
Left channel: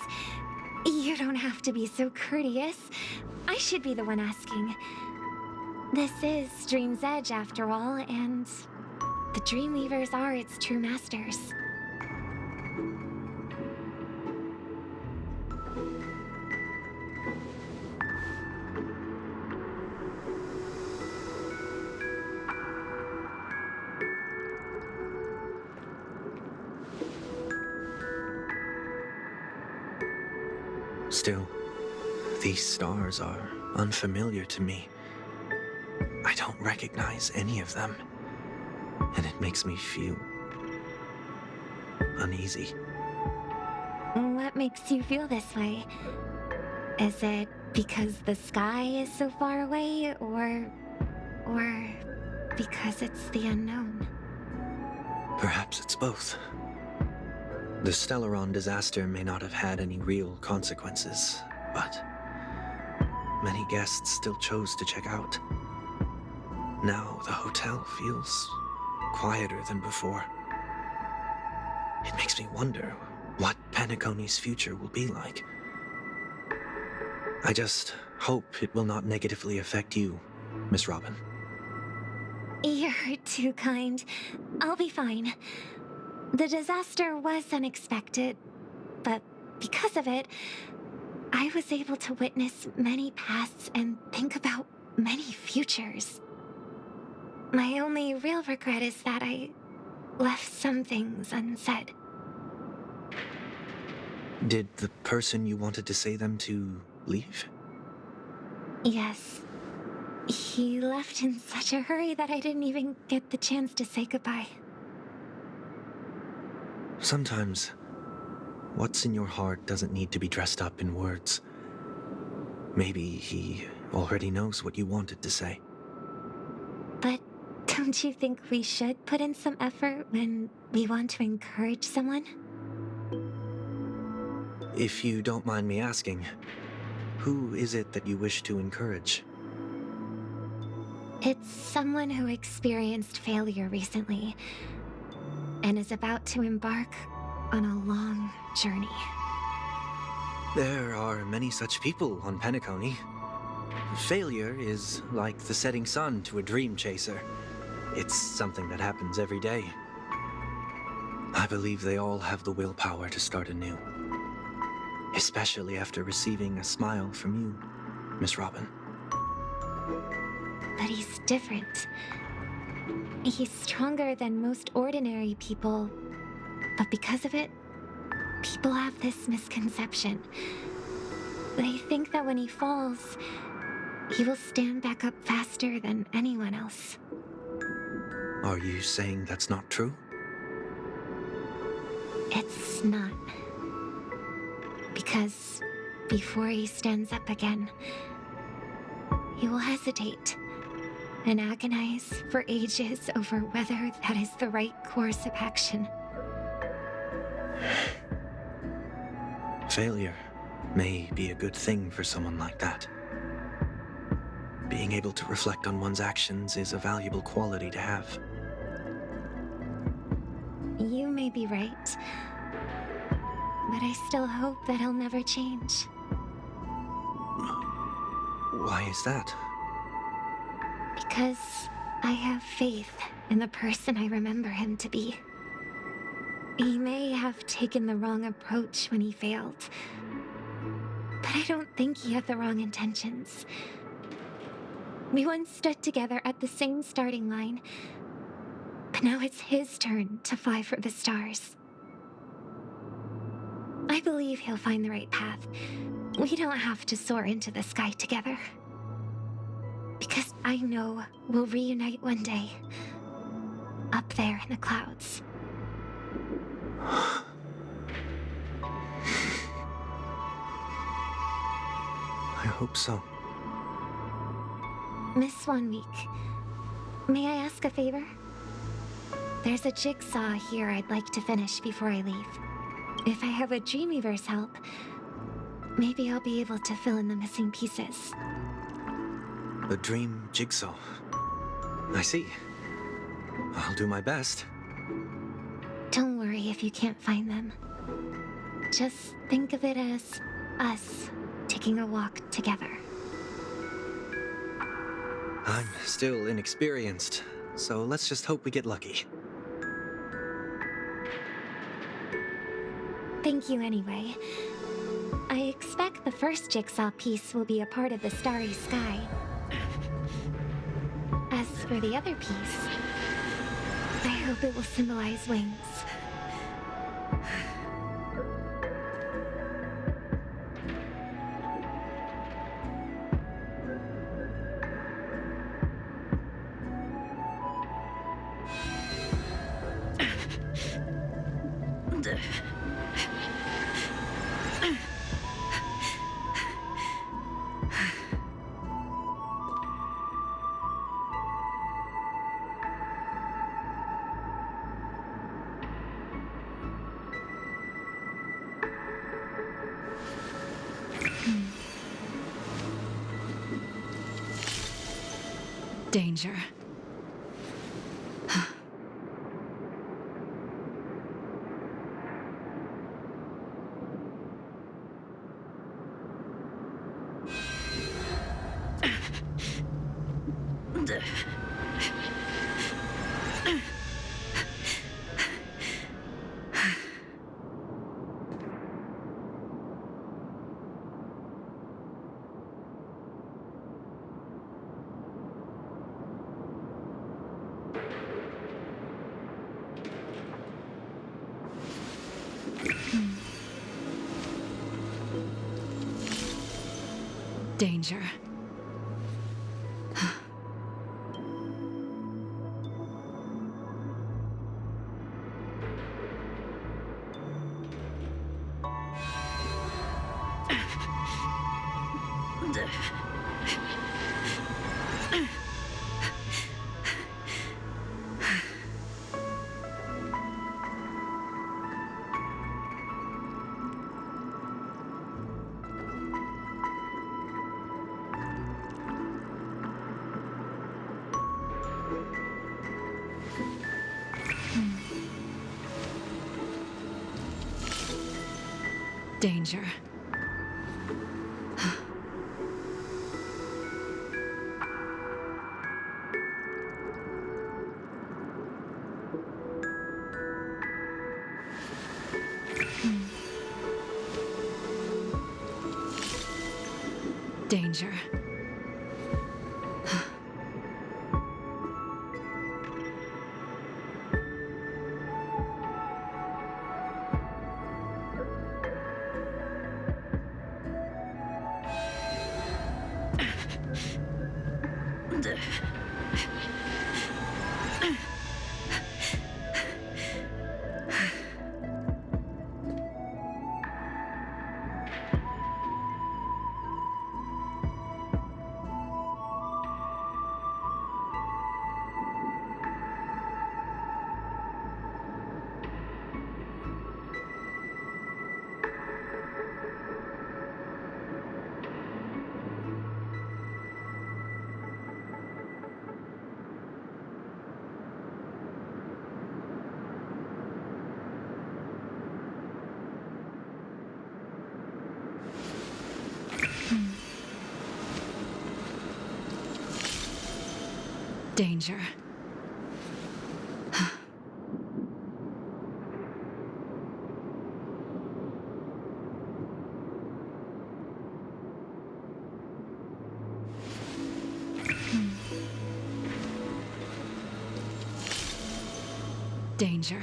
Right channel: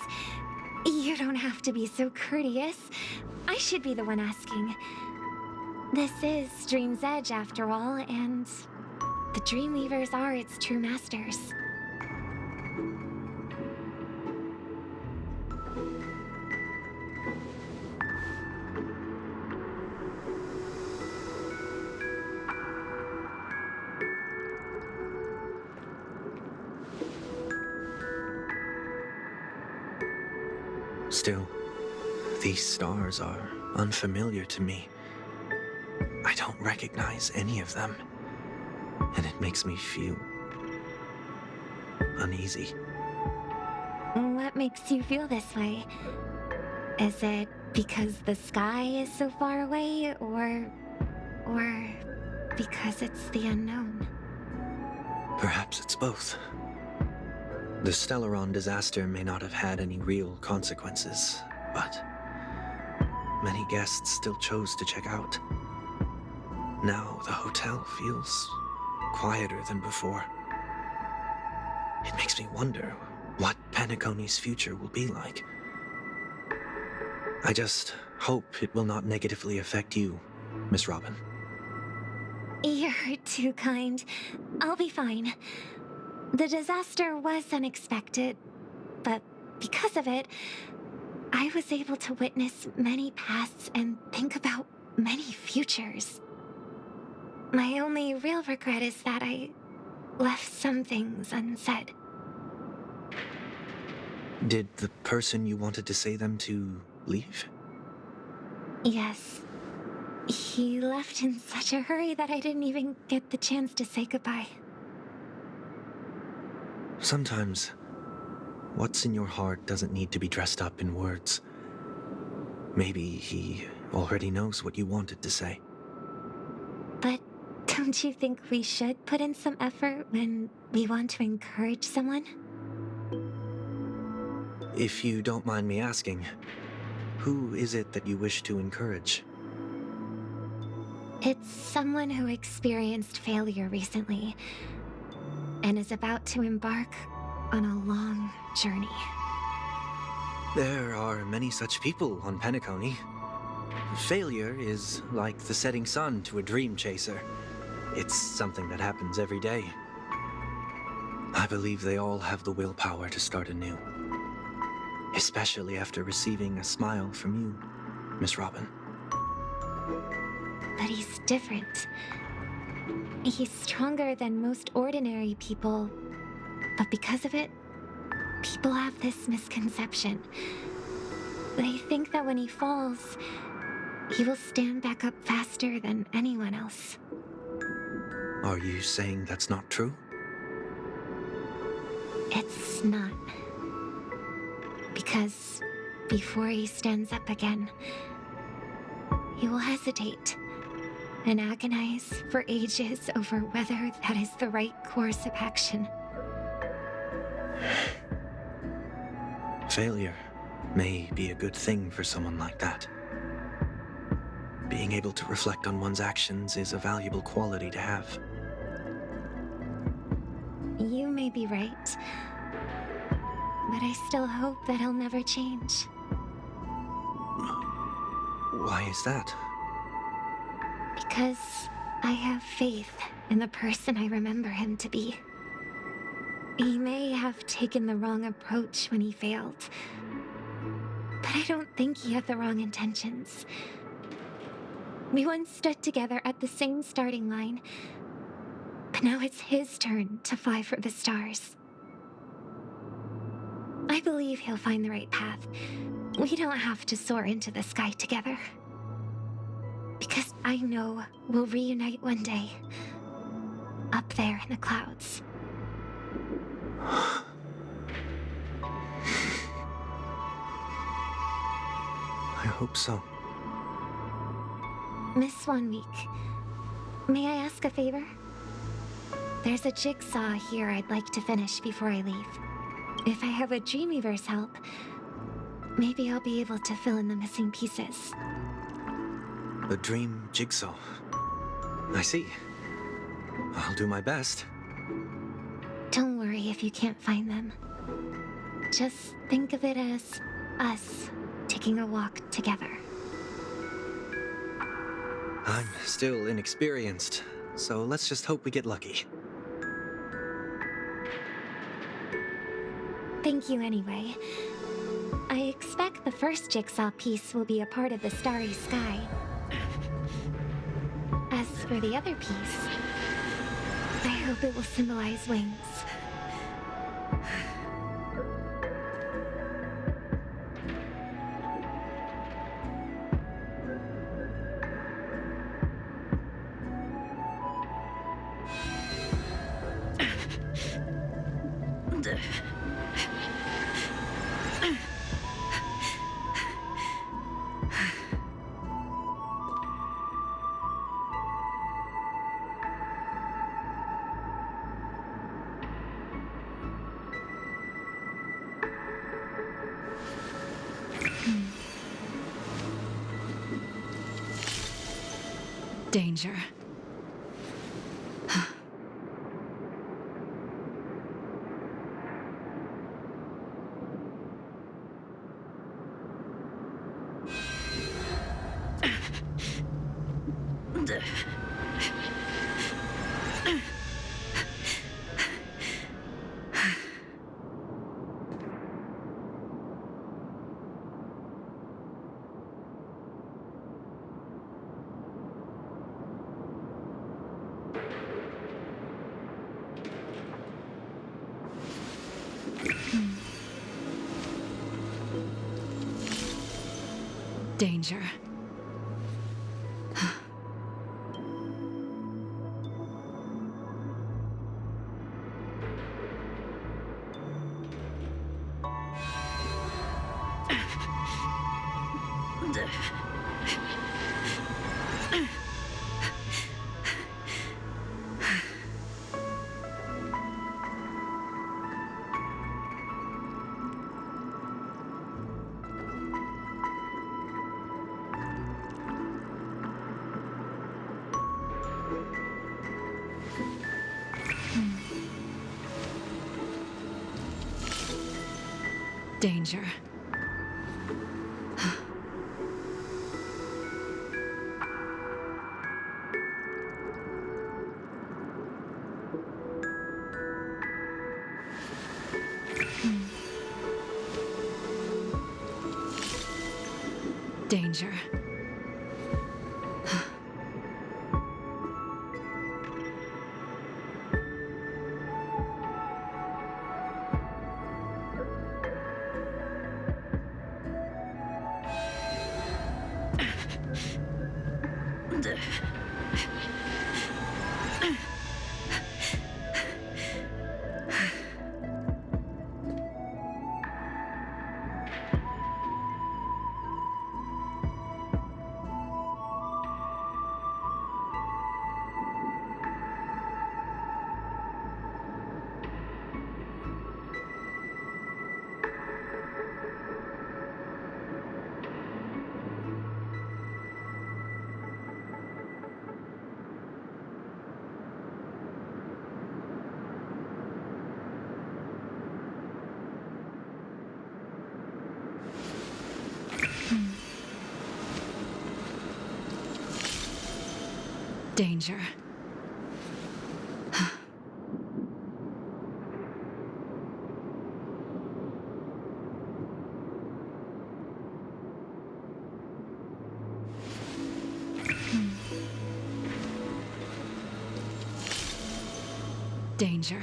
You don't have to be so courteous. I should be the one asking. This is Dream's Edge, after all, and the Dreamweavers are its true masters. Still, these stars are unfamiliar to me. I don't recognize any of them, and it makes me feel uneasy. What makes you feel this way? Is it because the sky is so far away, or because it's the unknown? Perhaps it's both. The Stellaron disaster may not have had any real consequences, but many guests still chose to check out. Now the hotel feels quieter than before. It makes me wonder what Penacony's future will be like. I just hope it will not negatively affect you, Miss Robin. You're too kind. I'll be fine. The disaster was unexpected, but because of it, I was able to witness many pasts and think about many futures. My only real regret is that I left some things unsaid. Did the person you wanted to say them to leave? Yes. He left in such a hurry that I didn't even get the chance to say goodbye. Sometimes, what's in your heart doesn't need to be dressed up in words. Maybe he already knows what you wanted to say. But don't you think we should put in some effort when we want to encourage someone? If you don't mind me asking, who is it that you wish to encourage? It's someone who experienced failure recently and is about to embark on a long journey. There are many such people on Penacony. Failure is like the setting sun to a dream chaser. It's something that happens every day. I believe they all have the willpower to start anew. Especially after receiving a smile from you, Miss Robin. But he's different. He's stronger than most ordinary people, but because of it, people have this misconception. They think that when he falls, he will stand back up faster than anyone else. Are you saying that's not true? It's not. Because before he stands up again, he will hesitate and agonize for ages over whether that is the right course of action. Failure may be a good thing for someone like that. Being able to reflect on one's actions is a valuable quality to have. You may be right, but I still hope that he'll never change. Why is that? Because I have faith in the person I remember him to be. He may have taken the wrong approach when he failed, but I don't think he had the wrong intentions. We once stood together at the same starting line, but now it's his turn to fly for the stars. I believe he'll find the right path. We don't have to soar into the sky together. Because I know we'll reunite one day, up there in the clouds. I hope so. Miss Swanweek, may I ask a favor? There's a jigsaw here I'd like to finish before I leave. If I have a Dreamweaver's help, Maybe I'll be able to fill in the missing pieces. The dream jigsaw. I see. I'll do my best. Don't worry if you can't find them. Just think of it as us taking a walk together. I'm still inexperienced, so let's just hope we get lucky. Thank you anyway. I expect the first jigsaw piece will be a part of the starry sky. As for the other piece, I hope it will symbolize wings. Danger. Danger. Danger. Danger. Danger. Danger.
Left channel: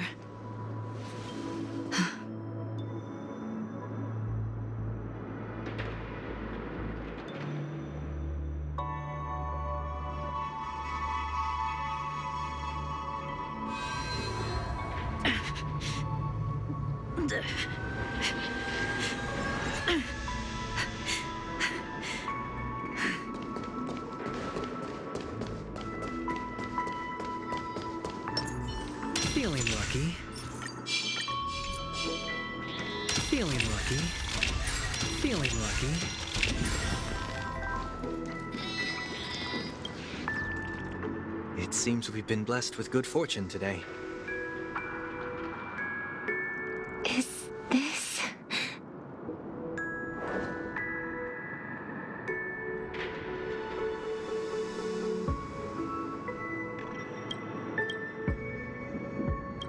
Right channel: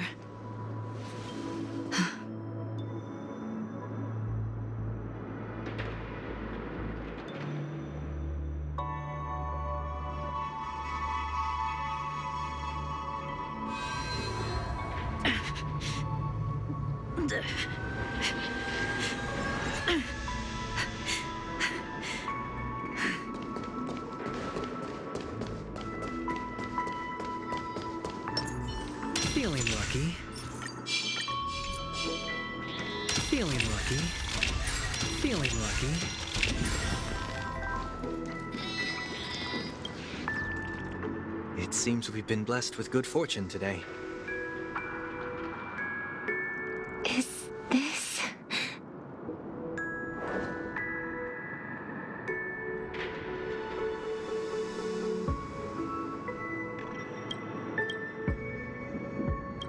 Feeling lucky. Feeling lucky. Feeling lucky. It seems we've been blessed with good fortune today. Is this...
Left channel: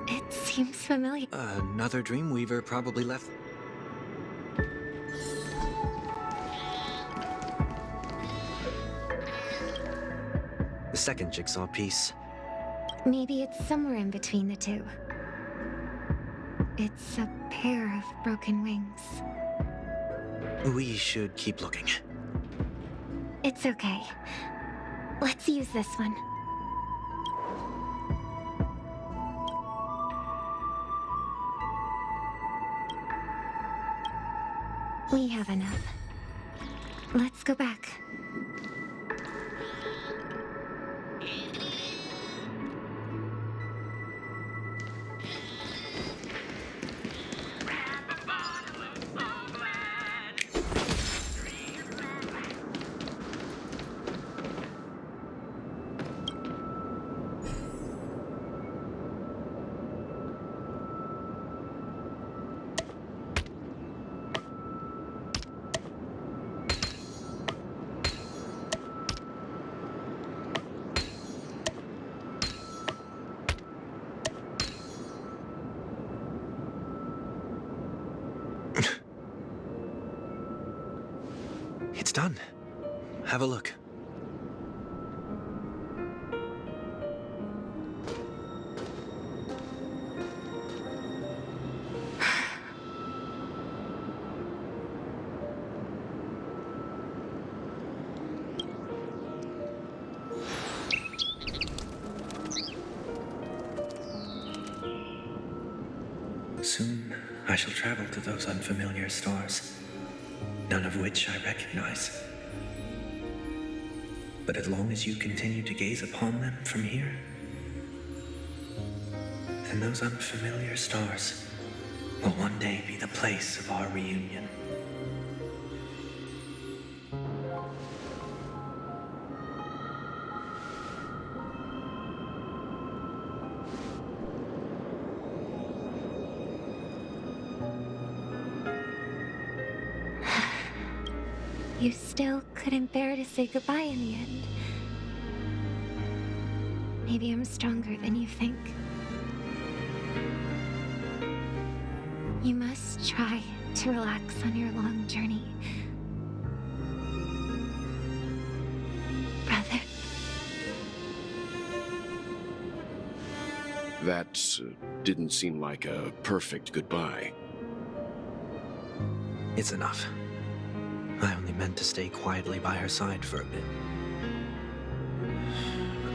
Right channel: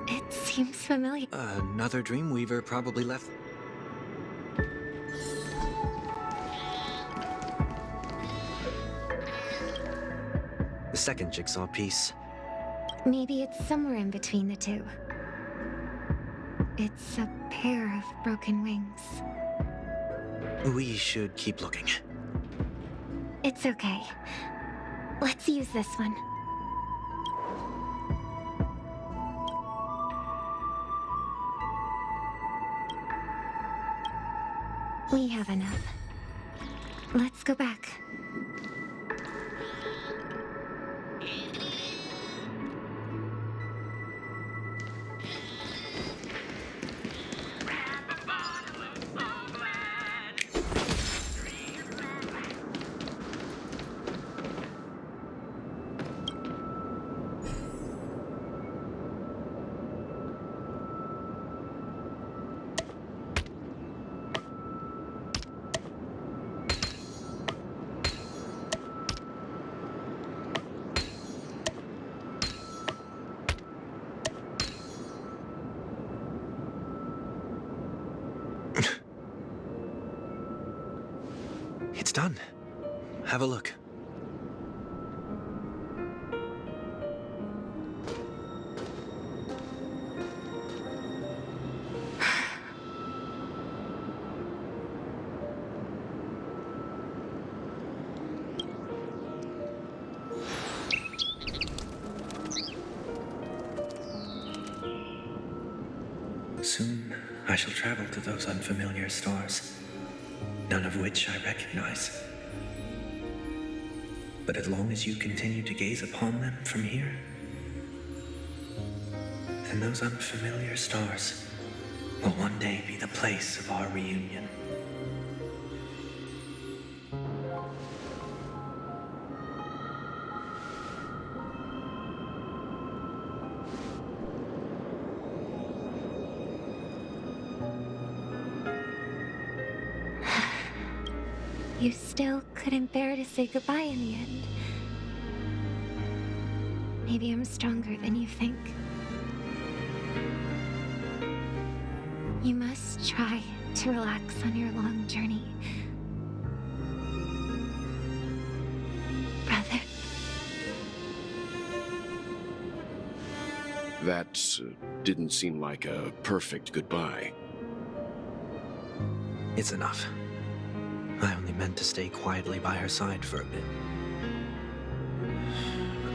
It seems familiar. Another Dreamweaver probably left. The second jigsaw piece. Maybe it's somewhere in between the two. It's a pair of broken wings. We should keep looking. It's okay. Let's use this one. We have enough. Let's go back. It's done. Have a look. Soon, I shall travel to those unfamiliar stars, none of which I recognize. But as long as you continue to gaze upon them from here, then those unfamiliar stars will one day be the place of our reunion. You still couldn't bear to say goodbye in the end. Maybe I'm stronger than you think. You must try to relax on your long journey. Brother. That didn't seem like a perfect goodbye. It's enough. I only meant to stay quietly by her side for a bit.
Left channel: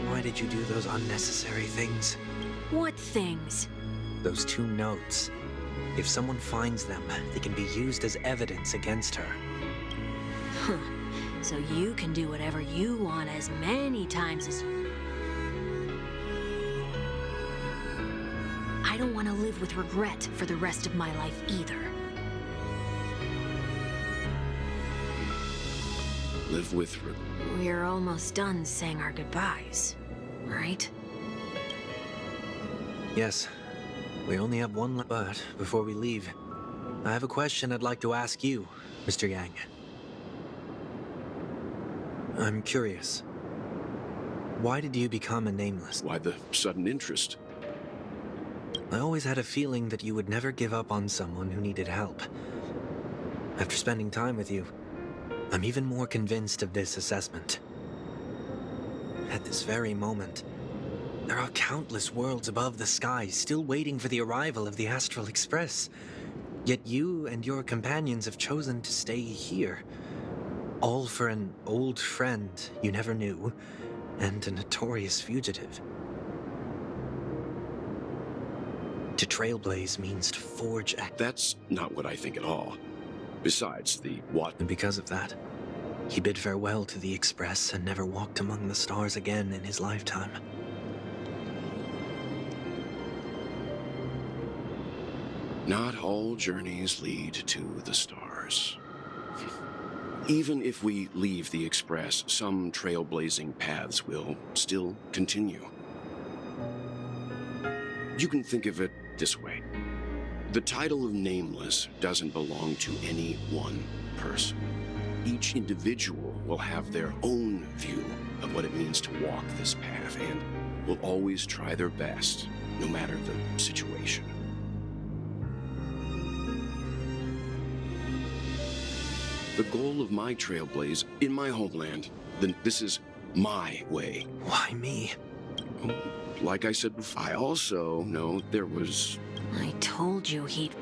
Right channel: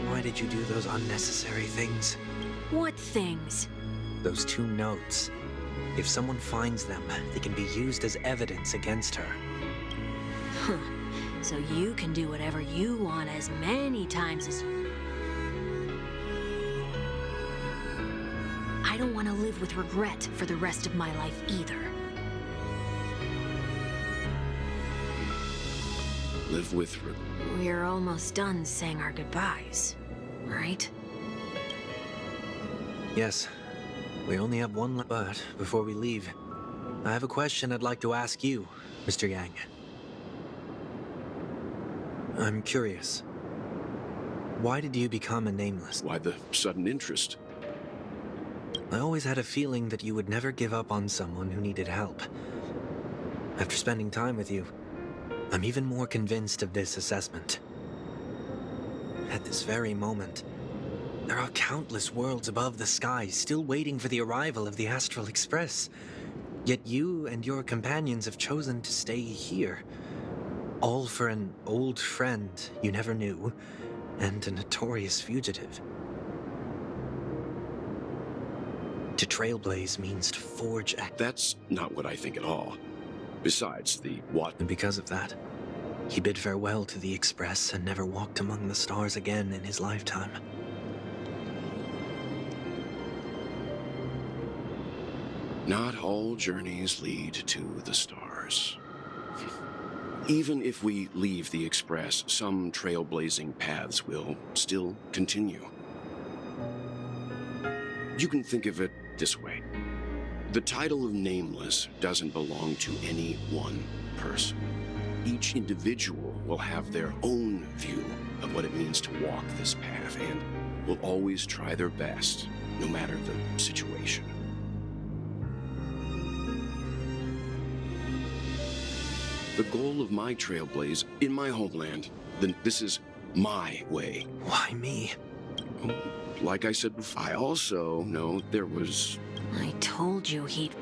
Why did you do those unnecessary things? What things? Those 2 notes. If someone finds them, they can be used as evidence against her. Huh. So you can do whatever you want as many times as you... I don't want to live with regret for the rest of my life either. Live with We're almost done saying our goodbyes, right? Yes. We only have one left, but before we leave, I have a question I'd like to ask you, Mr. Yang. I'm curious. Why did you become a nameless? Why the sudden interest? I always had a feeling that you would never give up on someone who needed help. After spending time with you, I'm even more convinced of this assessment. At this very moment, there are countless worlds above the sky still waiting for the arrival of the Astral Express. Yet you and your companions have chosen to stay here. All for an old friend you never knew, and a notorious fugitive. To trailblaze means to forge a... That's not what I think at all. Besides, the what? And because of that, he bid farewell to the Express and never walked among the stars again in his lifetime. Not all journeys lead to the stars. Even if we leave the Express, some trailblazing paths will still continue. You can think of it this way. The title of Nameless doesn't belong to any one person. Each individual will have their own view of what it means to walk this path and will always try their best, no matter the situation. The goal of my trailblaze in my homeland, then this is my way. Why me? Like I said before, I also know there was... I told you he'd...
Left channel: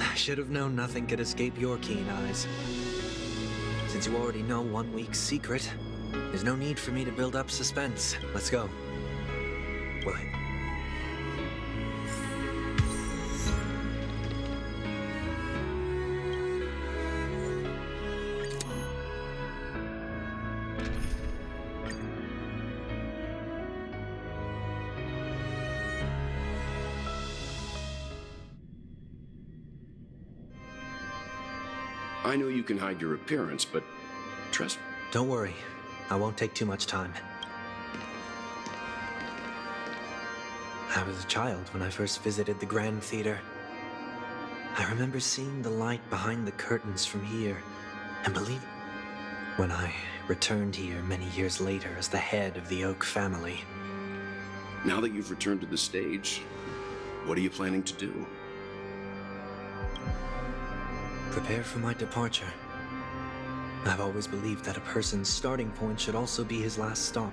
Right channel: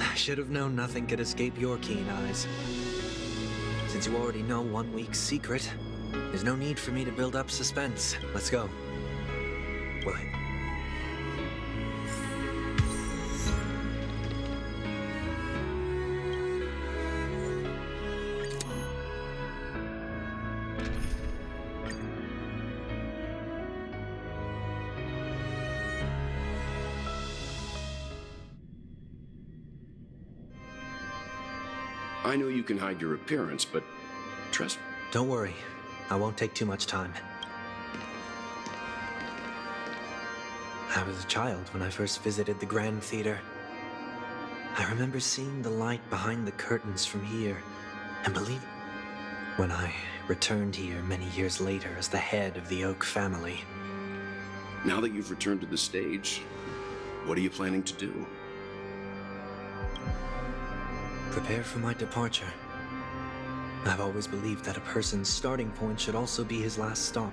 I should have known nothing could escape your keen eyes. Since you already know one week's secret, there's no need for me to build up suspense. Let's go. Will it? I know you can hide your appearance, but trust me. Don't worry. I won't take too much time. I was a child when I first visited the Grand Theater. I remember seeing the light behind the curtains from here, and believe when I returned here many years later as the head of the Oak family. Now that you've returned to the stage, what are you planning to do? Prepare for my departure. I've always believed that a person's starting point should also be his last stop.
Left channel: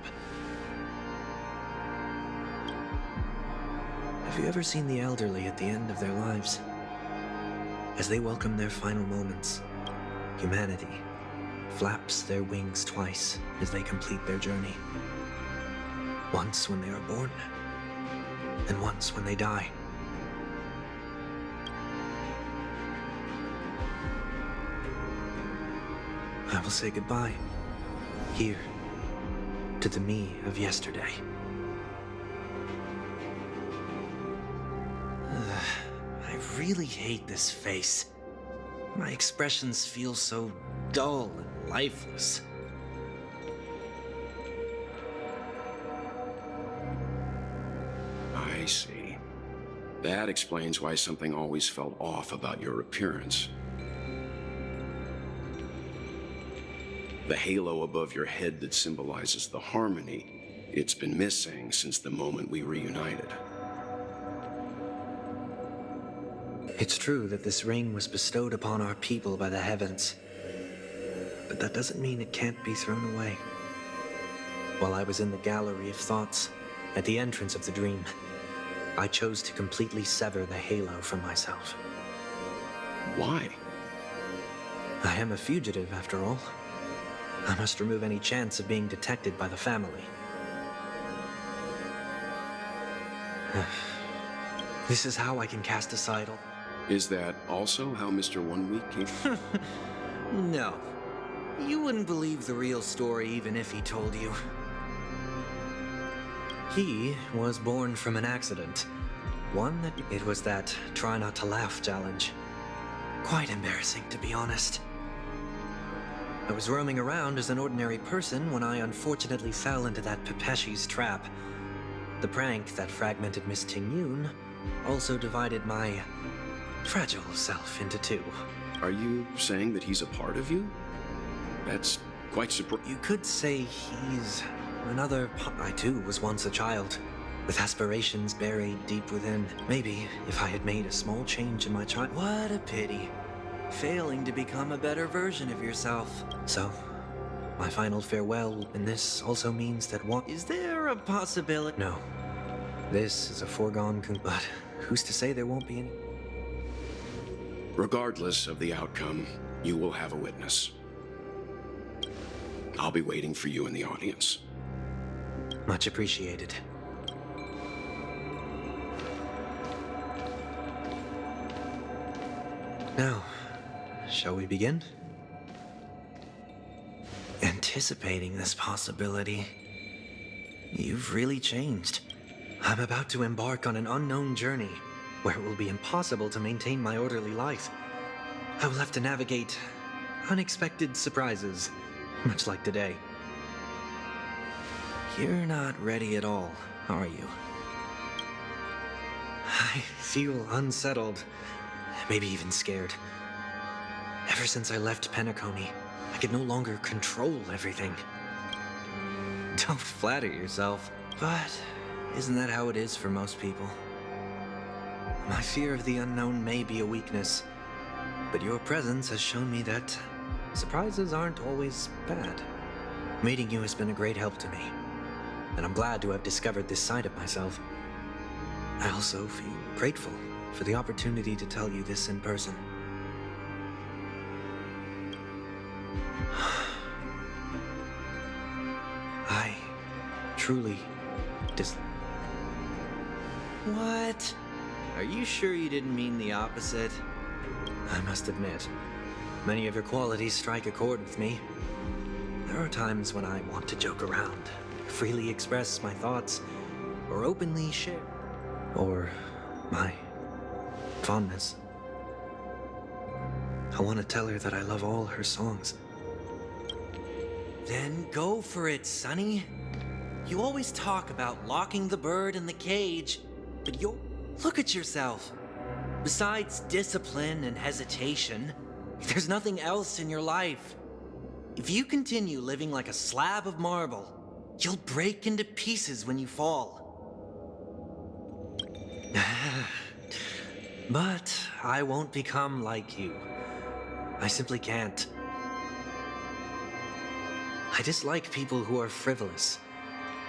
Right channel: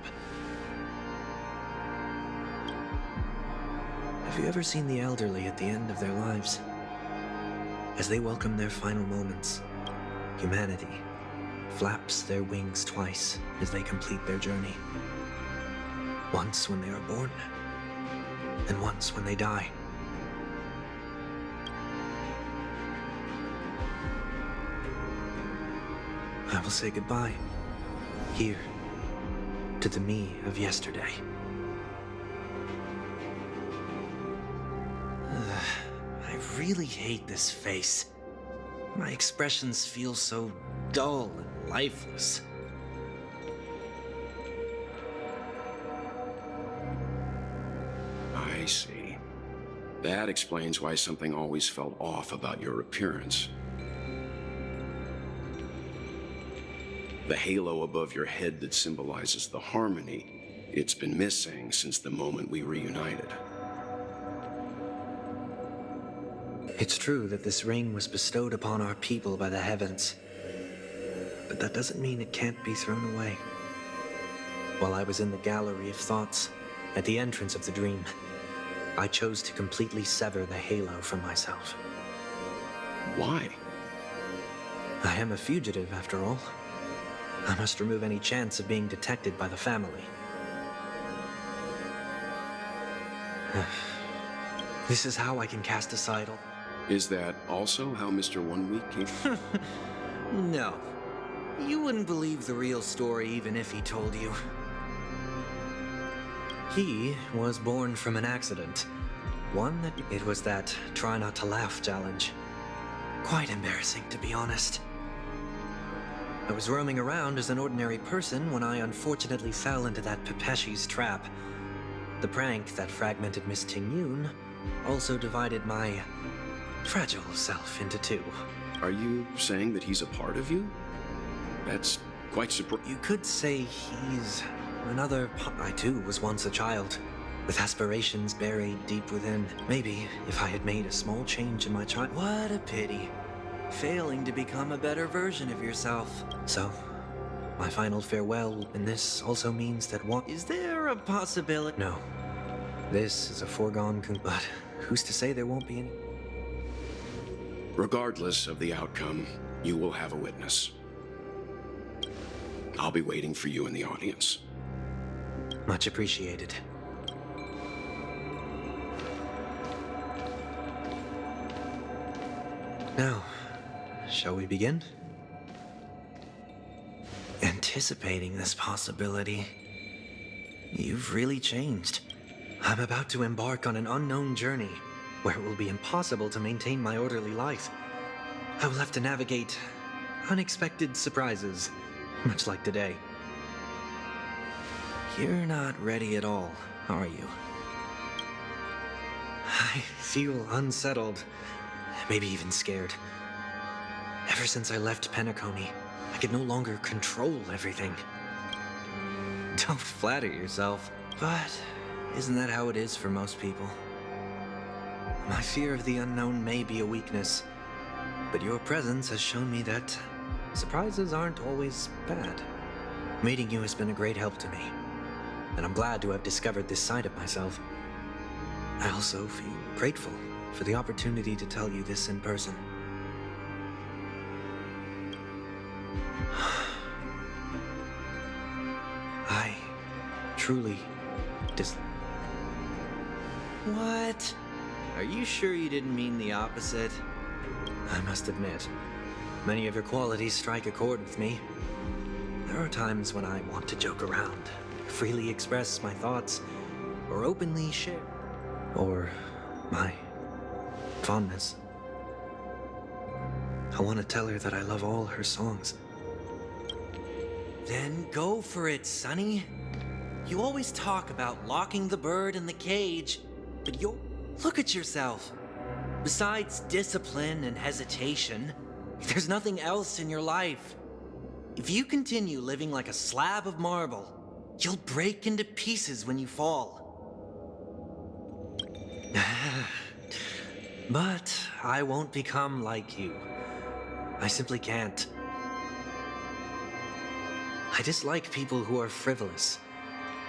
Have you ever seen the elderly at the end of their lives? As they welcome their final moments, humanity flaps their wings twice as they complete their journey. Once when they are born, and once when they die. I will say goodbye, here, to the me of yesterday. I really hate this face. My expressions feel so dull and lifeless. I see. That explains why something always felt off about your appearance. The halo above your head that symbolizes the harmony, it's been missing since the moment we reunited. It's true that this ring was bestowed upon our people by the heavens, but that doesn't mean it can't be thrown away. While I was in the gallery of thoughts, at the entrance of the dream, I chose to completely sever the halo from myself. Why? I am a fugitive, after all. I must remove any chance of being detected by the family. This is how I can cast aside all... Is that also how Mr. 1 Week came? No. You wouldn't believe the real story even if he told you. He was born from an accident. One that... It was that try not to laugh challenge. Quite embarrassing, to be honest. I was roaming around as an ordinary person when I unfortunately fell into that Pepeshi's trap. The prank that fragmented Miss Tingyun also divided my fragile self into two. Are you saying that he's a part of you? That's quite surprising. You could say he's another I too was once a child, with aspirations buried deep within. Maybe if I had made a small change in my child... What a pity. Failing to become a better version of yourself. So, my final farewell, and this also means that what... Is there a possibility? No. This is a foregone but who's to say there won't be any... Regardless of the outcome, you will have a witness. I'll be waiting for you in the audience. Much appreciated. Now, shall we begin? Anticipating this possibility, you've really changed. I'm about to embark on an unknown journey where it will be impossible to maintain my orderly life. I will have to navigate unexpected surprises, much like today. You're not ready at all, are you? I feel unsettled, maybe even scared. Ever since I left Penacony, I could no longer control everything. Don't flatter yourself, but isn't that how it is for most people? My fear of the unknown may be a weakness, but your presence has shown me that surprises aren't always bad. Meeting you has been a great help to me, and I'm glad to have discovered this side of myself. I also feel grateful for the opportunity to tell you this in person. I truly What? Are you sure you didn't mean the opposite? I must admit, many of your qualities strike a chord with me. There are times when I want to joke around, freely express my thoughts, or openly share, or my fondness. I want to tell her that I love all her songs. Then go for it, Sonny. You always talk about locking the bird in the cage, but look at yourself. Besides discipline and hesitation, there's nothing else in your life. If you continue living like a slab of marble, you'll break into pieces when you fall. But I won't become like you. I simply can't. I dislike people who are frivolous.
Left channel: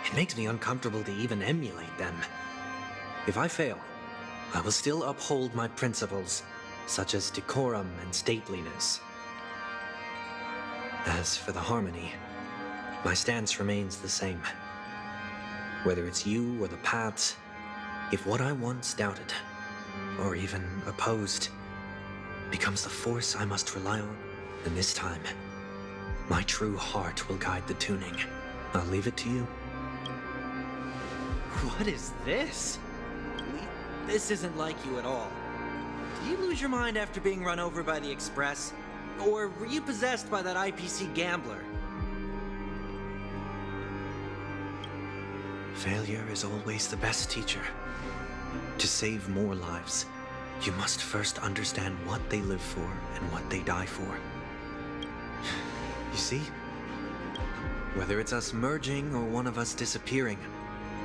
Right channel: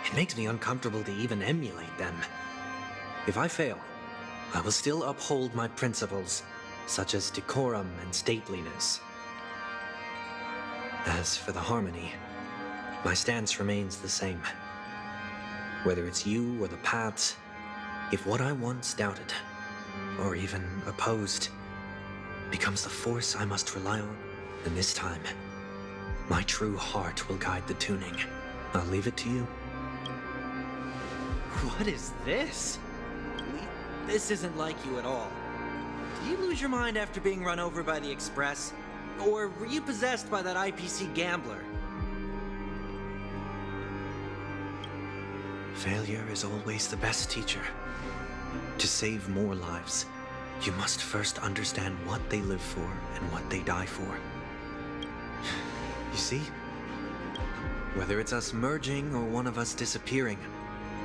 It makes me uncomfortable to even emulate them. If I fail, I will still uphold my principles, such as decorum and stateliness. As for the harmony, my stance remains the same. Whether it's you or the paths, if what I once doubted, or even opposed, becomes the force I must rely on, then this time, my true heart will guide the tuning. I'll leave it to you. What is this? This isn't like you at all. Did you lose your mind after being run over by the Express? Or were you possessed by that IPC gambler? Failure is always the best teacher. To save more lives, you must first understand what they live for and what they die for. You see? Whether it's us merging or one of us disappearing,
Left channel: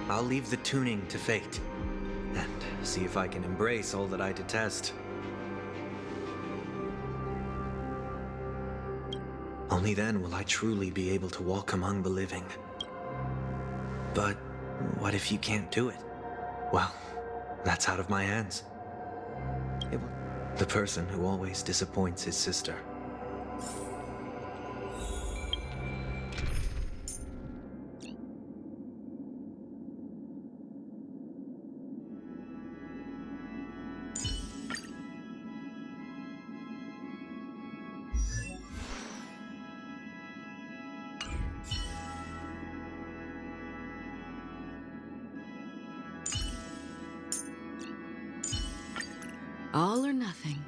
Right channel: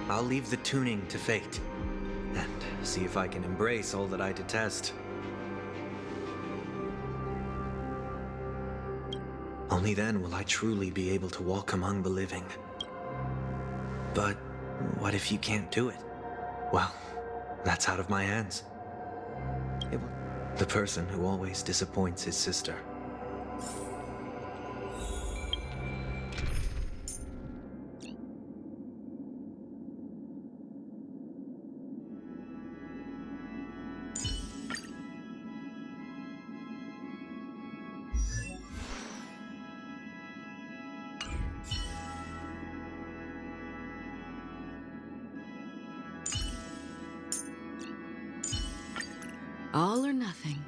I'll leave the tuning to fate, and see if I can embrace all that I detest. Only then will I truly be able to walk among the living. But what if you can't do it? Well, that's out of my hands. The person who always disappoints his sister. All or nothing.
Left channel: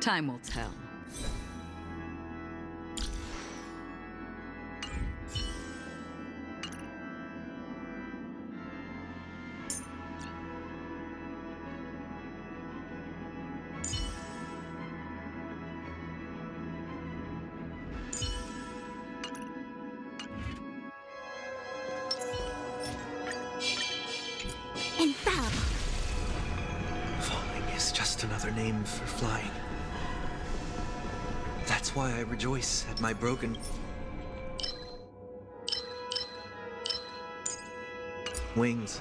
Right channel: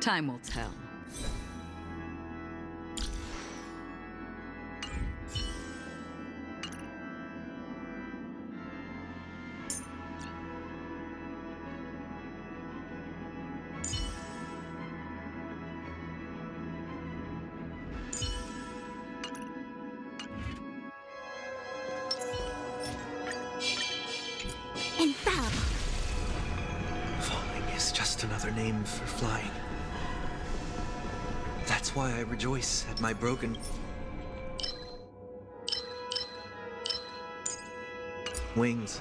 Time will tell. Infallible. Falling is just another name for flying. That's why I rejoice at my broken wings.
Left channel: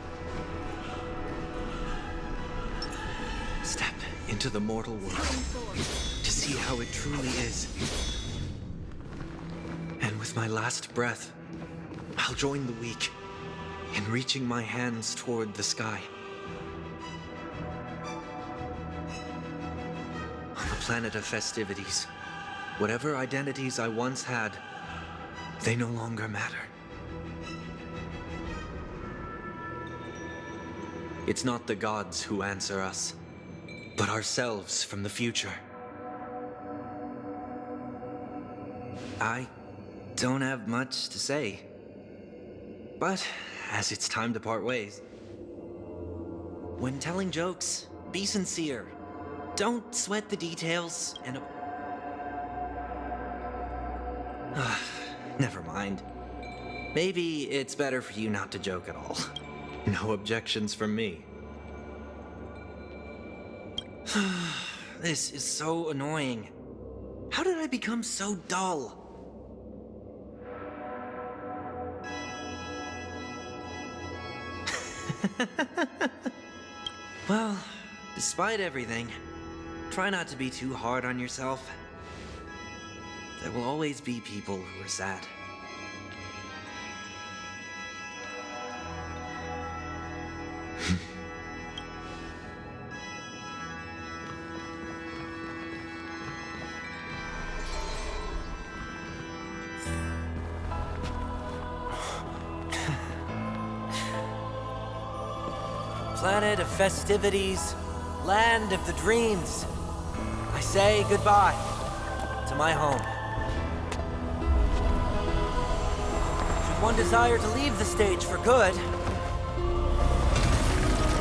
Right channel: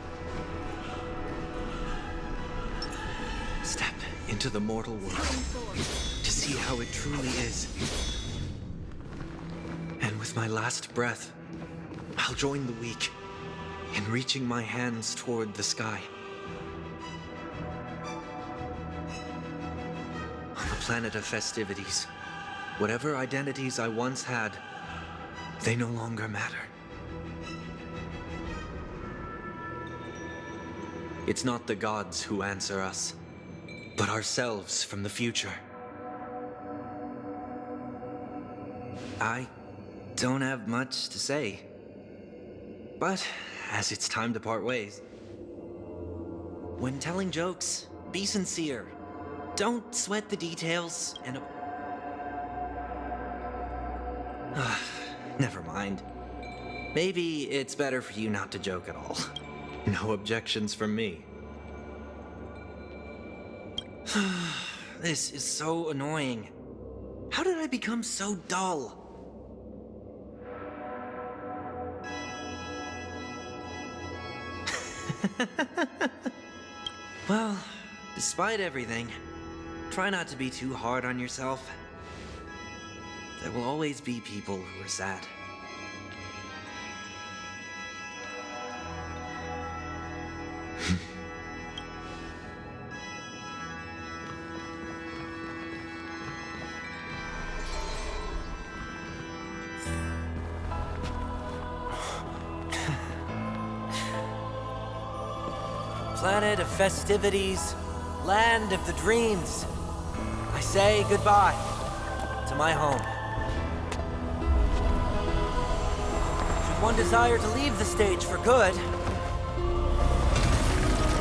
Step into the mortal world to see how it truly is. And with my last breath, I'll join the weak in reaching my hands toward the sky. On the planet of festivities, whatever identities I once had, they no longer matter. It's not the gods who answer us. but ourselves from the future. I don't have much to say, but as it's time to part ways, when telling jokes, be sincere. Don't sweat the details and... Never mind. Maybe it's better for you not to joke at all. No objections from me. This is so annoying. How did I become so dull? Well, despite everything, try not to be too hard on yourself. There will always be people who are sad. Planet of festivities, land of the dreams. I say goodbye to my home. Should one desire to leave the stage for good,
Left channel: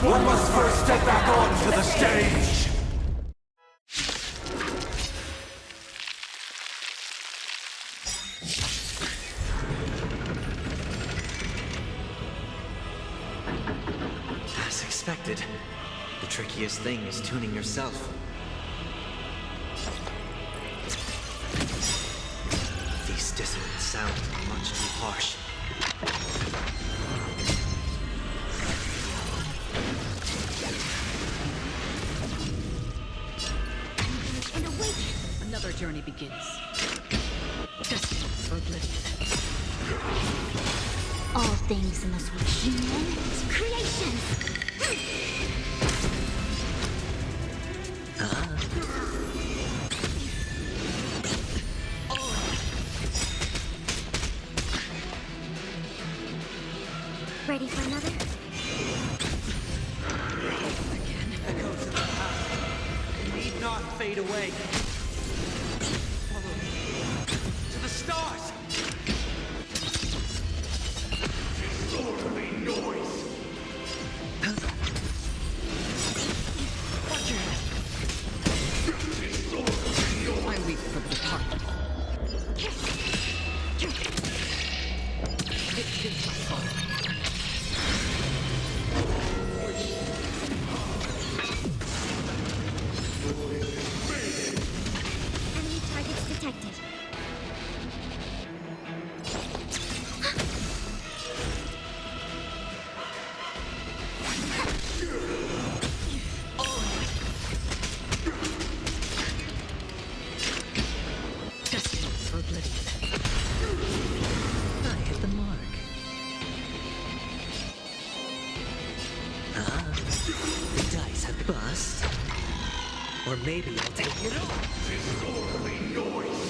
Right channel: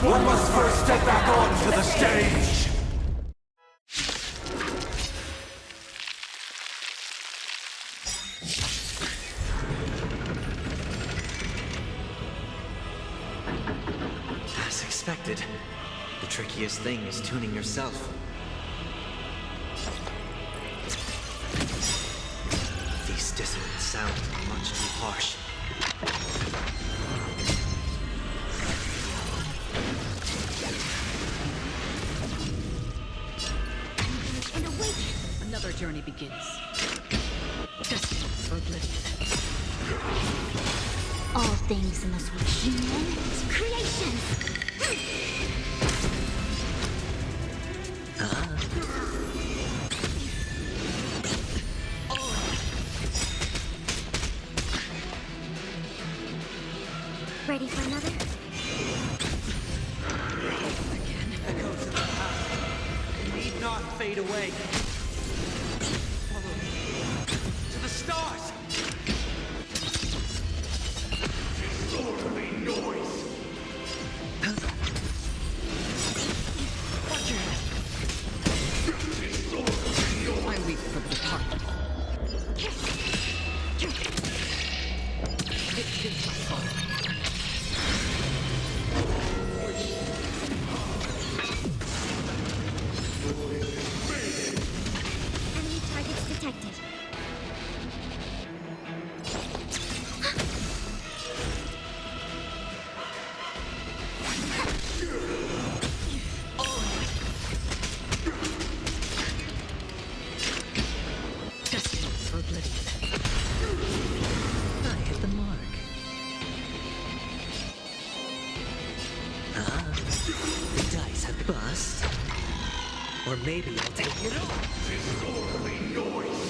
One must first step back onto the stage! as expected, the trickiest thing is tuning yourself. These dissonant sounds are much too harsh. And awake! Another journey begins. Destined for oblivion. All things must be human creations. Ready for another? Echoes of the past need not fade away. Follow me to the stars! Disorderly noise! Watch your head. I weep for the departed. It is my fault. Enemy targets detected. Destined for oblivion. I hit the mark. The dice have bust. Or maybe I'll take it all. Disorderly noise!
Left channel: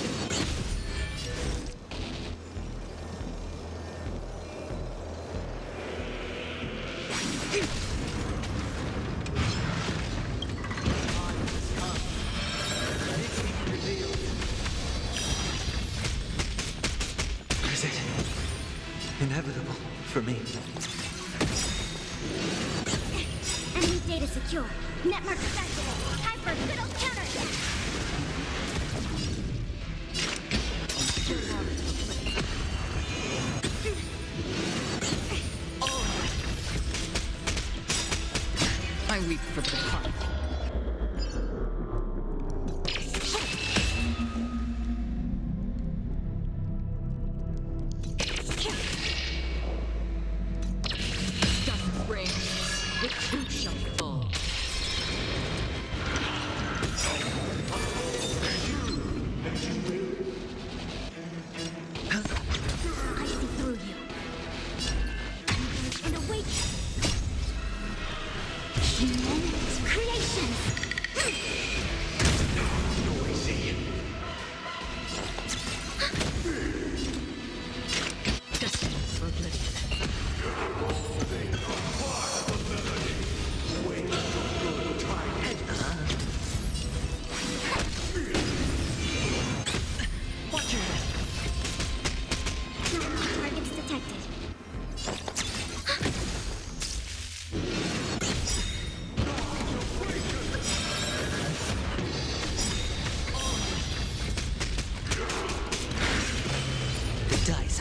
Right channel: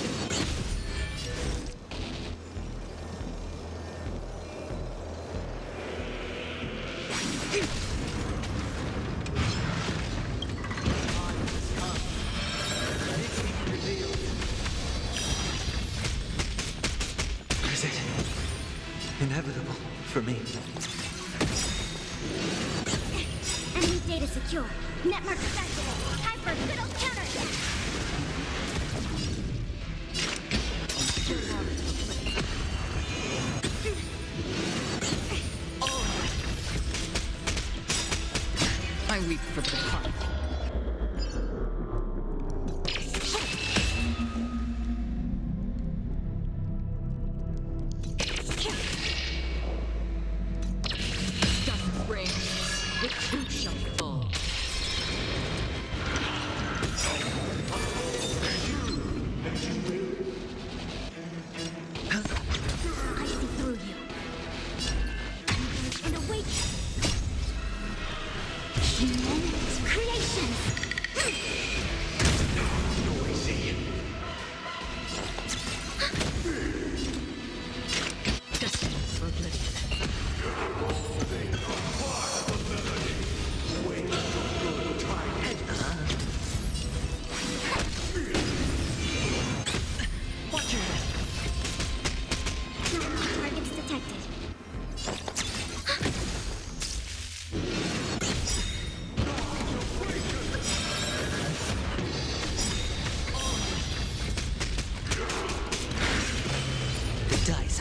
Is it inevitable for me? Enemy data secure. Network activated. Time for a good old counterattack. I weep for the departed. Dust rains, the truth shall fall. I see through you. And awake. Human creation.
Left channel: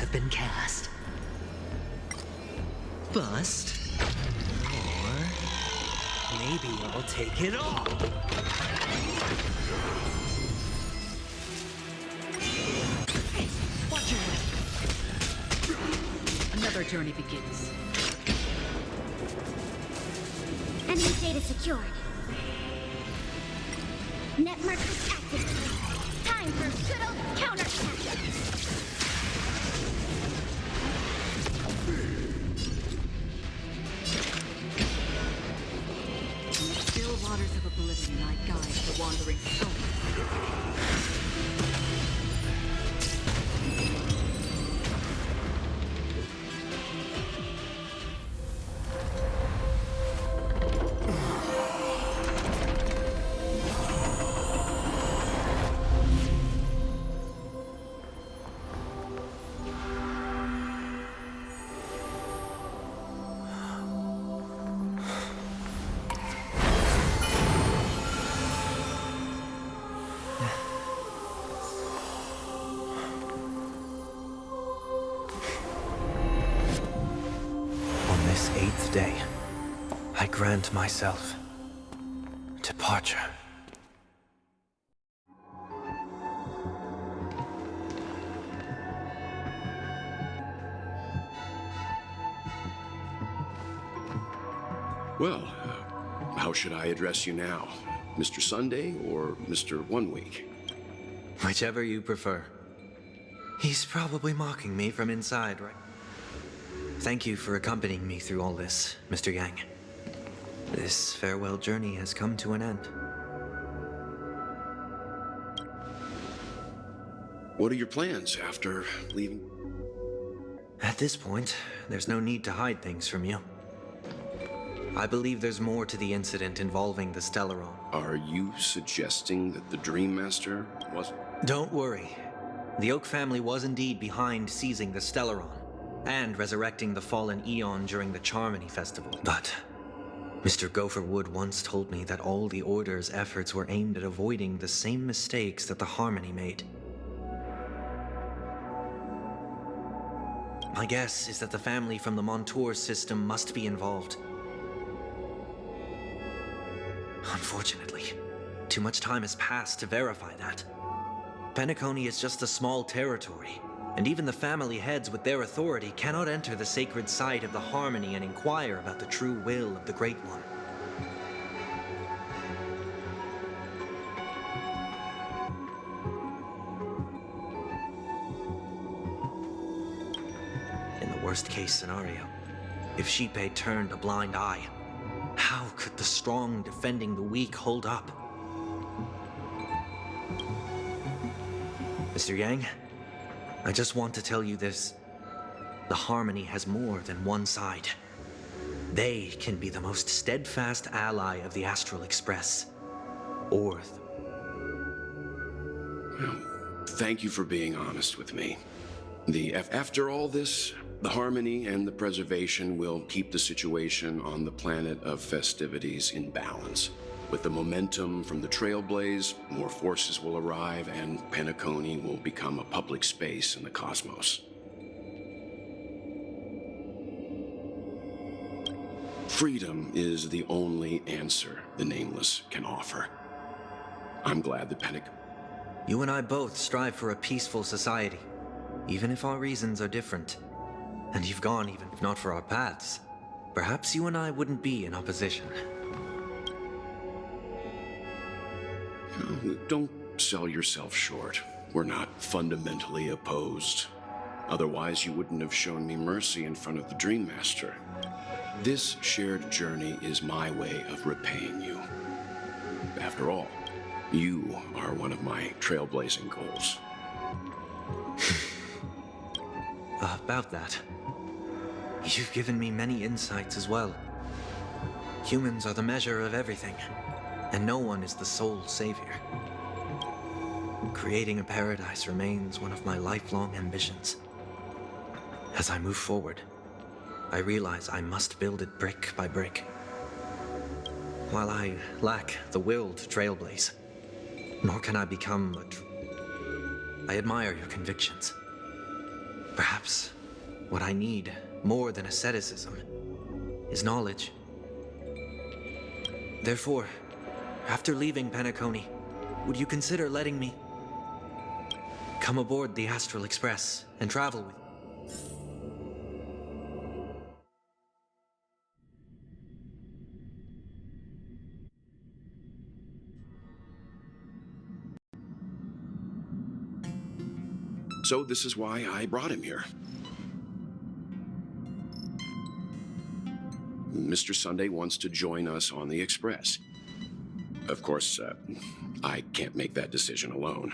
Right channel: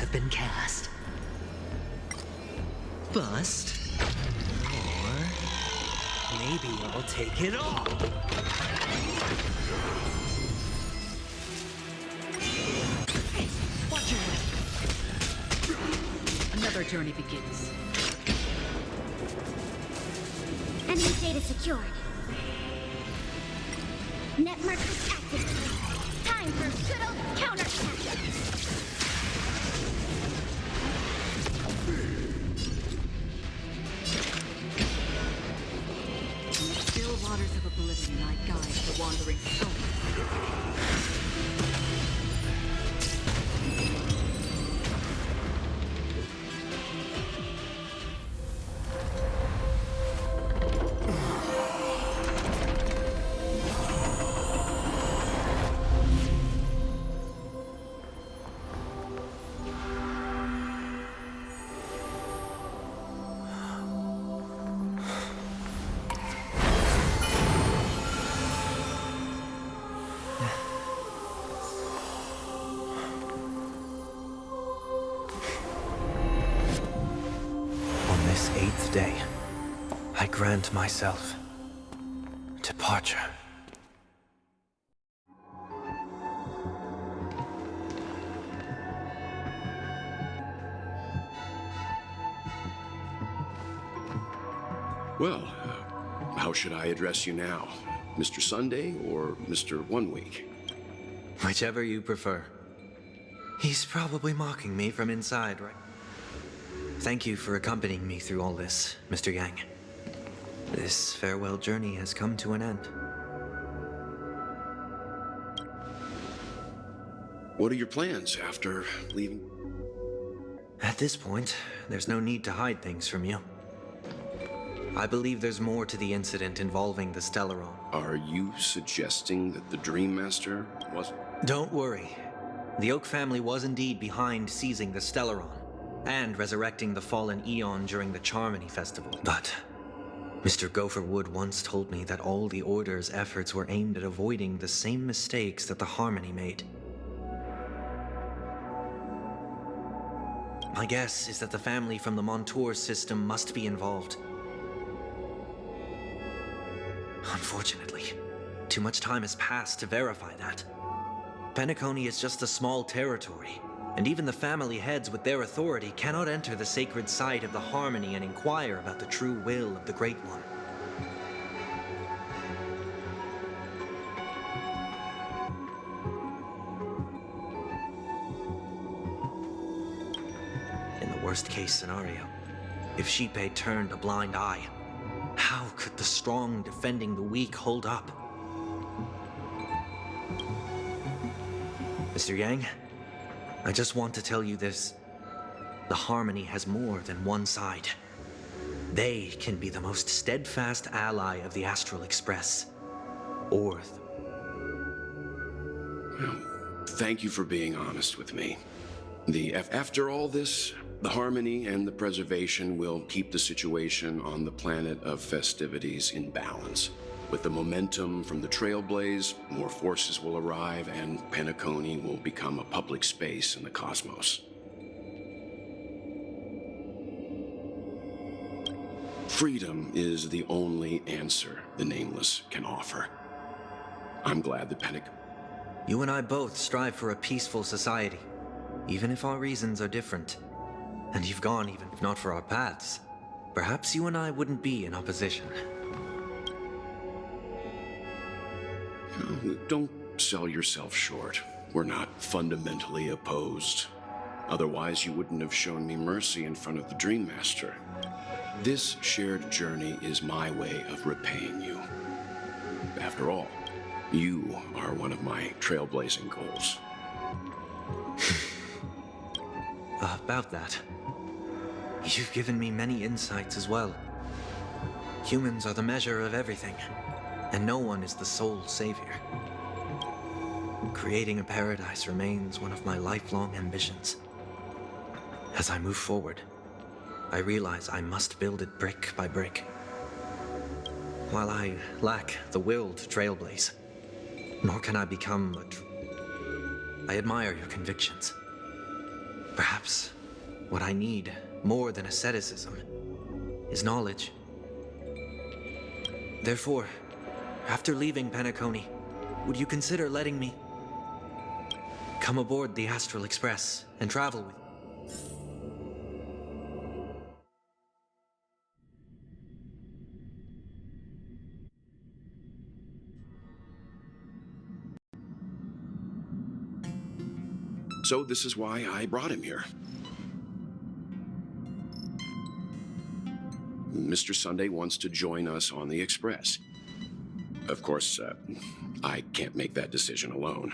have been cast. Bust. Or maybe I'll take it all. Watch your head. Another journey begins. Enemy data secured. Net markers activated. Time for good old counterattack. In the still waters of oblivion, I guide the wandering soul. On this 8th day, I grant myself departure. Well, how should I address you now? Mr. Sunday or Mr. 1 Week? Whichever you prefer. He's probably mocking me from inside, right? Thank you for accompanying me through all this, Mr. Yang. This farewell journey has come to an end. What are your plans after leaving? At this point, there's no need to hide things from you. I believe there's more to the incident involving the Stellaron. Are you suggesting that the Dream Master was... Don't worry. The Oak family was indeed behind seizing the Stellaron and resurrecting the fallen Eon during the Charmony Festival. But Mr. Gopherwood once told me that all the Order's efforts were aimed at avoiding the same mistakes that the Harmony made. My guess is that the family from the Montour system must be involved. Unfortunately, too much time has passed to verify that. Penacony is just a small territory, and even the family heads with their authority cannot enter the sacred site of the Harmony and inquire about the true will of the Great One. In the worst-case scenario, if Xipe turned a blind eye, how could the strong defending the weak hold up? Mr. Yang, I just want to tell you this. The Harmony has more than one side. They can be the most steadfast ally of the Astral Express. Or... Well, thank you for being honest with me. After all this, the Harmony and the Preservation will keep the situation on the planet of festivities in balance. With the momentum from the Trailblaze, more forces will arrive and Penacony will become a public space in the cosmos. Freedom is the only answer the Nameless can offer. I'm glad that You and I both strive for a peaceful society, even if our reasons are different. And you've gone even if not for our paths. Perhaps you and I wouldn't be in opposition. No, don't sell yourself short. We're not fundamentally opposed. Otherwise, you wouldn't have shown me mercy in front of the Dream Master. This shared journey is my way of repaying you. After all, you are one of my trailblazing goals. About that, you've given me many insights as well. Humans are the measure of everything, and no one is the sole savior. Creating a paradise remains one of my lifelong ambitions. As I move forward, I realize I must build it brick by brick. While I lack the will to trailblaze, nor can I become I admire your convictions. Perhaps what I need, more than asceticism, is knowledge. Therefore, after leaving Penacony, would you consider letting me come aboard the Astral Express and travel with you? So this is why I brought him here. Mr. Sunday wants to join us on the Express. Of course, I can't make that decision alone.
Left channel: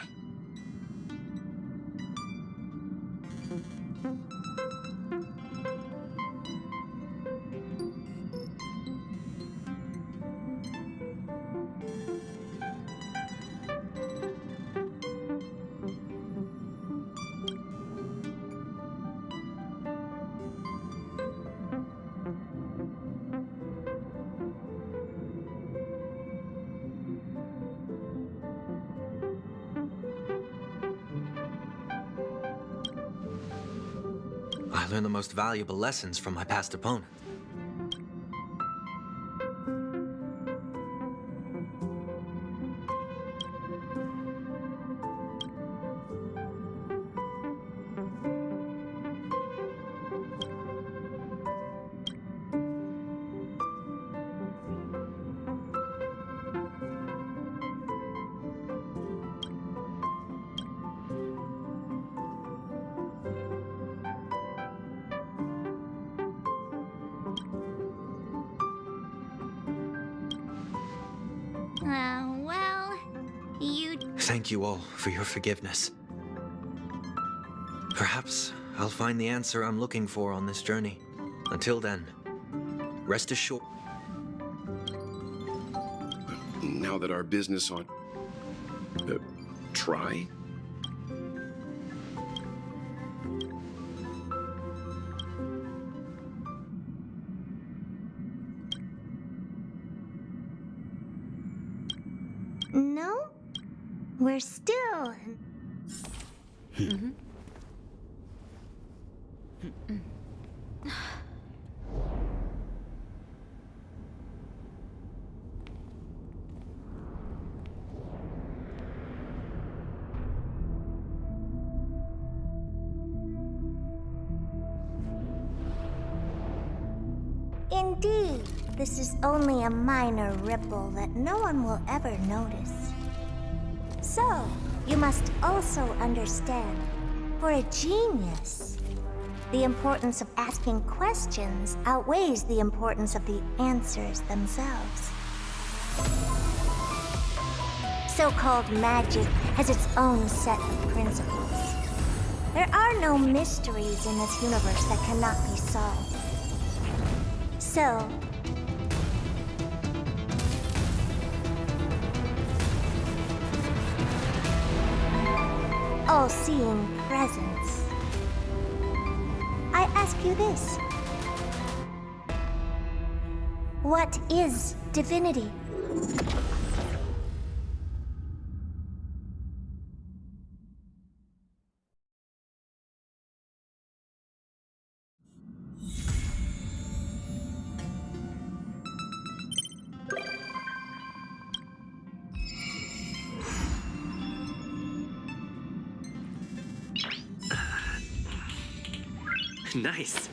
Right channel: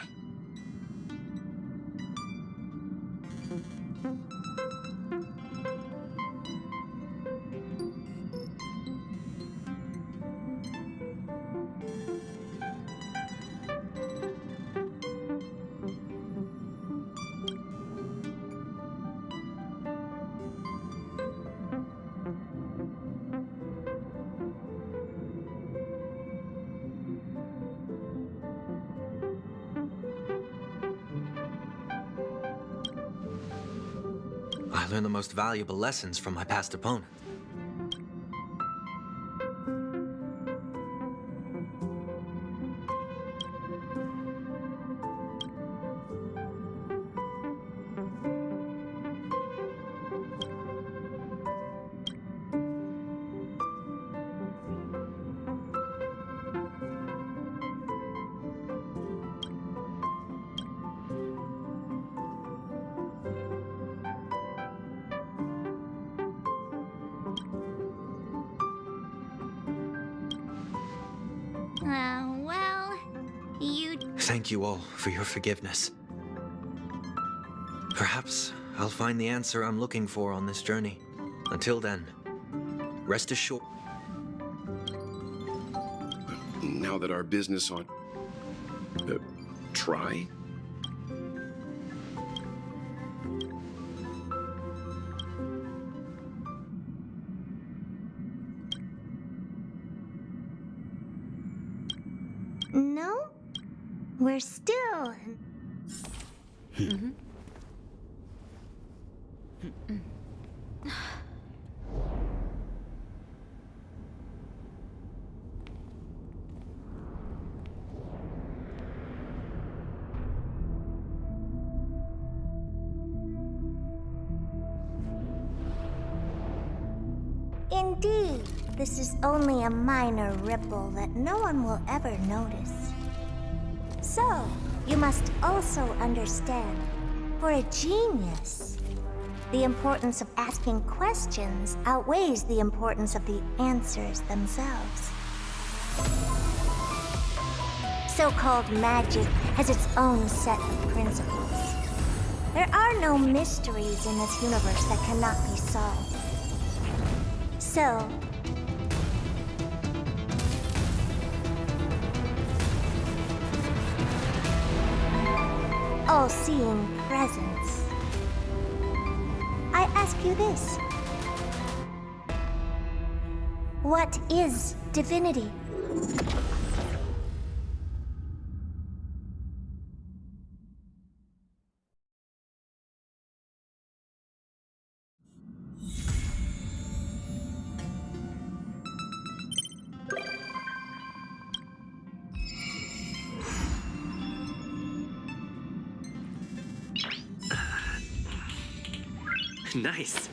I learned the most valuable lessons from my past opponent. Well, you... Thank you all for your forgiveness. Perhaps I'll find the answer I'm looking for on this journey. Until then, rest assured. Now that our business on... try? No? We're still... Indeed, this is only a minor ripple that no one will ever notice. So, you must also understand, for a genius, the importance of asking questions outweighs the importance of the answers themselves. So-called magic has its own set of principles. There are no mysteries in this universe that cannot be solved. So, all-seeing presence, I ask you this. What is divinity? Nice.